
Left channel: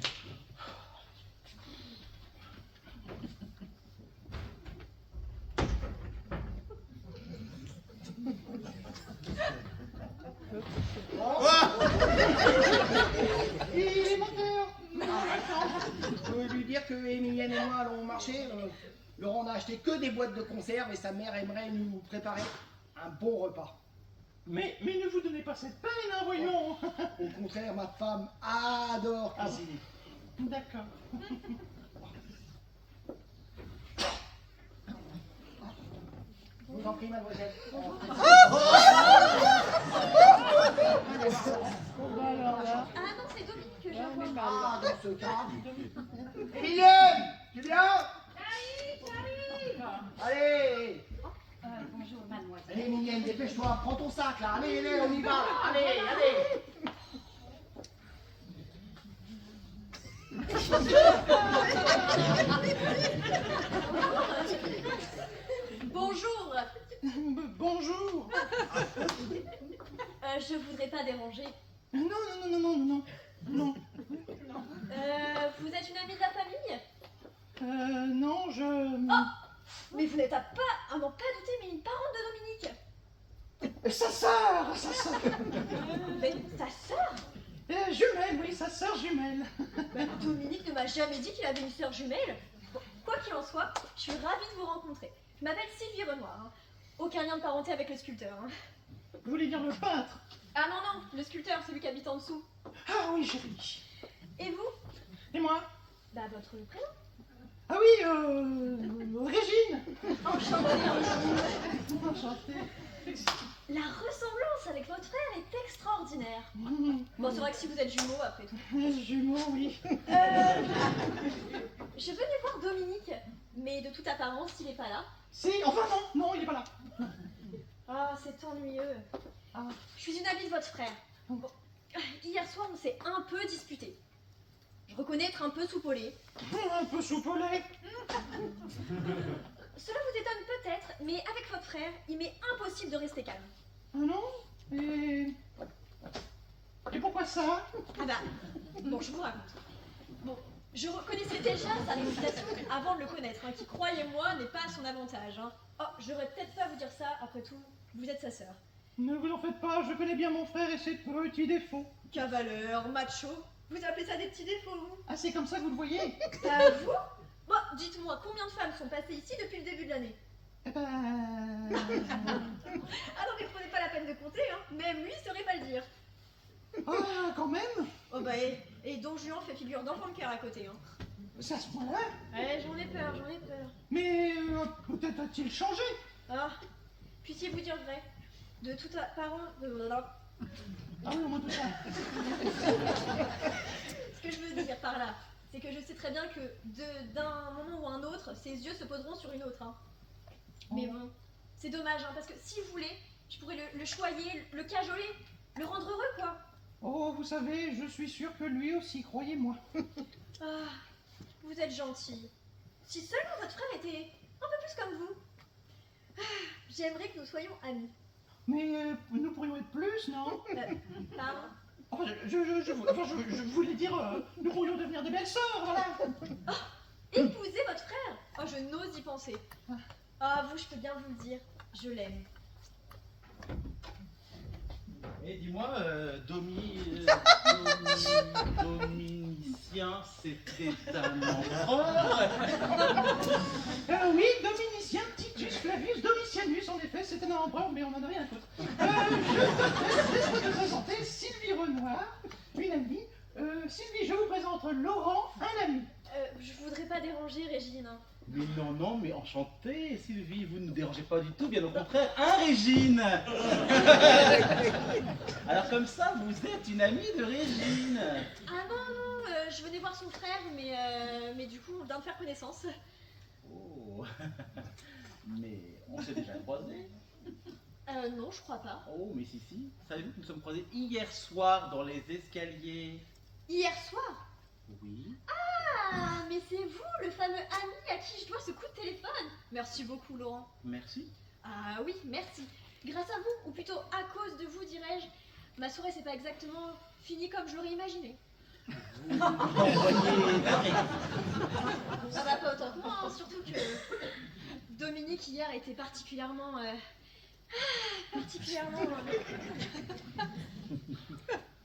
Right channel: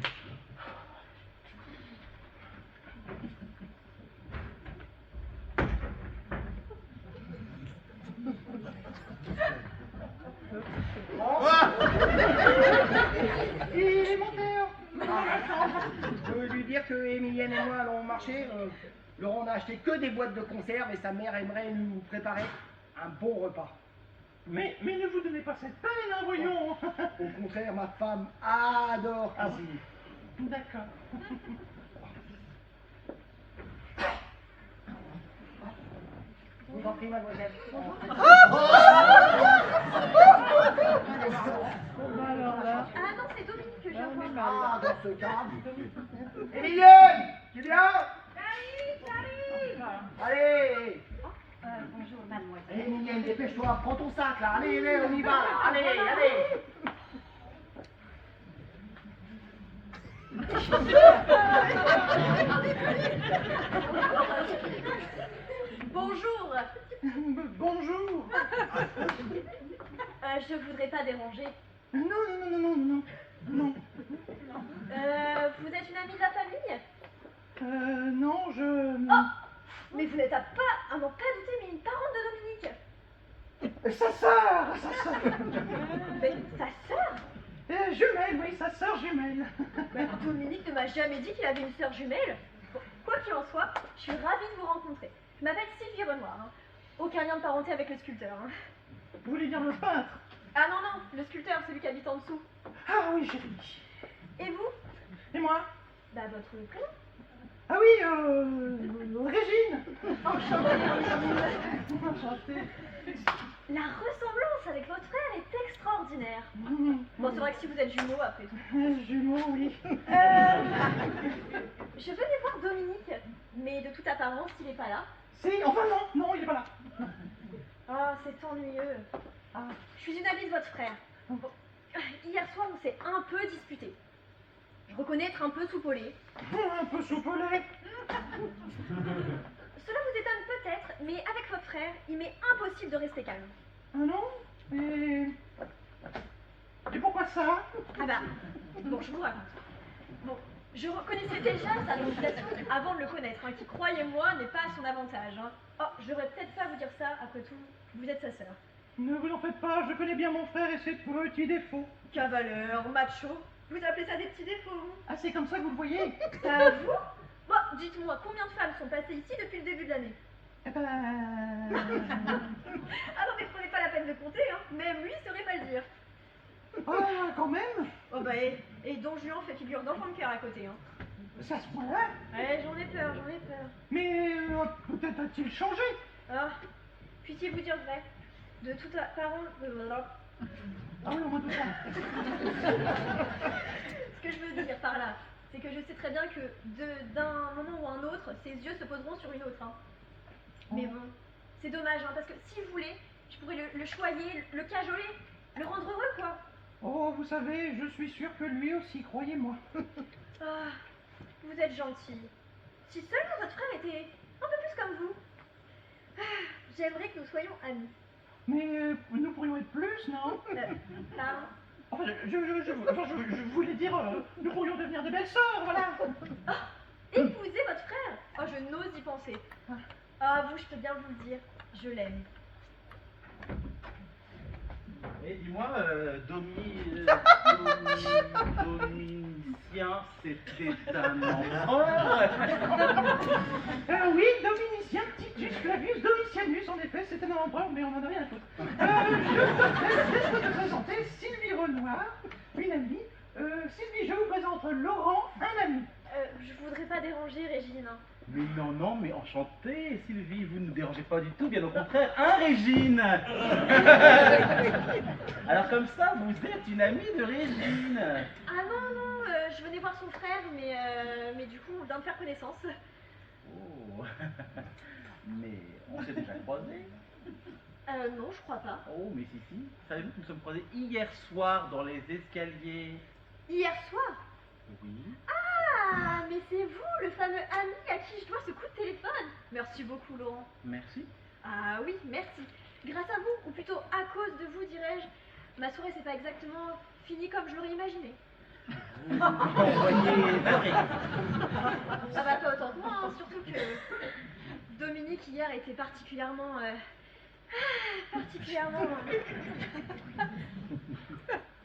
Il est mon père. Je veux lui dire que Emilienne et moi allons au marché. Laurent n'a acheté que des boîtes de conserve et sa mère aimerait nous préparer un bon repas. Mais ne vous donnez pas cette peine, hein, voyons. Au contraire, ma femme adore cuisiner. D'accord. Je vous en prie, mademoiselle. Ah non, c'est Dominique que je viens voir. Ah, dans ce cas. Emilienne, tu viens? J'arrive. Allez. Bonjour, mademoiselle. Emilienne, dépêche-toi, prends ton sac là. Allez, on y va là. Allez. Bonjour. Bonjour. Je voudrais pas déranger. Non. Vous êtes une amie de la famille? Non, je... Oh, mais vous n'êtes pas à n'en pas douter, mais une parente de Dominique. Sa sœur. Mais sa sœur? Jumelle, oui, sa sœur jumelle. Dominique ne m'a jamais dit qu'il avait une sœur jumelle. Bon, quoi qu'il en soit, je suis ravie de vous rencontrer. Je m'appelle Sylvie Renoir. Hein. Aucun lien de parenté avec le sculpteur. Hein. Vous voulez dire le peintre? Ah non, le sculpteur, celui qui habite en dessous. Ah oui, Jérémy. Et vous? Et moi? Bah votre prénom? Ah oui, Régine. Enchantée. Enchantée. La ressemblance avec votre frère est extraordinaire. Bon, c'est vrai que si vous êtes jumeaux, après tout. Jumeaux, oui. Je venais voir Dominique, mais de toute apparence, il n'est pas là. Si, enfin non, il est pas là. Ah, c'est ennuyeux. Ah. Je suis une amie de votre frère. Bon, hier soir, on s'est un peu disputé. Je reconnais être un peu soupolé. Un peu soupolé. Cela vous étonne peut-être, mais avec votre frère, il m'est impossible de rester calme. Ah non? Et pourquoi ça? Ah bah, bon, je vous raconte. Bon, je reconnaissais déjà sa réputation avant de le connaître, hein, qui, croyez-moi, n'est pas à son avantage. Hein. Oh, j'aurais peut-être pas à vous dire ça, après tout, vous êtes sa sœur. Ne vous en faites pas, je connais bien mon frère et ses petits défauts. Cavaleur, macho, vous appelez ça des petits défauts, vous? Ah, c'est comme ça que vous le voyez? Vous? Bon, dites-moi, combien de femmes sont passées ici depuis le début de l'année? Eh ben... Ah non, mais prenez pas la peine de compter, hein. Même lui saurait pas le dire. Ah, quand même? Oh bah, et Don Juan fait figure d'enfant de cœur à côté, hein. C'est à ce point-là? Ouais, j'en ai peur. Mais peut-être a-t-il changé? Ah, puissiez-vous dire vrai? De toute apparence... Ah oui, au moins tout ça. Ce que je veux dire par là, c'est que je sais très bien que d'un moment ou un autre, ses yeux se poseront sur une autre, hein. Mais bon, c'est dommage, hein, parce que si vous voulez, je pourrais le choyer, le cajoler, le rendre heureux, quoi. Oh, vous savez, je suis sûre que lui aussi, croyez-moi. Ah, vous êtes gentil. Si seulement votre frère était un peu plus comme vous. Ah, j'aimerais que nous soyons amis. Mais nous pourrions être plus, non? Pardon? Enfin, je voulais dire, nous pourrions devenir des belles sœurs, voilà. Épouser votre frère? Oh, je n'ose y penser. Ah, vous, je peux bien vous le dire, je l'aime. Et dis-moi, Domitien, c'était un empereur? Oui, Dominicien Titus Flavius Domitianus, en effet, c'était un empereur, mais on en a rien à foutre. Je vais te présenter Sylvie Renoir, une amie. Sylvie, je vous présente Laurent, un ami. Je voudrais pas déranger Régine. Hein. Mais non, mais enchanté, Sylvie, vous ne nous dérangez pas du tout, bien au contraire, hein, Régine? Alors comme ça, vous êtes une amie de Régine. Ah non, je venais voir son frère, mais du coup, on vient de faire connaissance. Oh, mais on s'est déjà croisés. Non, je crois pas. Oh, mais si. Savez-vous que nous sommes croisés hier soir dans les escaliers? Hier soir? Oui. Ah, mais c'est vous, le fameux ami à qui je dois ce coup de téléphone. Merci beaucoup, Laurent. Merci. Ah oui, merci. Grâce à vous, ou plutôt à cause de vous, dirais-je, ma soirée s'est pas exactement finie comme je l'aurais imaginé. Vous m'envoyez navré. Ah bah pas autant que moi, hein, surtout que Dominique hier était particulièrement...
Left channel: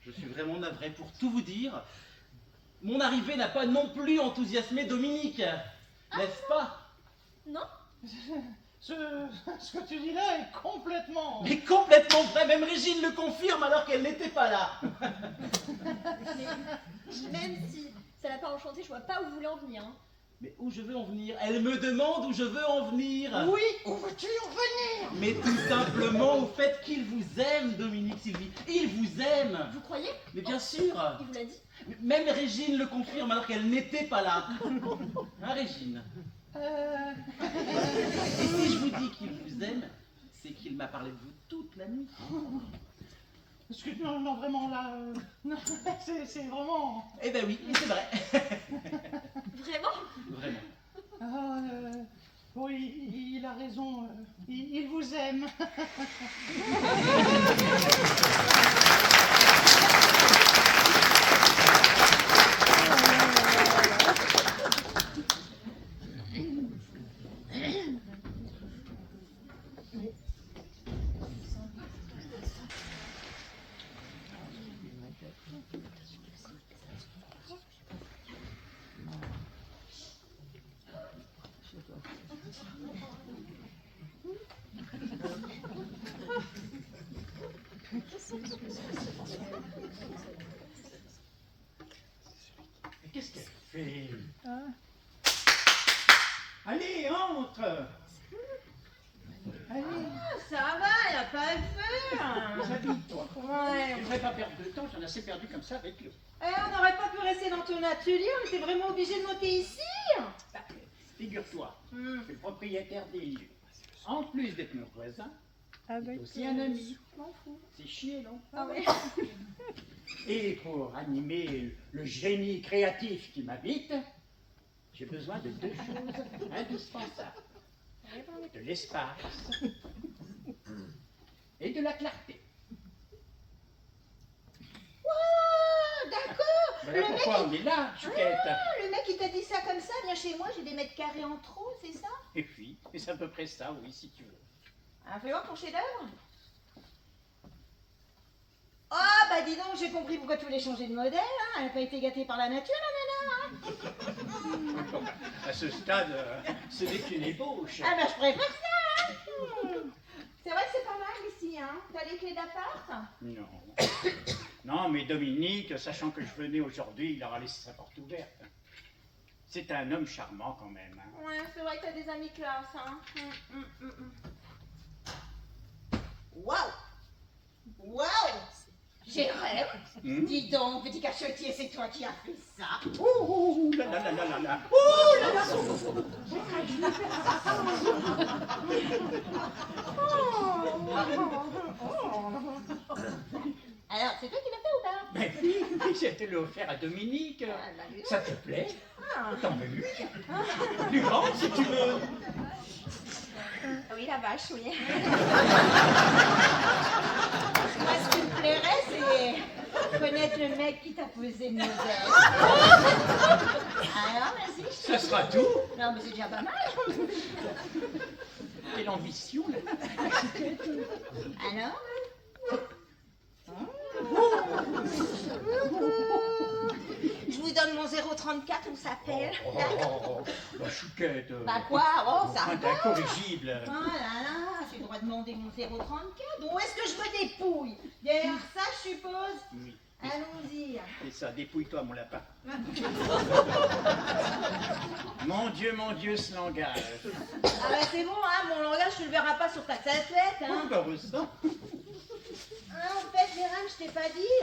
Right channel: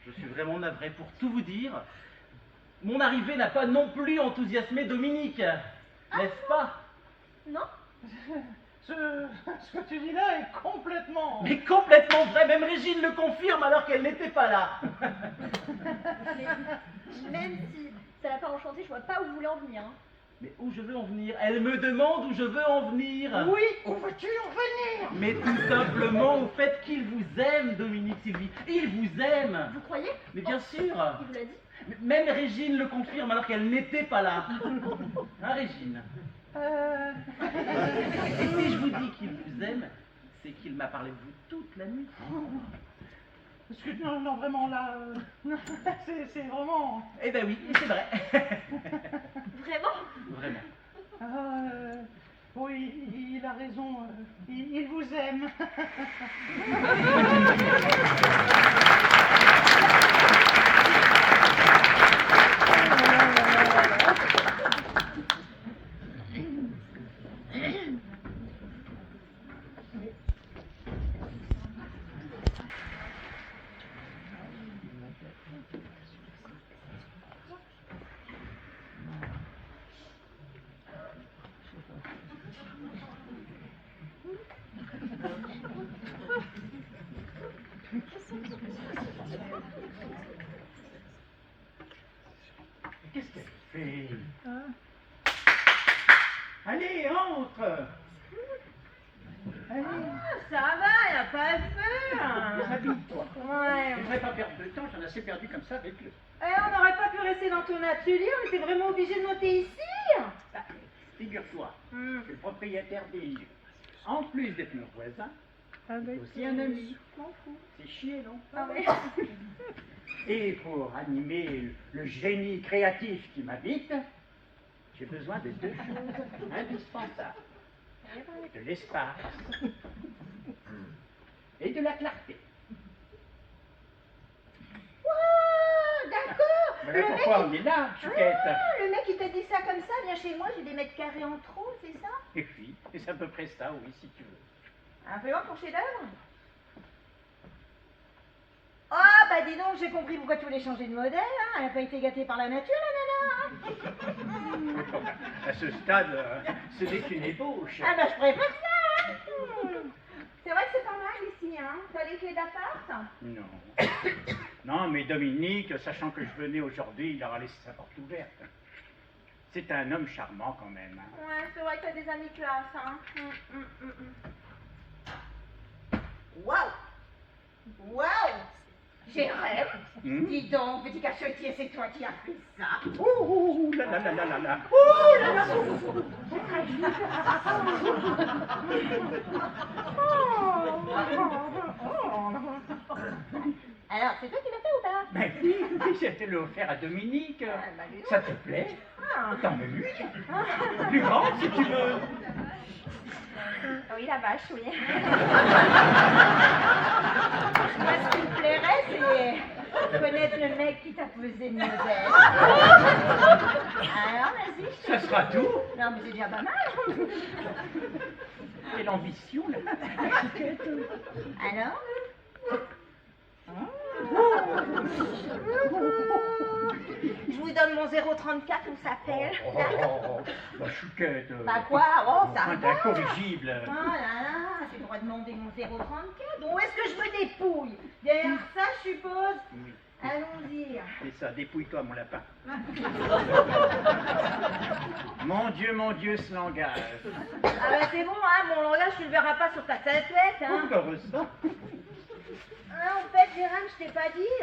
Je suis vraiment navré pour tout vous dire. Mon arrivée n'a pas non plus enthousiasmé Dominique, n'est-ce pas? Non? Ce que tu dis là est complètement... Mais complètement vrai, même Régine le confirme alors qu'elle n'était pas là. Mais même si ça l'a pas enchanté, je vois pas où vous voulez en venir. Hein. Mais où je veux en venir? Elle me demande où je veux en venir. Oui, où veux-tu en venir? Mais tout simplement au fait qu'il vous aime, Dominique Sylvie. Il vous aime. Vous croyez? Mais bien sûr. Il vous l'a dit? Même Régine le confirme alors qu'elle n'était pas là. Hein, Régine? Et si je vous dis qu'il vous aime, c'est qu'il m'a parlé de vous toute la nuit. Parce que non, vraiment là... c'est vraiment... Eh ben oui, c'est vrai. Vraiment? Vraiment. Oui, il a raison. Il vous aime. Qu'est-ce qu'elle fait? Allez, entre! Allez, Ça va, y a pas de feu. habille-toi. Ouais. Je ne devrais pas perdre de temps, j'en ai assez perdu comme ça avec le... On n'aurait pas pu rester dans ton atelier, on était vraiment obligé de monter ici. Bah, figure-toi Hmm. que le propriétaire des lieux, en plus d'être notre voisin, est aussi un ami. C'est chier, non? Ah ouais. Et pour animer le génie créatif qui m'habite, j'ai besoin de deux choses indispensables. De l'espace et de la clarté. Wow, d'accord. Voilà pourquoi on est là, Chouquette. Le mec, il t'a dit ça comme ça, viens chez moi, j'ai des mètres carrés en trop, c'est ça? Et puis, et c'est à peu près ça, oui, si tu veux. Fais voir ton chef-d'œuvre. Oh, bah dis donc, j'ai compris pourquoi tu voulais changer de modèle, hein. Elle n'a pas été gâtée par la nature, la nana, hein. À ce stade, ce n'est qu'une ébauche. Ah bah je préfère ça, hein. C'est vrai que c'est pas mal ici, hein. T'as les clés d'appart? Non. Non, mais Dominique, sachant que je venais aujourd'hui, il aura laissé sa porte ouverte. C'est un homme charmant quand même. Hein. Ouais, c'est vrai que t'as des amis classe, hein. Waouh! Waouh! J'ai rêve. Dis donc, petit cachotier, c'est toi qui as fait ça. Ouh là là là là là là. Alors, c'est toi qui l'as fait ou pas? Ben oui, je te l'ai offert à Dominique. Bah, dis donc. Ça te plaît? Ah. T'en veux une? Plus grande si tu veux. Oui, la vache, oui. Moi, ce qui me plairait, c'est connaître le mec qui t'a posé le modèle. Alors, vas-y, je te... Ce sera tout. Non, mais c'est déjà pas mal. Quelle ambition, là. Alors? Je vous donne mon 034, on s'appelle. Bah, Chouquette. Bah quoi? Oh, ça Enfin, va. t'es incorrigible. Oh là là, j'ai le droit de demander mon 034. Bon, où est-ce que je me dépouille? Derrière ça, je suppose? Oui. Allons-y. C'est ça, dépouille-toi, mon lapin. Mon Dieu, ce langage. Ah bah c'est bon, hein, mon langage, tu le verras pas sur ta statuette, hein. Oh, heureusement. Ah, en fait, Jérôme, je t'ai pas dit.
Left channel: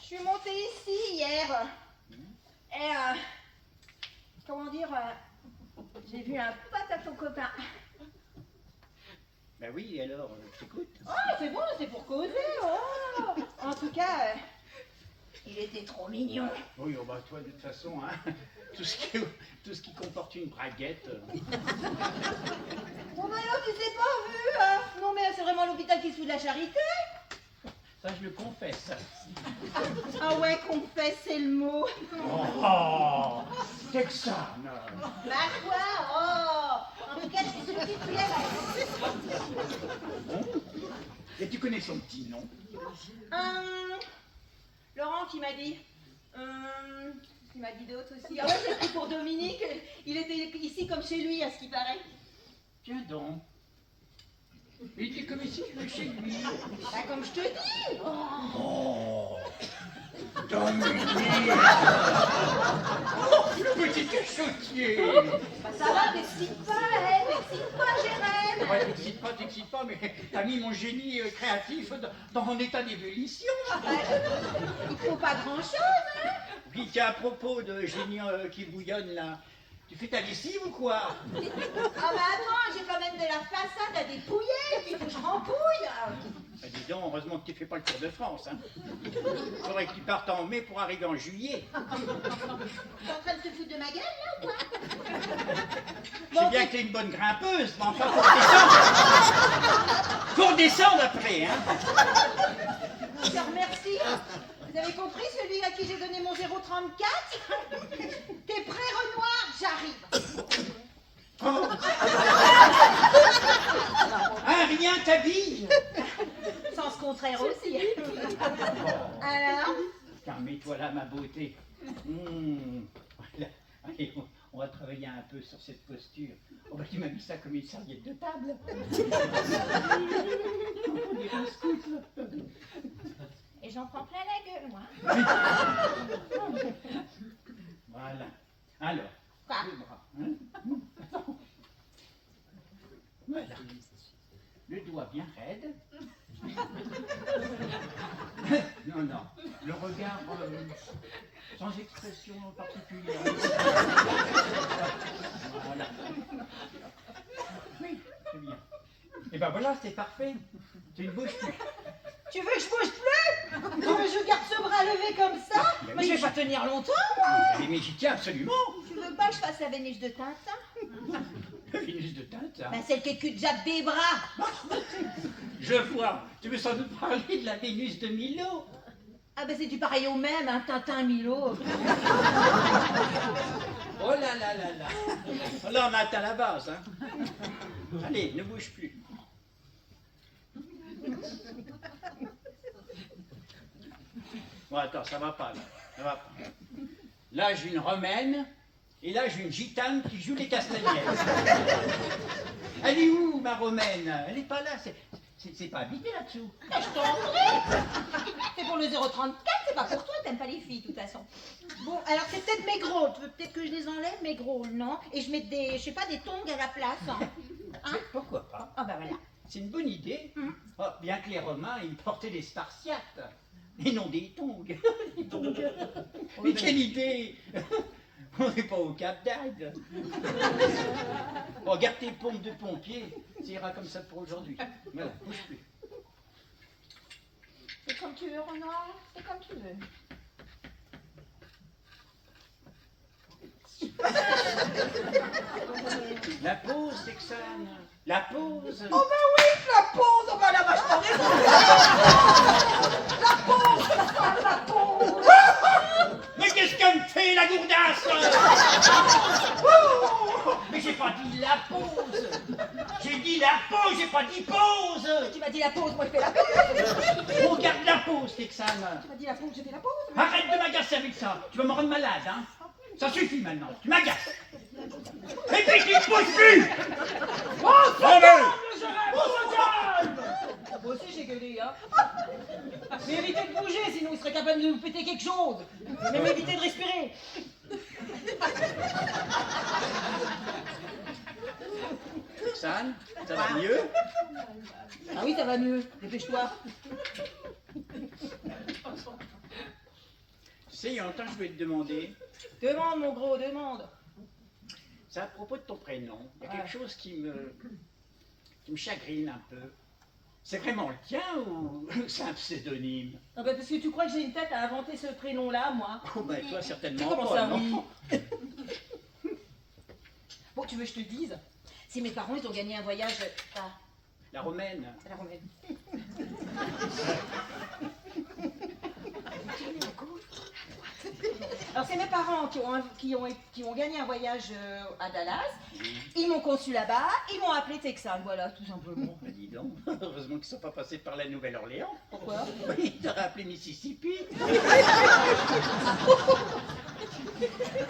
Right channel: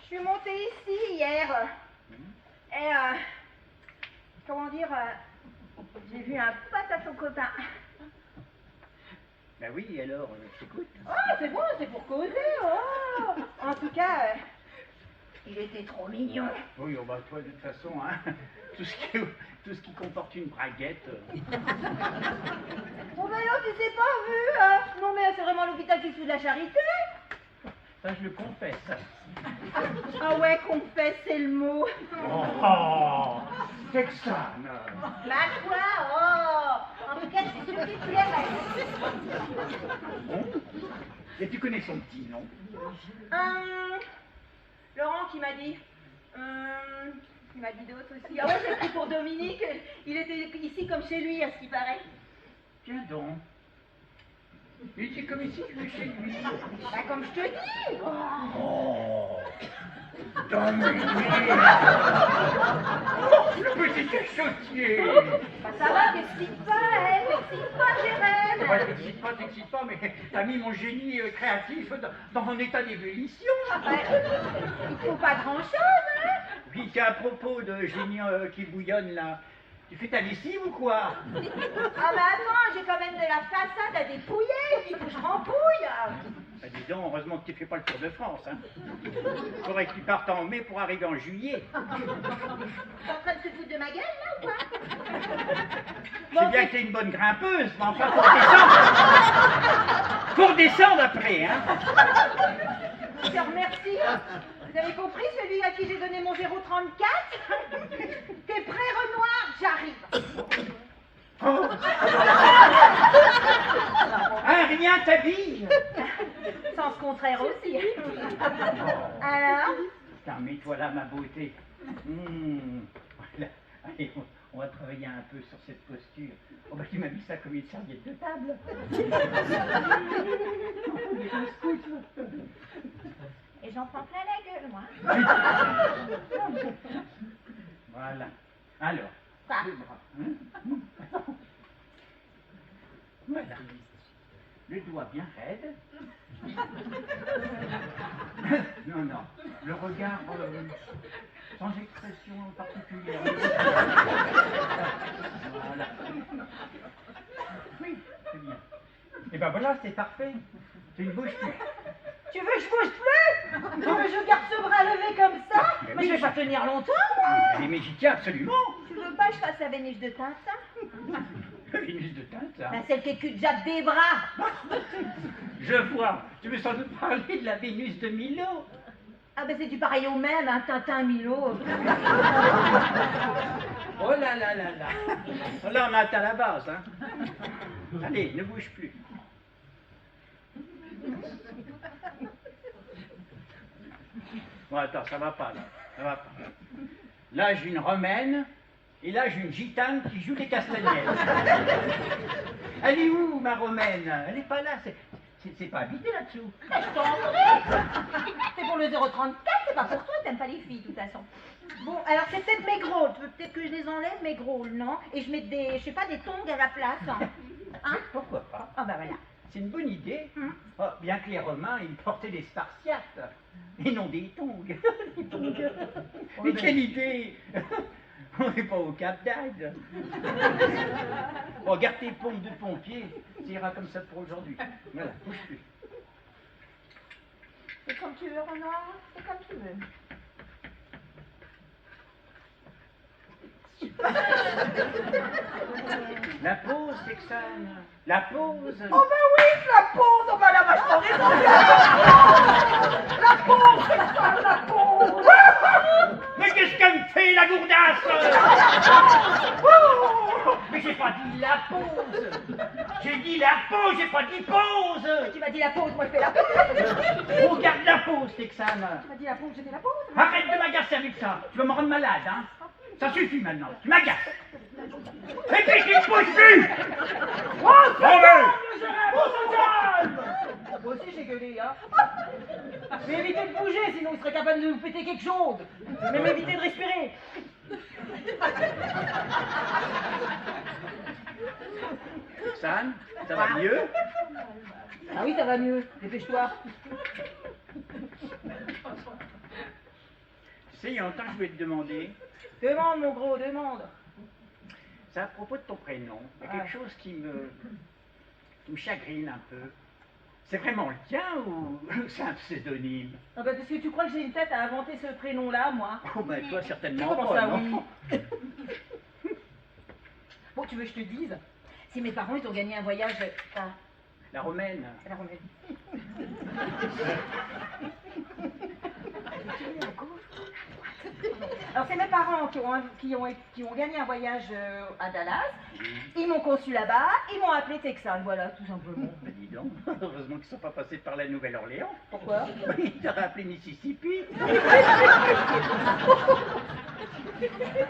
Je suis montée ici hier. Et, comment dire, j'ai vu un pote à ton copain. Ben oui, alors, je t'écoute. Ah, c'est bon, c'est pour causer. Oh. En tout cas, il était trop mignon. Oui, oh bah toi, de toute façon, hein, tout ce qui comporte une braguette. Oh, mais non, tu sais pas, vu, hein. Non, mais c'est vraiment l'hôpital qui se fout de la charité. Ça, je le confesse. Ah ouais, confesse, c'est le mot. Oh, Texane. Bah quoi, oh. En tout cas, je suis sûre qu'il te plairait. Bon. Et tu connais son petit nom? Laurent qui m'a dit. Il m'a dit d'autres aussi. Ah ouais, c'est pris pour Dominique. Il était ici comme chez lui, à ce qui paraît. Tiens donc. Il était comme ici que chez lui. Bah, comme je te dis. Oh, Dominique. Oh, le petit cachotier. Bah, ça va, t'excites pas, hein. T'excites pas, Jérém. Ouais, t'excites pas, mais t'as mis mon génie créatif dans un état d'ébullition. Ouais. Il faut pas grand-chose, hein. Oui, tiens, à propos de génie qui bouillonne là, tu fais ta lessive ou quoi? Ah mais attends, j'ai quand même de la façade à dépouiller, il faut que je rempouille. Ah, dis donc, heureusement que tu fais pas le Tour de France. Hein. Faudrait que tu partes en mai pour arriver en juillet. T'es en train de te foutre de ma gueule là ou quoi? Je sais bien que t'es une bonne grimpeuse, mais enfin faut redescendre. Faut redescendre après, hein. Je te remercie. Vous avez compris celui à qui j'ai donné mon 034? T'es prêt, Renoir? J'arrive. Oh. Hein, rien t'habille. Sens contraire aussi. Alors? Tiens, mets-toi là, ma beauté. Voilà. Allez, on va travailler un peu sur cette posture. Oh bah tu m'as mis ça comme une serviette de table. On dirait un scout. Et j'en prends plein la gueule, moi. Voilà. Alors, Quoi? le bras. Hein? Voilà. Le doigt bien raide. Non, non. Le regard sans expression particulière. Voilà. Oui, très bien. Et ben voilà, c'est parfait. Tu ne bouges plus. Tu veux que je bouge plus? Tu veux que je garde ce bras levé comme ça? Mais Mais oui, je vais pas tenir longtemps, moi. Mais j'y tiens absolument. Tu veux pas que je fasse la Vénus de Tintin? La Vénus de Tintin. Bah, celle qui cul-de-jatte des bras. Je vois. Tu veux sans doute parler de la Vénus de Milo. Ah bah c'est du pareil au même, hein, Tintin, Milo. Oh là là là là. Là, on a atteint la base. Hein. Allez, ne bouge plus. Bon, attends, ça va pas là. Ça va pas. Là, j'ai une romaine et là, j'ai une gitane qui joue les castagnettes. Elle est où, ma romaine? Elle est pas là. C'est pas habité là-dessous. Ah, je t'en prie. C'est pour le 034, c'est pas pour toi, t'aimes pas les filles de toute façon. Bon, alors c'est peut-être mes gros, tu veux peut-être que je les enlève, mes gros, non? Et je mets des, je sais pas, des tongs à la place. Hein? Pourquoi pas? Ah bah voilà. C'est une bonne idée. Oh, bien que les Romains, ils portaient des Spartiates, et non des tongs. Des tongs. Mais quelle idée! On n'est pas au Cap d'Agde. Bon, garde tes pompes de pompier, ça ira comme ça pour aujourd'hui. Voilà, bouge plus. C'est comme tu veux, Renoir, c'est comme tu veux. La pause, Texane. La pause. Oh bah oui, la pause, oh bah elle a vachement raison. La pause, c'est ça, la pause. Mais qu'est-ce qu'elle me fait, la gourdasse? Mais j'ai pas dit la pause. J'ai dit la pause, j'ai pas dit pause. Tu m'as dit la pause, moi je fais la pause. Regarde la pause, Texane. Tu m'as dit la pause, j'ai fait la pause. Arrête de m'agacer avec ça. Tu vas me rendre malade, hein. Ça suffit maintenant. Tu m'agaces. Et puis tu ne bouges plus. Oh, se Bon, calme, Jérém, on se calme. Moi aussi j'ai gueulé, hein. Mais évitez de bouger, sinon il serait capable de nous péter quelque chose. Même évitez de respirer. Texane, ça va mieux? Ah oui, ça va mieux. Dépêche-toi. Tu sais, il y a longtemps que je voulais te demander. Demande, mon gros, demande. C'est à propos de ton prénom. Il y a quelque chose qui me qui me chagrine un peu. C'est vraiment le tien ou c'est un pseudonyme? Ah bah parce que tu crois que j'ai une tête à inventer ce prénom-là, moi? Oh ben toi Mais certainement comment pas, ça, non? oui? Bon, tu veux que je te dise? Si mes parents, ils ont gagné un voyage à La romaine. la Romaine. Alors c'est mes parents qui ont gagné un voyage à Dallas. Ils m'ont conçu là-bas, ils m'ont appelé Texan, voilà, tout simplement. Ben dis donc, heureusement qu'ils ne sont pas passés par la Nouvelle-Orléans. Pourquoi? Ils t'auraient appelé Mississippi.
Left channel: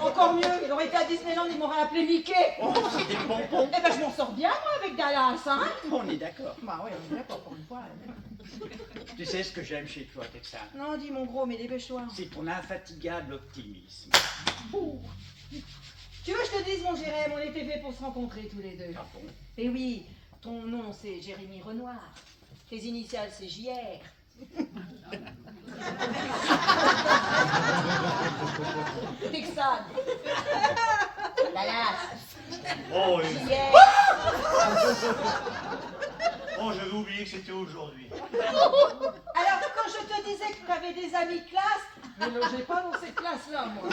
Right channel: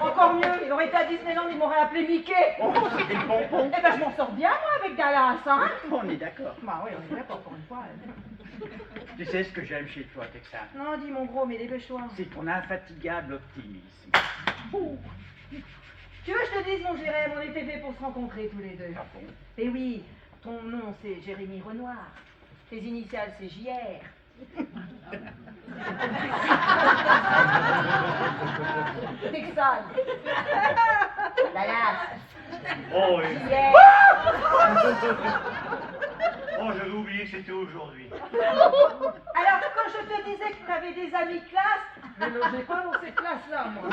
Encore mieux, il aurait été à Disneyland, ils m'auraient appelé Mickey. Oh, c'était le pompon. Eh ben je m'en sors bien moi avec Dallas, hein? On est d'accord. Bah oui, on est d'accord pour une fois. Tu sais ce que j'aime chez toi, Texan? Non, dis mon gros, mais dépêche-toi. C'est ton infatigable optimisme. Tu veux que je te dise, mon Jérém, on était fait pour se rencontrer tous les deux. Ah bon? Et oui, ton nom c'est Jérémy Renoir. Tes initiales c'est JR. Texan. Dallas. Oh, oui. JR. Oh, j'avais oublié que c'était aujourd'hui. Alors, quand je te disais que tu avais des amis de classe, ne logez pas dans cette classe-là, moi.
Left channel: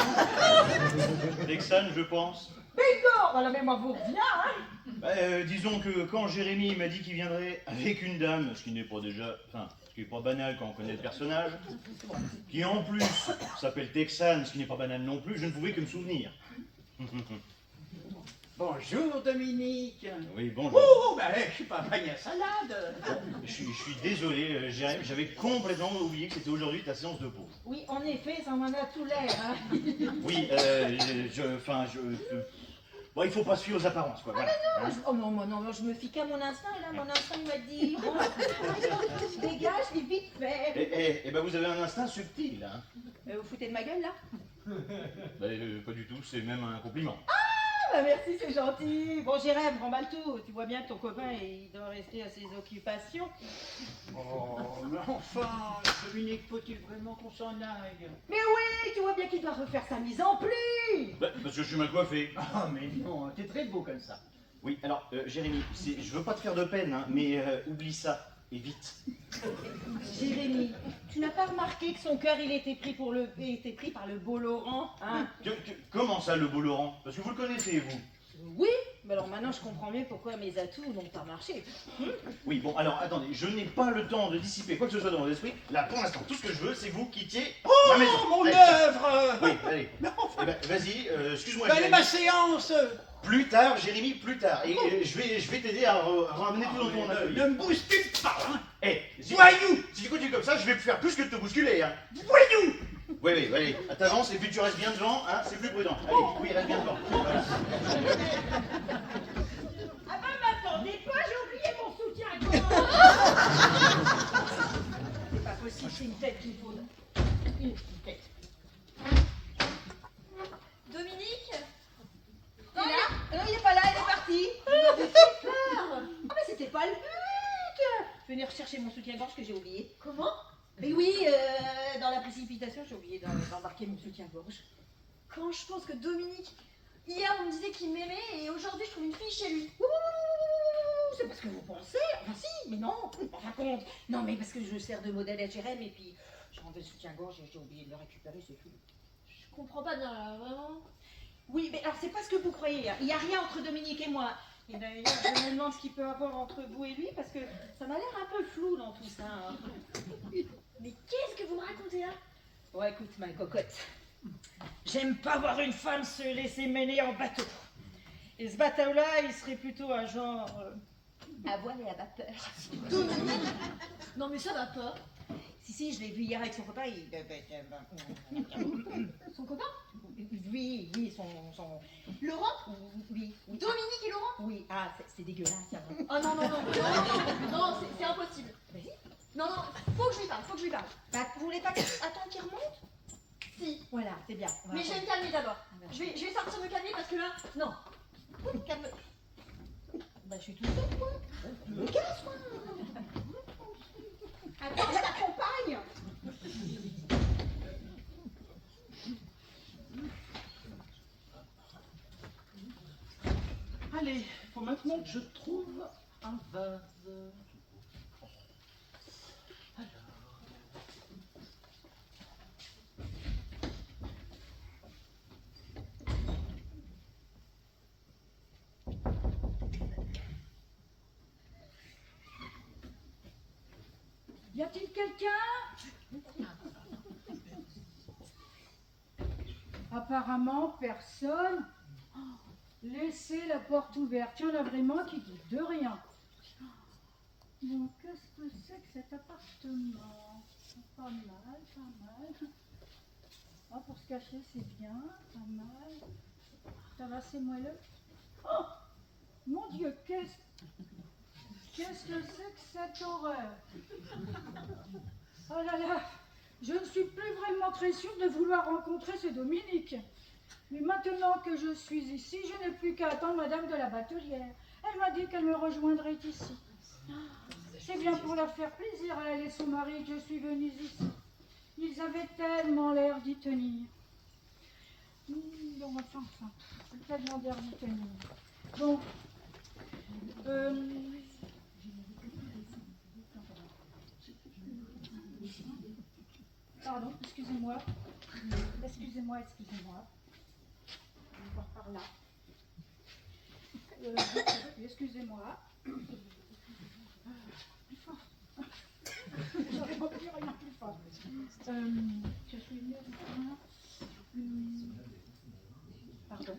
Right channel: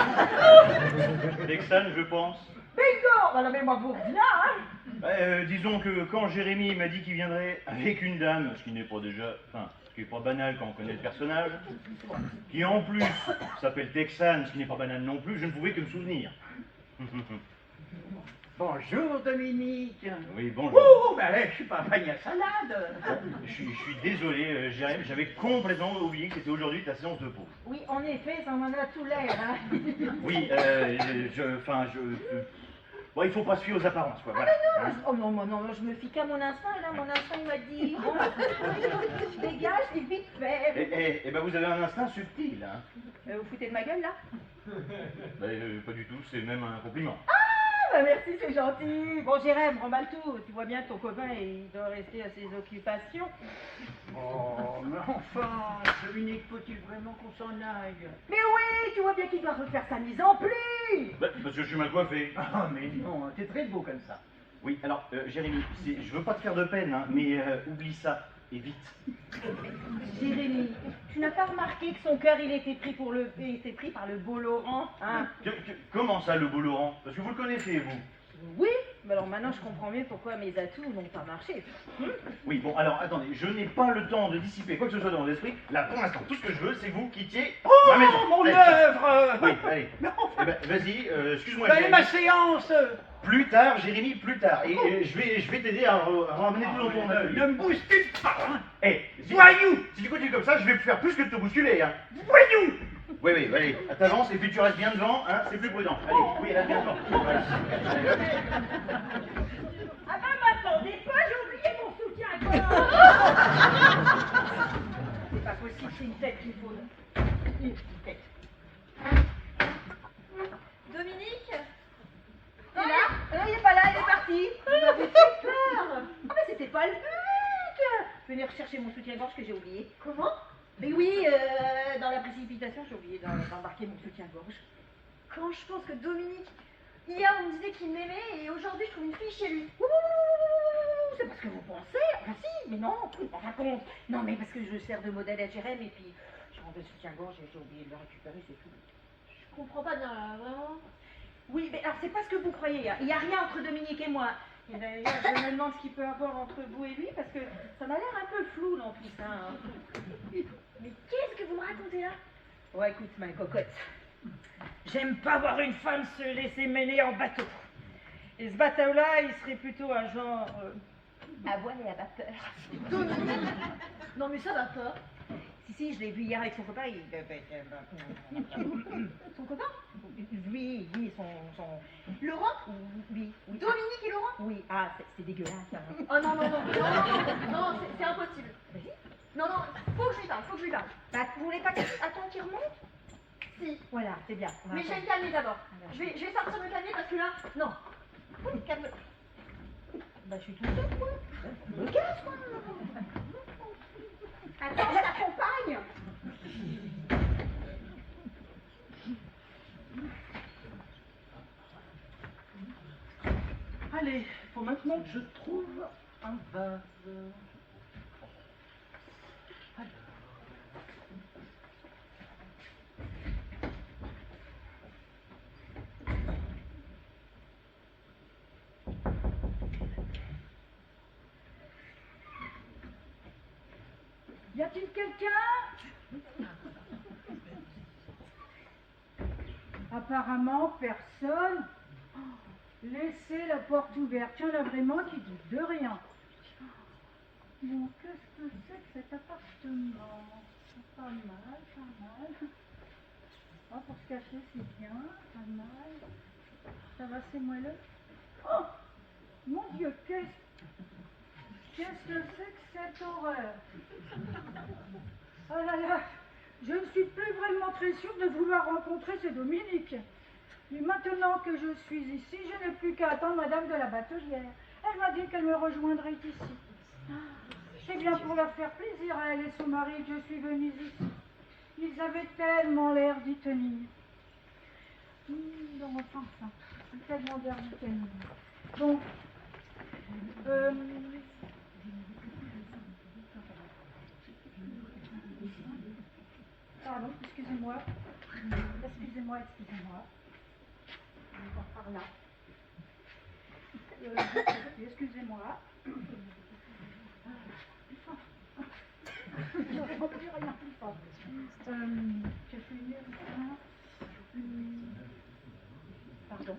Texan, je pense. Bingo! Bah non, mais moi, vous reviens, hein? Disons que quand Jérémy m'a dit qu'il viendrait avec une dame, ce qui n'est pas déjà, enfin, ce qui n'est pas banal quand on connaît le personnage, qui en plus s'appelle Texan, ce qui n'est pas banal non plus, je ne pouvais que me souvenir. Bonjour Dominique. Oui, bonjour. Oh, ben je suis pas un panier à salade. Je suis désolé, Jérémy, j'avais complètement oublié que c'était aujourd'hui ta séance de pause. Oui, en effet, ça m'en a tout l'air, hein? Oui, bon, il faut pas se fier aux apparences, quoi, voilà. Ah, oh non, non, je me fie qu'à mon instinct, et là, mon instinct, il m'a dit, bon, dégage, et vite fait. Eh ben, vous avez un instinct subtil, hein. Vous foutez de ma gueule, là? Pas du tout, c'est même un compliment. Ah, bah merci, c'est gentil. Bon, Jérém, remballe tout. Tu vois bien que ton copain, il doit rester à ses occupations. Oh, mais enfin, Dominique, faut-il vraiment qu'on s'en aille? Mais oui, tu vois bien qu'il doit refaire sa mise en pli. Parce que je suis mal coiffé. Ah, mais non, t'es très beau comme ça. Oui, alors, Jérémy, je veux pas te faire de peine, hein, mais oublie ça, et vite. Jérémy, tu n'as pas remarqué que son cœur, il était pris par le beau Laurent, hein? Comment ça, le beau Laurent? Parce que vous le connaissez, vous. Oui, mais alors maintenant je comprends mieux pourquoi mes atouts n'ont pas marché. Oui, bon, alors, attendez, je n'ai pas le temps de dissiper quoi que ce soit dans vos esprits. Là, pour l'instant, tout ce que je veux, c'est que vous quittiez ma maison. mon Allez. œuvre! Oui, allez. Eh ben, vas-y, excuse-moi, Ben, Jérémy. ma séance! Plus tard, Jérémy, plus tard. Et je vais t'aider à ramener tout dans ton atelier. Ne me bouscule pas, hein! Eh, Voyou! si tu continues comme ça, je vais faire plus que de te bousculer, hein. Voyou! Oui, allez, t'avances et puis tu restes bien devant, hein, c'est plus prudent. Allez, oui, reste bien devant. Voilà. Ah ben m'attendez pas, j'ai oublié mon soutien-gorge. C'est pas possible, c'est une tête qu'il faut. Une tête. Dominique? T'es là? Non, il est pas là, il est parti. Il m'avait fait peur. Ah mais c'était pas le but. Venez rechercher mon soutien-gorge que j'ai oublié. Comment? Mais oui, dans la précipitation, j'ai oublié d'embarquer mon soutien-gorge. Quand je pense que Dominique, hier on me disait qu'il m'aimait et aujourd'hui je trouve une fille chez lui. Ouh, c'est parce que vous pensez. Enfin si, mais non. En fin de compte. Non, mais parce que je sers de modèle à Jérém et puis j'ai enlevé le soutien-gorge et j'ai oublié de le récupérer, c'est tout. Je comprends pas bien là, vraiment. Oui, mais alors c'est pas ce que vous croyez. Hein. Il n'y a rien entre Dominique et moi. Et d'ailleurs, je me demande ce qu'il peut y avoir entre vous et lui parce que ça m'a l'air un peu flou dans tout ça. Hein. Mais qu'est-ce que vous me racontez là? Ouais, écoute, ma cocotte. J'aime pas voir une femme se laisser mener en bateau. Et ce bateau-là, il serait plutôt un genre à voile et à vapeur. Dominique? Non mais ça va pas. Si, je l'ai vu hier avec son copain. Son copain? Oui, son... Laurent? Oui. Dominique et Laurent? Oui, ah, c'est dégueulasse. Hein. Oh non, c'est impossible. Vas-y. Non, faut que je lui parle, Bah, vous voulez pas attendre qu'il remonte? Si. Voilà, c'est bien. Mais je vais me calmer d'abord. Je vais sortir me calmer parce que là, non. Calme. Bah, je suis toute seule, quoi. Me casse, quoi. Attends, je t'accompagne. Allez, faut maintenant que je trouve un un vase. Alors. Y a-t-il quelqu'un? Apparemment, personne. Laissez la porte ouverte. Il y en a vraiment qui disent de rien. Bon, qu'est-ce que c'est que cet appartement? Pas mal, pas mal. Ah, pour se cacher, c'est bien. Pas mal. Ça va, c'est moelleux. Oh! Mon Dieu, qu'est-ce que c'est que cette horreur? Oh là là, je ne suis plus vraiment très sûre de vouloir rencontrer ce Dominique. Mais maintenant que je suis ici, je n'ai plus qu'à attendre Madame de la Batelière. Elle m'a dit qu'elle me rejoindrait ici. C'est bien pour leur faire plaisir à elle et son mari que je suis venue ici. Ils avaient tellement l'air d'y tenir. Donc, enfin, tellement l'air d'y tenir. Bon. Pardon, excusez-moi. Excusez-moi. Par là. Excusez-moi. J'entends plus rien plus fort. Je suis médecin. Pardon.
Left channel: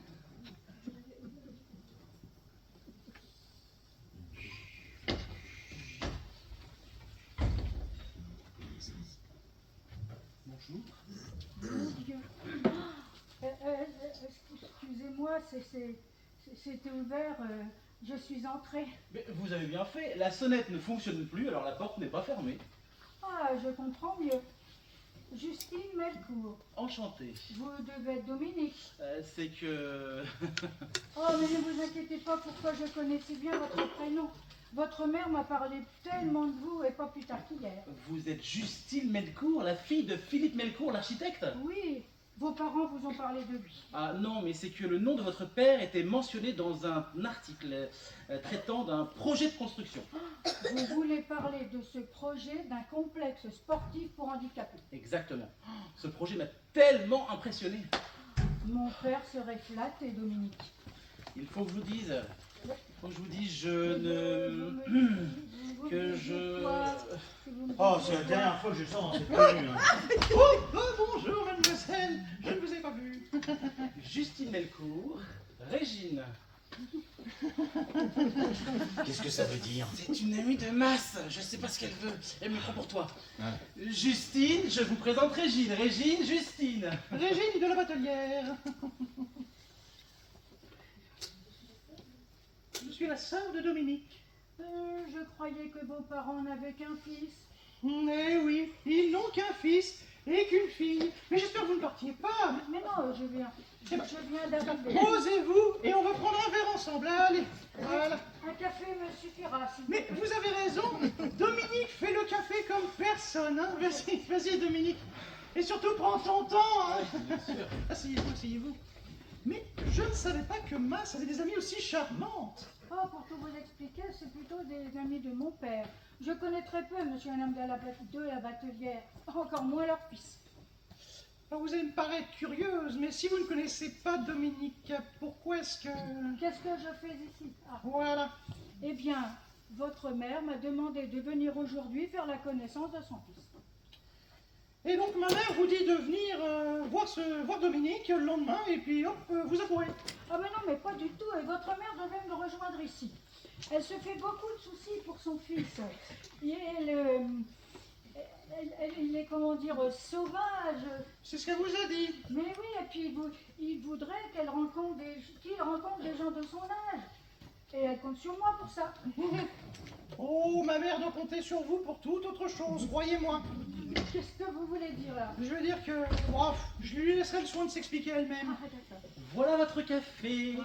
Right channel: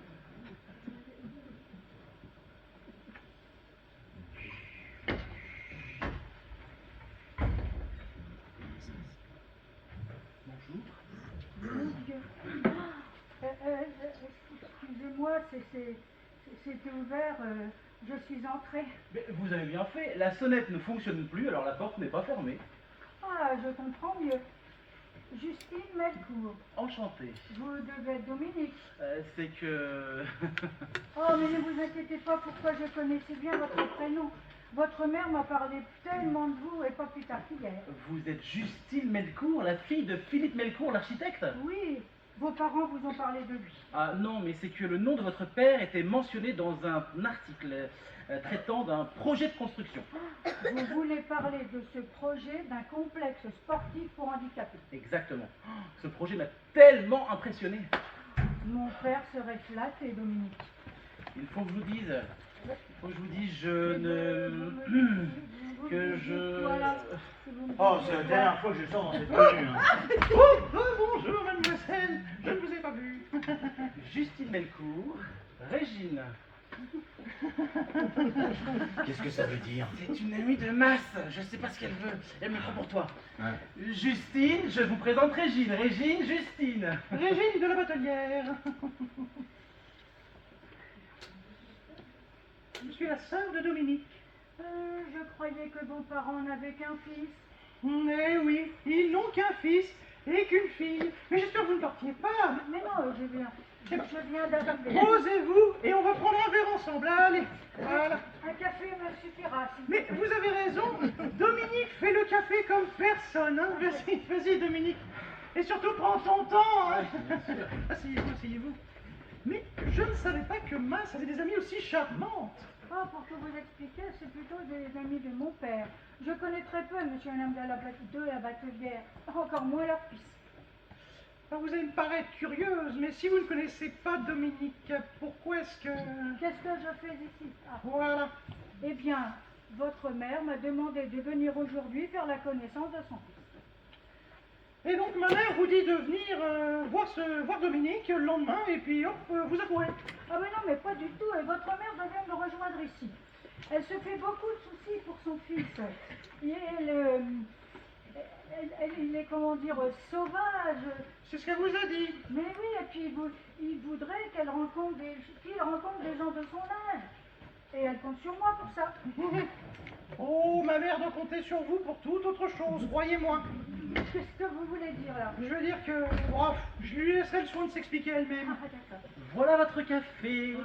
Bonjour. Mon Dieu. Excusez-moi, c'était ouvert. Je suis entrée. Mais vous avez bien fait, la sonnette ne fonctionne plus, alors la porte n'est pas fermée. Ah, je comprends mieux. Justine Melcourt. Enchanté. Vous devez être Dominique. C'est que... Oh, mais ne vous inquiétez pas, pourquoi je connaissais bien votre prénom. Votre mère m'a parlé tellement de vous, et pas plus tard qu'hier. Vous êtes Justine Melcourt, la fille de Philippe Melcourt, l'architecte? Oui, vos parents vous ont parlé de lui. Ah non, mais c'est que le nom de votre père était mentionné dans un article traitant d'un projet de construction. Vous voulez parler de ce projet d'un complexe sportif pour handicapés. Exactement. Ce projet m'a tellement impressionné. Mon père serait flatté, Dominique. Il faut que je vous dise, je ne... que je... Oh, c'est la dernière fois que je sors dans cette tenue. Hein. Bonjour mademoiselle, je ne vous ai pas vue. Justine Melcourt, Régine. Qu'est-ce que ça veut dire? C'est une amie de masse, je sais pas ce qu'elle veut, elle me prend pour toi. Ouais. Justine, je vous présente Régine, Justine. Régine de la Batelière. Je suis la sœur de Dominique. Je croyais que vos parents n'avaient qu'un fils. Eh oui, ils n'ont qu'un fils et qu'une fille. Mais j'espère que vous ne partiez pas. Mais non, je viens d'arriver. Posez-vous et on va prendre un verre ensemble. Allez, voilà. Un café me suffira. Mais vous avez raison, Dominique fait le café comme personne. Hein. Vas-y, Dominique. Et surtout, prends ton temps. Hein. Asseyez-vous. Mais je ne savais pas que Masse avait des amies aussi charmantes. Oh, pour tout vous expliquer, c'est plutôt des amis de mon père. Je connais très peu monsieur et madame de la Batelière, encore moins leur fils. Alors vous allez me paraître curieuse, mais si vous ne connaissez pas Dominique, pourquoi est-ce que... Qu'est-ce que je fais ici? Voilà. Eh bien, votre mère m'a demandé de venir aujourd'hui faire la connaissance de son fils. Et donc ma mère vous dit de venir voir Dominique le lendemain, et puis hop, vous accourez. Ah mais non, mais pas du tout, et votre mère devait me rejoindre ici. Elle se fait beaucoup de soucis pour son fils. Et il est, comment dire, sauvage. C'est ce qu'elle vous a dit. Mais oui, et puis il voudrait qu'il rencontre des gens de son âge. Et elle compte sur moi pour ça. Oh, ma mère doit compter sur vous pour toute autre chose, croyez-moi. Qu'est-ce que vous voulez dire là? Je veux dire que, bref, je lui laisserai le soin de s'expliquer elle-même. Ah, d'accord. Voilà votre café.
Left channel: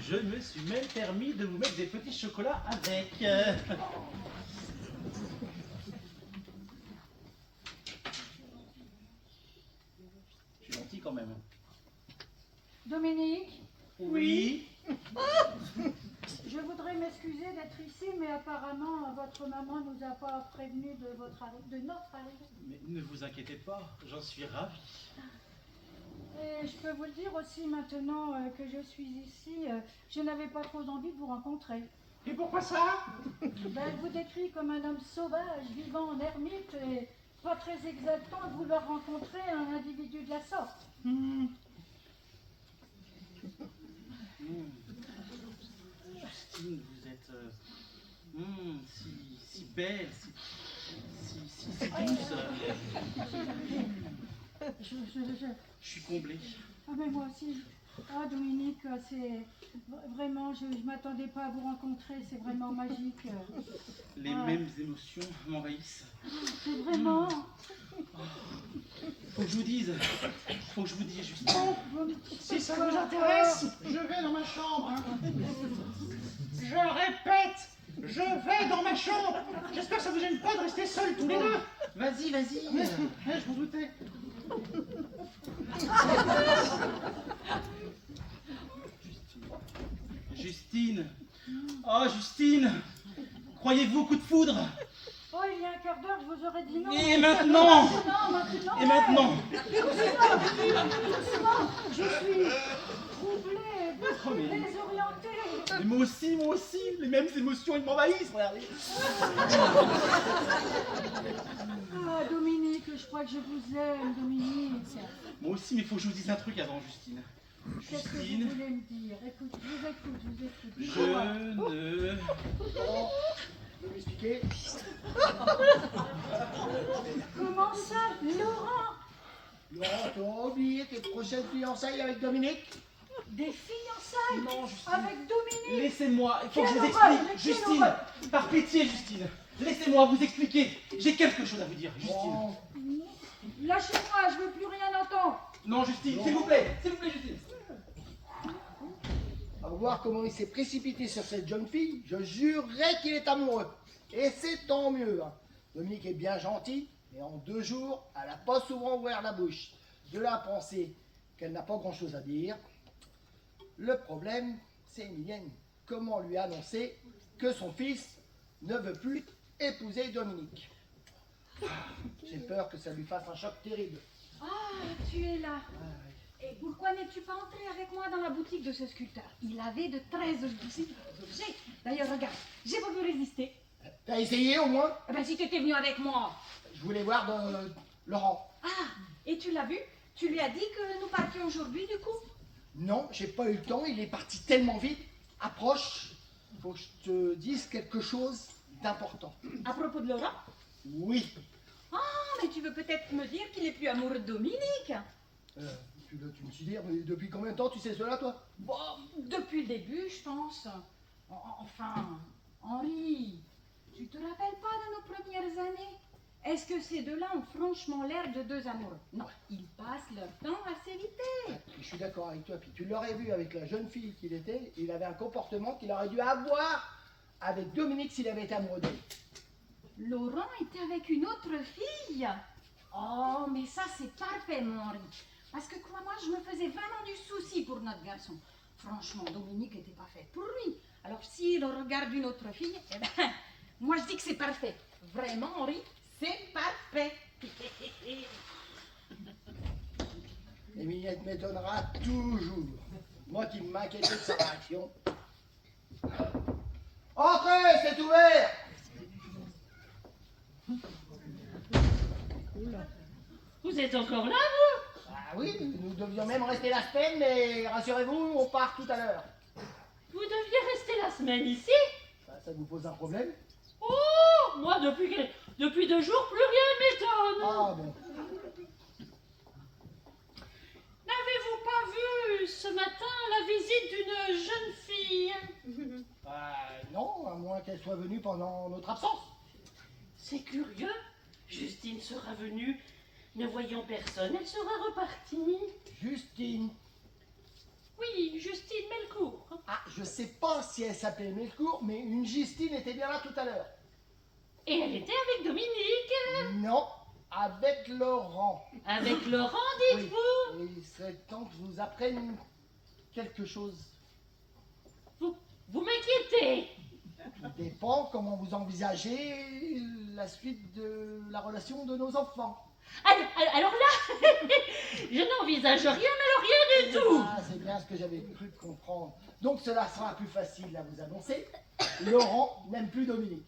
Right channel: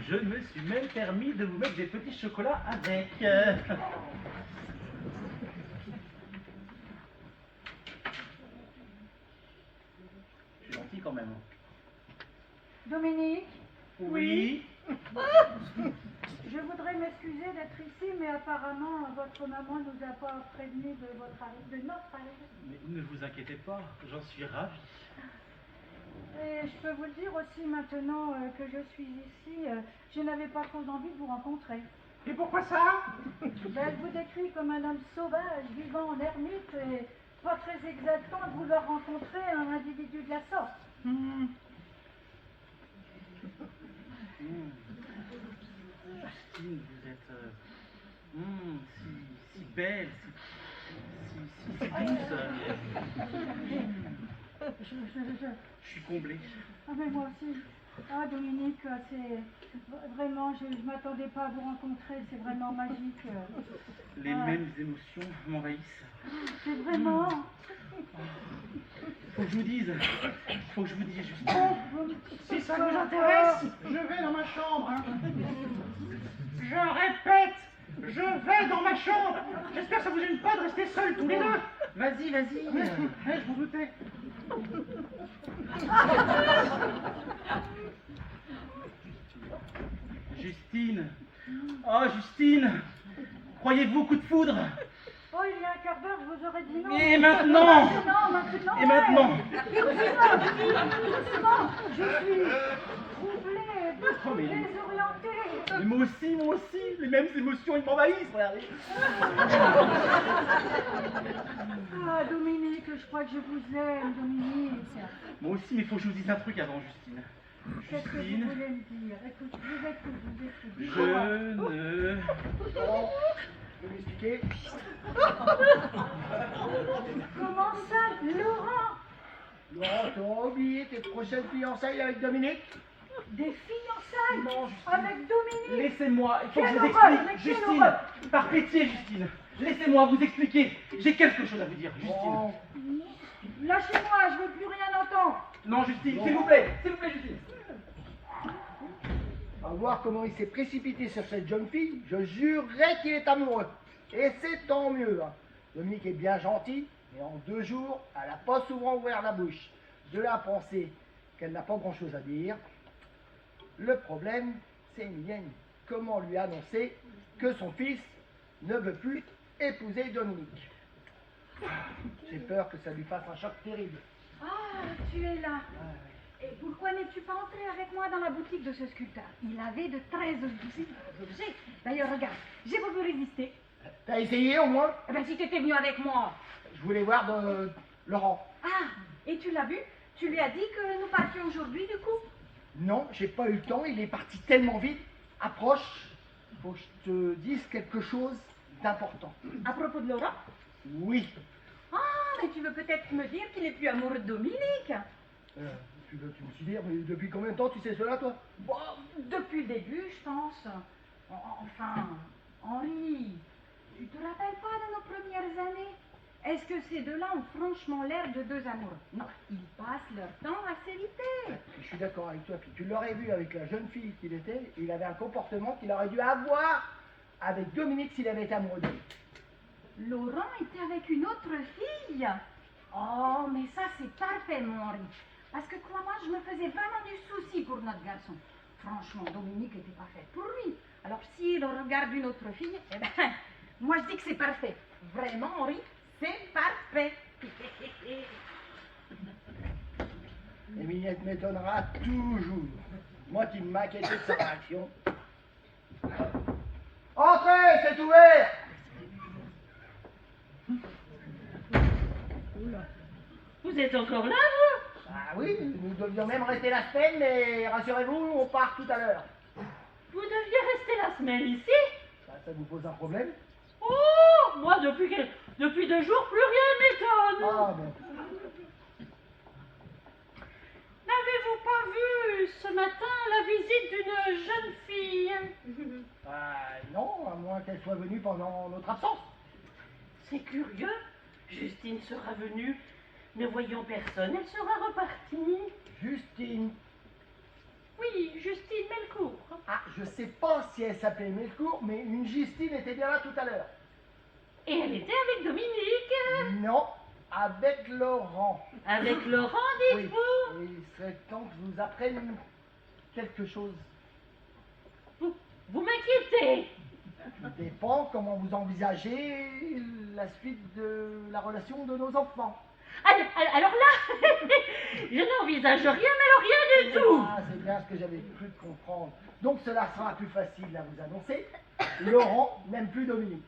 Je me suis même permis de vous mettre des petits chocolats avec. Je suis gentil quand même. Dominique? Oui. Je voudrais m'excuser d'être ici, mais apparemment votre maman nous a pas prévenu de notre arrivée. Mais ne vous inquiétez pas, j'en suis ravi. Et je peux vous le dire aussi maintenant que je suis ici, je n'avais pas trop envie de vous rencontrer. Et pourquoi ça? Ben, elle vous décrit comme un homme sauvage, vivant en ermite, et pas très exaltant de vouloir rencontrer un individu de la sorte. Justine, vous êtes si belle, si douce. Je suis comblé. Ah mais moi aussi. Ah Dominique, c'est vraiment, je m'attendais pas à vous rencontrer, c'est vraiment magique. Les mêmes émotions m'envahissent. C'est vraiment... Faut que je vous dise, Justine. Si ça vous intéresse, je vais dans ma chambre. Hein. Je répète, je vais dans ma chambre. J'espère que ça vous gêne pas de rester seuls tous les deux. Vas-y. Je m'en doutais. Justine. Oh, Justine. Croyez-vous coup de foudre? Oh, il y a un quart d'heure, je vous aurais dit non. Et maintenant? Maintenant. Et maintenant? Doucement, je suis troublée, désorientée. Mais moi aussi, les mêmes émotions, ils m'envahissent, regardez. Ah, Dominique, je crois que je vous aime, Dominique. Moi aussi, mais il faut que je vous dise un truc avant, Justine. Qu'est-ce que vous voulez me dire? Écoute, je vous écoute. Je Dites-moi. ne... Laurent, vous m'expliquer? Comment ça, Laurent? Laurent, tu auras oublié tes prochaines fiançailles avec Dominique? Des fiançailles? Non, Justine. Avec Dominique? Laissez-moi, il faut que je vous Quelle horreur, explique. mais quelle Justine, horreur. par pitié, Justine. Laissez-moi vous expliquer. J'ai quelque chose à vous dire, Justine. Bon, Lâchez-moi, je veux plus rien entendre. Non, Justine, s'il vous plaît, Justine. à voir comment il s'est précipité sur cette jeune fille, je jurerais qu'il est amoureux. Et c'est tant mieux. Hein. Dominique est bien gentil, mais en 2 jours, elle n'a pas souvent ouvert la bouche. De là à penser qu'elle n'a pas grand-chose à dire. Le problème, c'est Emilienne. Comment lui annoncer que son fils ne veut plus épouser Dominique? J'ai peur que ça lui fasse un choc terrible. Ah, tu es là. Et pourquoi n'es-tu pas entré avec moi dans la boutique de ce sculpteur? Il avait de très jolis objets. D'ailleurs, regarde, j'ai pas pu résister. T'as essayé au moins? Eh bien, si tu étais venu avec moi. Je voulais voir Laurent. Ah, et tu l'as vu? Tu lui as dit que nous partions aujourd'hui, du coup? Non, j'ai pas eu le temps, il est parti tellement vite. Approche, faut que je te dise quelque chose d'important. À propos de Laurent? Oui. Ah, mais tu veux peut-être me dire qu'il est plus amoureux de Dominique? Tu me suis dire, mais depuis combien de temps tu sais cela, toi? Bon, depuis le début, je pense. Enfin, Henri, tu te rappelles pas de nos premières années? Est-ce que ces deux-là ont franchement l'air de 2 amoureux? Non, ils passent leur temps à s'éviter. Je suis d'accord avec toi, puis tu l'aurais vu avec la jeune fille qu'il était, il avait un comportement qu'il aurait dû avoir avec Dominique s'il avait été amoureux d'elle. Laurent était avec une autre fille. Oh, mais ça c'est parfait, mon Henri. Parce que crois-moi, je me faisais vraiment du souci pour notre garçon. Franchement, Dominique n'était pas faite pour lui. Alors s'il regarde une autre fille, eh ben, moi je dis que c'est parfait. Vraiment, Henri, c'est parfait. Emilienne m'étonnera toujours. Moi qui m'inquiétais de sa réaction. Entrez, c'est ouvert! Vous êtes encore là, vous? Ah oui, nous devions même rester la semaine, mais rassurez-vous, on part tout à l'heure. Vous deviez rester la semaine ici? Ça vous pose un problème? Oh, moi, depuis 2 jours, plus rien ne m'étonne. Ah bon. N'avez-vous pas vu ce matin la visite d'une jeune fille? Non, à moins qu'elle soit venue pendant notre absence. C'est curieux. Justine sera venue. Ne voyant personne, elle sera repartie. Justine. Oui, Justine Melcourt. Ah, je sais pas si elle s'appelait Melcourt, mais une Justine était bien là tout à l'heure. Et elle était avec Dominique. Non, avec Laurent. Avec Laurent, dites-vous? Et il serait temps que je vous apprenne quelque chose. Vous Vous m'inquiétez. Tout dépend comment vous envisagez la suite de la relation de nos enfants. Alors là, je n'envisage rien, mais alors rien du tout. Ah, c'est bien ce que j'avais cru comprendre. Donc cela sera plus facile à vous annoncer. Laurent n'aime plus Dominique.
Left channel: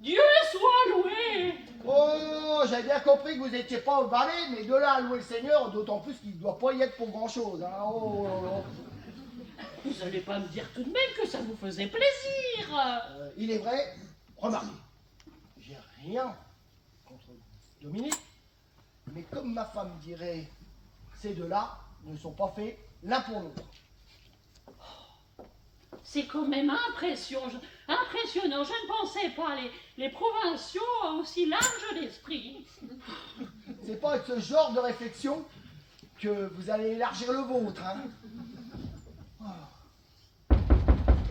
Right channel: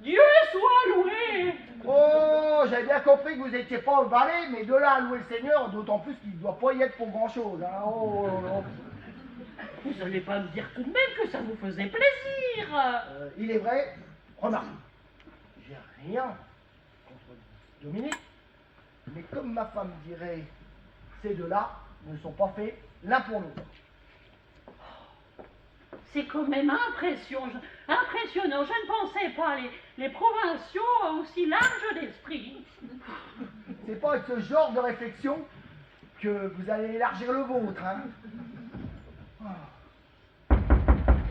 Dieu soit loué. Oh, j'avais bien compris que vous n'étiez pas au balai, mais de là à louer le Seigneur, d'autant plus qu'il ne doit pas y être pour grand-chose. Hein. Oh, oh, oh. Vous n'allez pas me dire tout de même que ça vous faisait plaisir. Il est vrai, remarque, j'ai rien contre Dominique, mais comme ma femme dirait, ces deux-là ne sont pas faits l'un pour l'autre. C'est quand même impressionnant. Je ne pensais pas les provinciaux aussi larges d'esprit. C'est pas avec ce genre de réflexion que vous allez élargir le vôtre. Hein.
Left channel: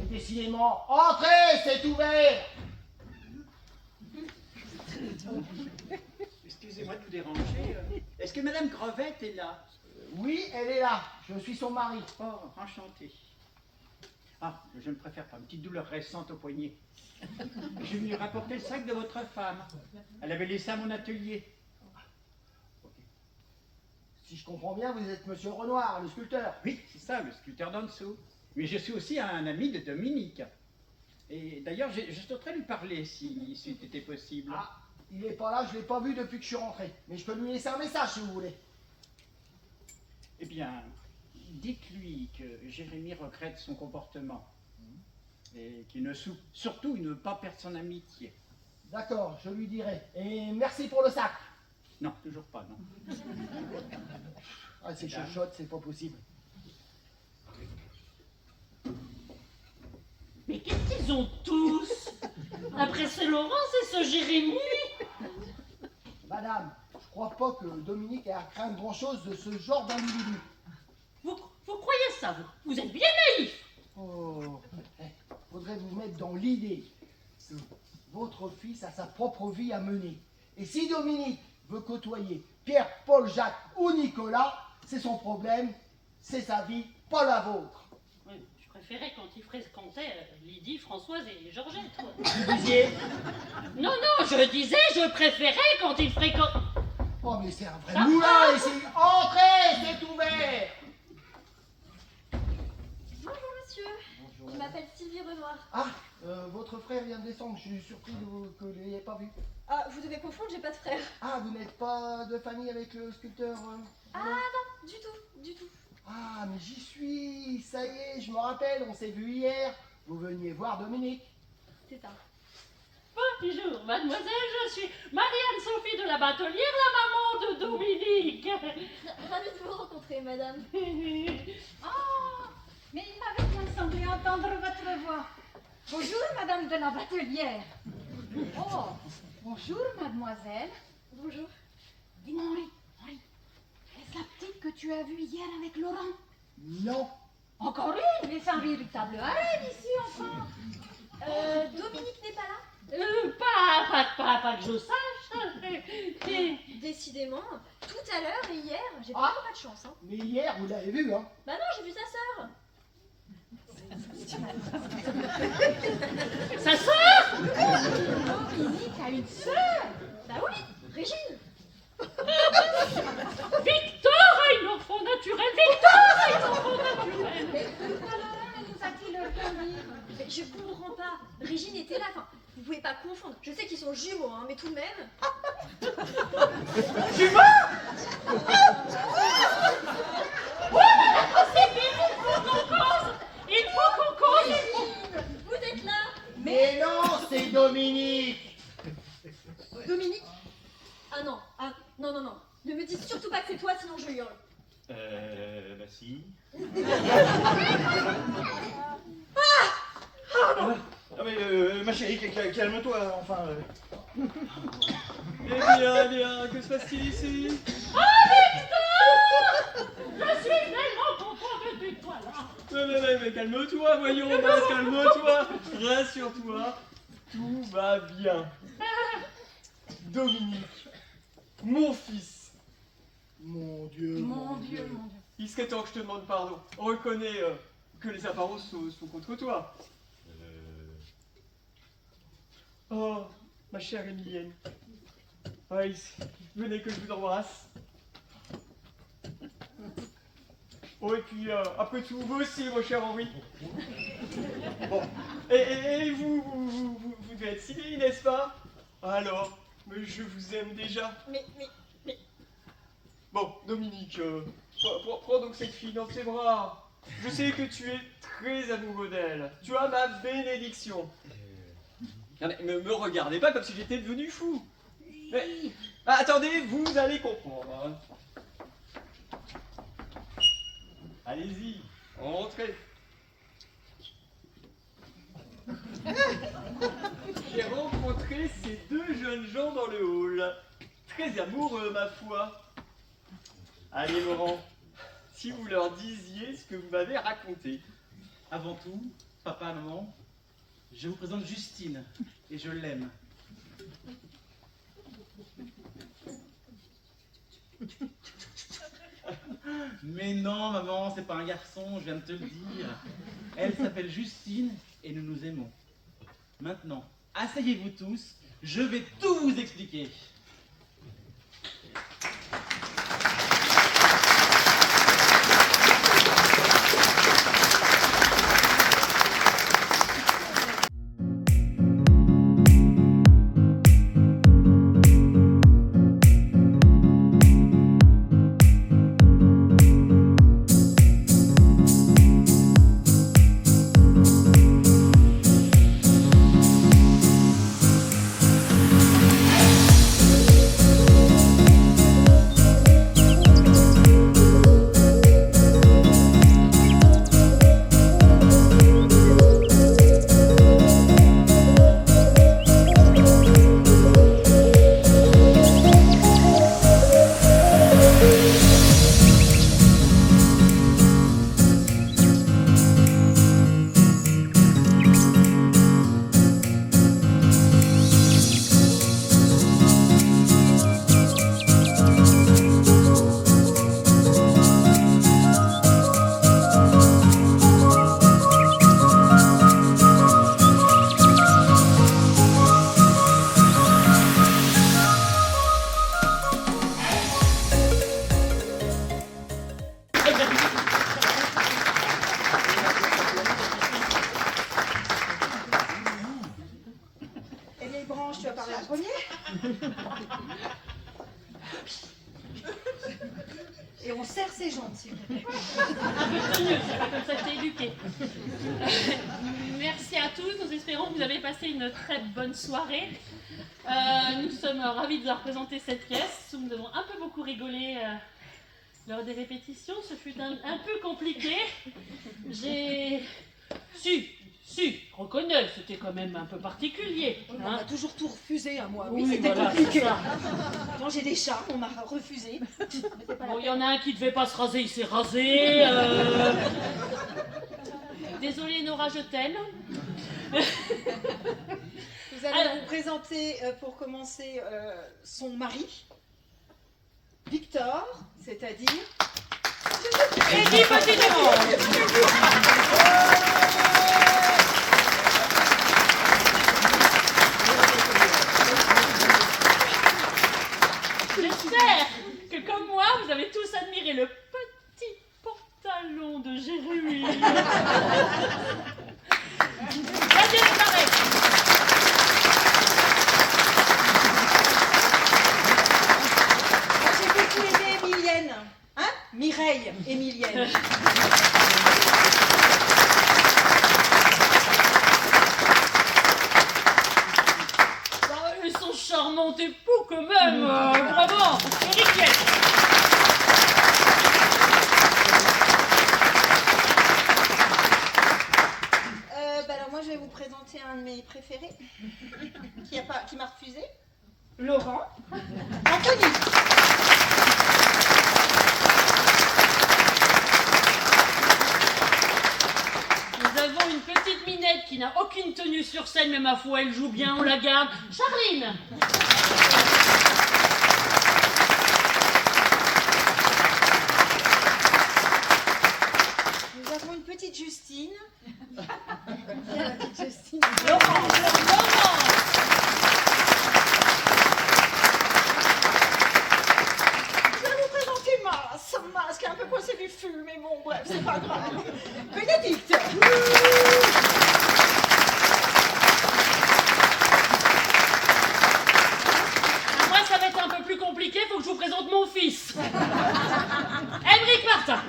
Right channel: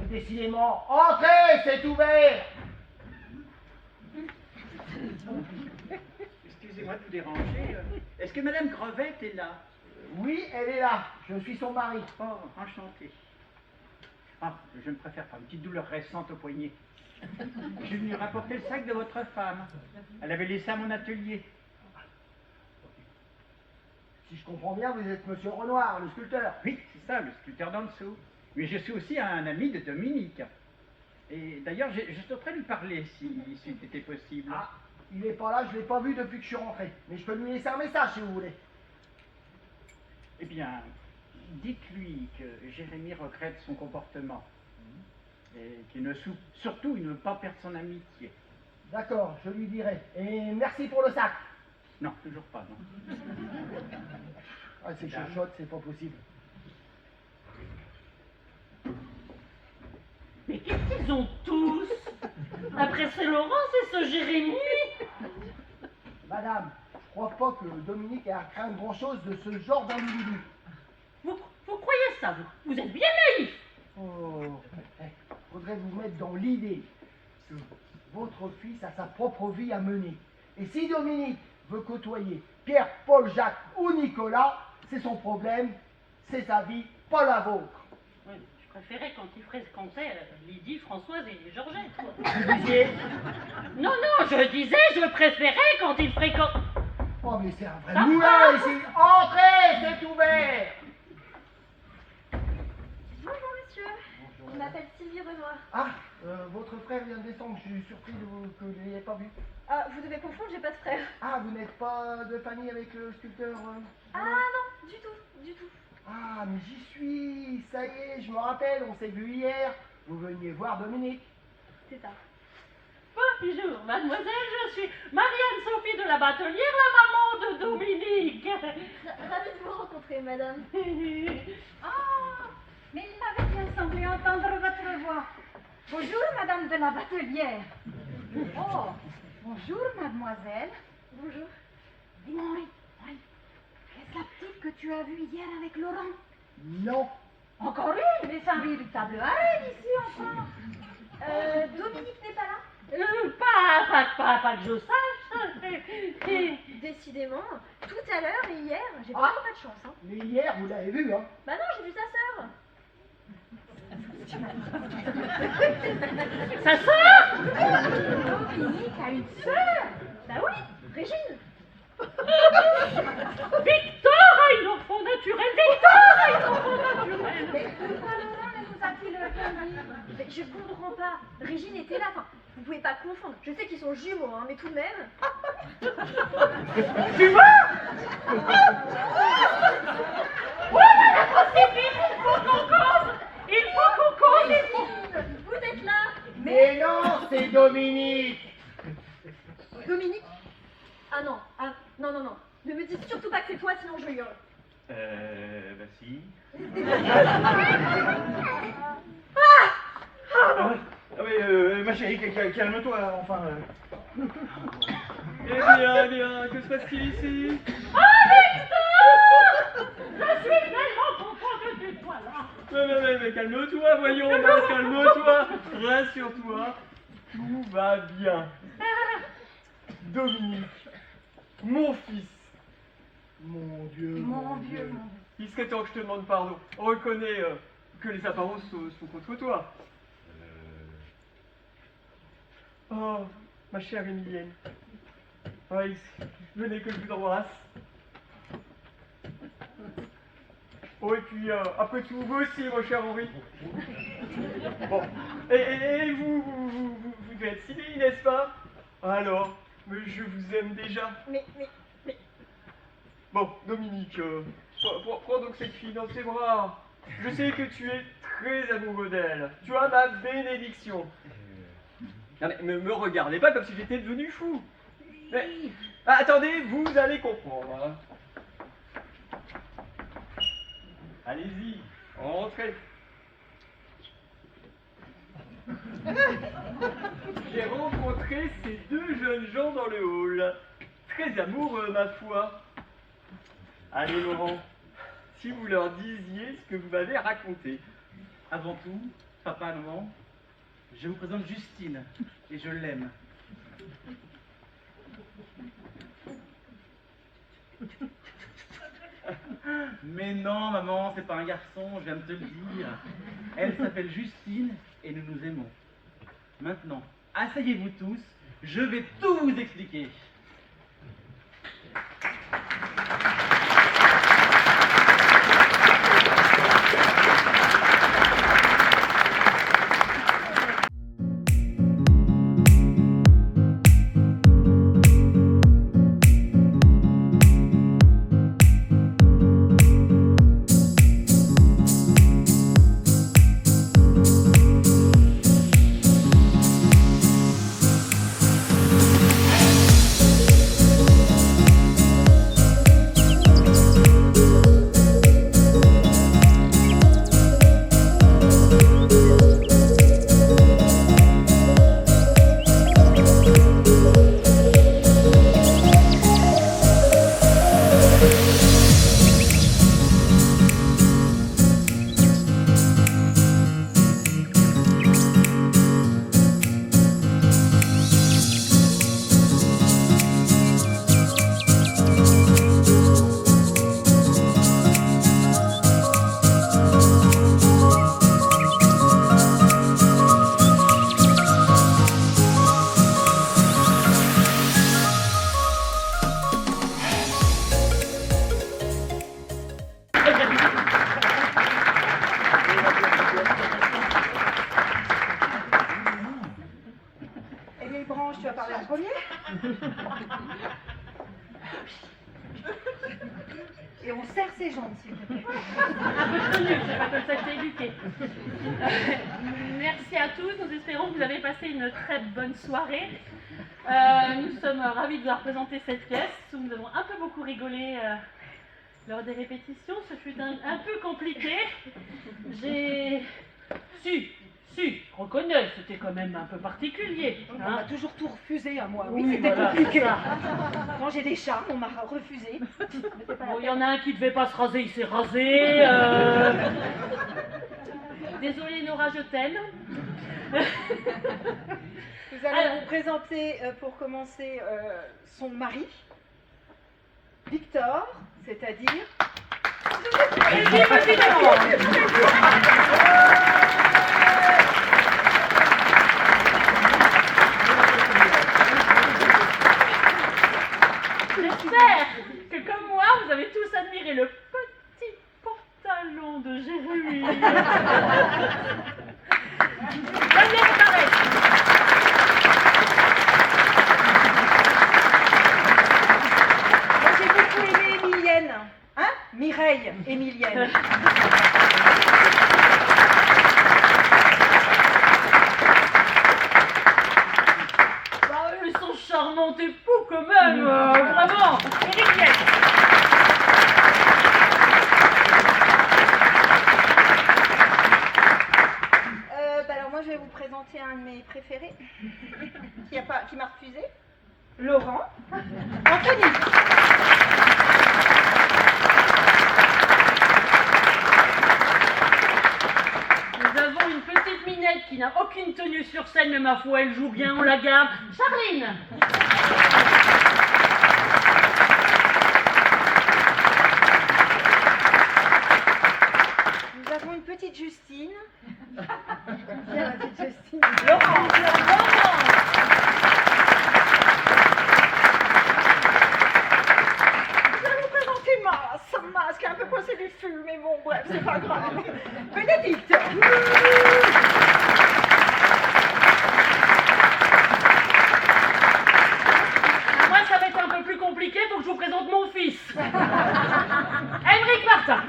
Et décidément, entrez, c'est ouvert. Excusez-moi de vous déranger. Est-ce que Madame Crevette est là? Oui, elle est là. Je suis son mari. Oh, enchanté. Ah, je ne préfère pas. Une petite douleur récente au poignet. Je suis venu rapporter le sac de votre femme. Elle avait laissé à mon atelier. Si je comprends bien, vous êtes Monsieur Renoir, le sculpteur. Oui, c'est ça, le sculpteur d'en dessous. Mais je suis aussi un ami de Dominique. Et d'ailleurs, je souhaiterais lui parler si c'était possible. Ah, il n'est pas là, je ne l'ai pas vu depuis que je suis rentré. Mais je peux lui laisser un message si vous voulez. Eh bien, dites-lui que Jérémie regrette son comportement. Et qu'il ne surtout, il ne veut pas perdre son amitié. D'accord, je lui dirai. Et merci pour le sac. Non, toujours pas, non. Ah, c'est chuchote, c'est pas possible. Mais qu'est-ce qu'ils ont tous? Après ce Laurence et ce Jérémie. Madame, je crois pas que Dominique ait à craindre grand-chose de ce genre d'individu. Vous croyez ça, vous êtes bien naïf. Oh, faudrait vous mettre dans l'idée que votre fils a sa propre vie à mener. Et si Dominique veut côtoyer Pierre, Paul, Jacques ou Nicolas, c'est son problème, c'est sa vie, pas la vôtre. Oui, je préférais quand il fréquentait Lydie, Françoise et Georgette. Vous disiez? Non, je disais, je préférais quand il fréquentait... Oh, mais c'est un vrai moulin ici. Entrez, c'est ouvert. Bonjour monsieur, je m'appelle Sylvie Renoir. Ah, votre frère vient de descendre, je suis surpris que vous ne l'ayez pas vu. Ah, vous devez confondre, j'ai pas de frère. Ah, vous n'êtes pas de famille avec le sculpteur Ah non, du tout. Ah, mais j'y suis, ça y est, je me rappelle, on s'est vu hier. Vous veniez voir Dominique. C'est ça. Bonjour, mademoiselle, je suis Marianne-Sophie de la Batelière, la maman de Dominique. Ravie de vous rencontrer, madame. Ah, mais il m'avait bien semblé entendre votre voix. Bonjour, madame de la Batelière. Oh, bonjour, mademoiselle. Bonjour. Dis-moi, Henri, est-ce la petite que tu as vue hier avec Laurent? Non. Encore une, mais c'est un véritable harem ici, enfin. Dominique n'est pas là? Pas que je sache. Décidément, tout à l'heure et hier, j'ai Ah. vraiment pas de chance. Hein. Mais hier, vous l'avez vu, hein? Bah non, j'ai vu sa sœur. Sa sœur? Dominique a une sœur. Bah oui, Régine. Victor a une enfant naturelle. Victor a une enfant naturelle. Mais pourquoi Laurent ne nous a-t-il rien dit? Mais je comprends pas. Régine était là. Enfin, vous pouvez pas confondre. Je sais qu'ils sont jumeaux, hein, mais tout de même. Jumeaux? Ouais, il faut qu'on cause. Régine, vous êtes là. Mais non, c'est Dominique. Dominique? Ah non, non. Ne me dis surtout pas que c'est toi, sinon je hurle. Bah si. Ah mais ma chérie, calme-toi, enfin. Eh bien, que se passe-t-il ici? Je suis tellement contente de toi là. Mais calme-toi, voyons, calme-toi, rassure-toi, tout va bien. Dominique, mon fils, Mon Dieu, Mon Dieu, mon Dieu. il serait temps que je te demande pardon. Reconnais que les apparences sont contre toi. Oh, ma chère Émilienne. Ice, venez que je vous embrasse. Oh, et puis, après tout, vous aussi, mon cher Henri. Bon, et vous devez être civil, n'est-ce pas? Alors, mais je vous aime déjà. Mais... Bon, Dominique, prends donc cette fille dans tes bras. Je sais que tu es très amoureux d'elle. Tu as ma bénédiction. Non mais me regardez pas comme si j'étais devenu fou. Mais, attendez, vous allez comprendre. Hein. Allez-y, entrez. J'ai rencontré ces deux jeunes gens dans le hall. Très amoureux, ma foi. Allez, Laurent, si vous leur disiez ce que vous m'avez raconté. Avant tout, papa, maman, je vous présente Justine, et je l'aime. Mais non, maman, c'est pas un garçon, je viens de te le dire. Elle s'appelle Justine, et nous nous aimons. Maintenant, asseyez-vous tous, je vais tout vous expliquer. Eh bien, Branche, tu vas parler en premier. Et on serre ses jambes, s'il te plaît. Un peu de tenue, c'est pas comme ça que je t'ai éduqué. Merci à tous, nous espérons que vous avez passé une très bonne soirée. Nous sommes ravis de vous présenter cette pièce. Nous avons un peu beaucoup rigolé lors des répétitions. Ce fut un peu compliqué. J'ai reconnais, c'était quand même un peu particulier. On m'a toujours tout refusé à moi. Oui, Oui, c'était voilà, compliqué. c'est ça. Quand j'ai des charmes, on m'a refusé. Bon, il y en a un qui devait pas se raser, il s'est rasé. Désolée Nora, je t'aime. Nous allons Alors, vous présenter, pour commencer, son mari, Victor, c'est-à-dire... Eddie Petit-Démon. J'espère que comme moi, vous avez tous admiré le petit pantalon de Jérémy. Daniel Barret. Moi, j'ai beaucoup aimé Émilienne. Hein? Mireille Émilienne. Bah, ils sont charmants époux quand même, vraiment. Éric Liette. Alors moi, je vais vous présenter un de mes préférés, qui m'a refusé. Laurent. Anthony. Nous avons une petite minette qui n'a aucune tenue sur scène, mais ma foi, elle joue bien, on la garde. Charline. Nous avons une petite petite Justine. Viens, la petite Justine. Je vais vous présenter Mas qui a un peu coincé du fût, mais bon, bref, c'est pas grave. Bénédicte. Moi, ça va être un peu plus compliqué, faut que je vous présente mon fils. Émeric Martin.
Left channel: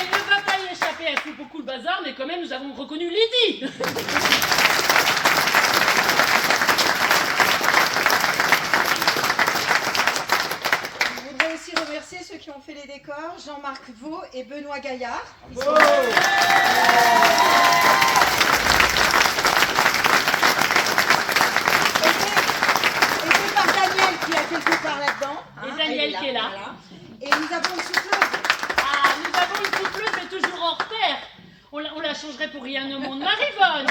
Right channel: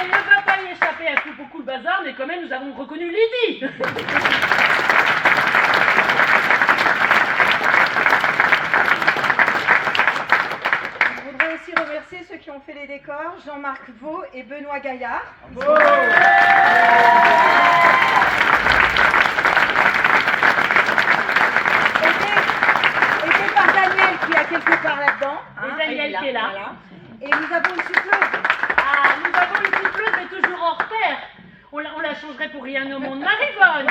Elle ne va pas y échapper, elle fout beaucoup de bazar, mais quand même, nous avons reconnu Lydie. Je voudrais aussi remercier ceux qui ont fait les décors, Jean-Marc Vaux et Benoît Gaillard. Ils Bravo. aidés par Daniel qui a quelque part là-dedans. Et Daniel qui est là. Voilà. Et nous avons une souffleuse. Ah, nous avons une souffleuse, mais toujours hors pair. On la changerait pour rien au monde. Marivonne.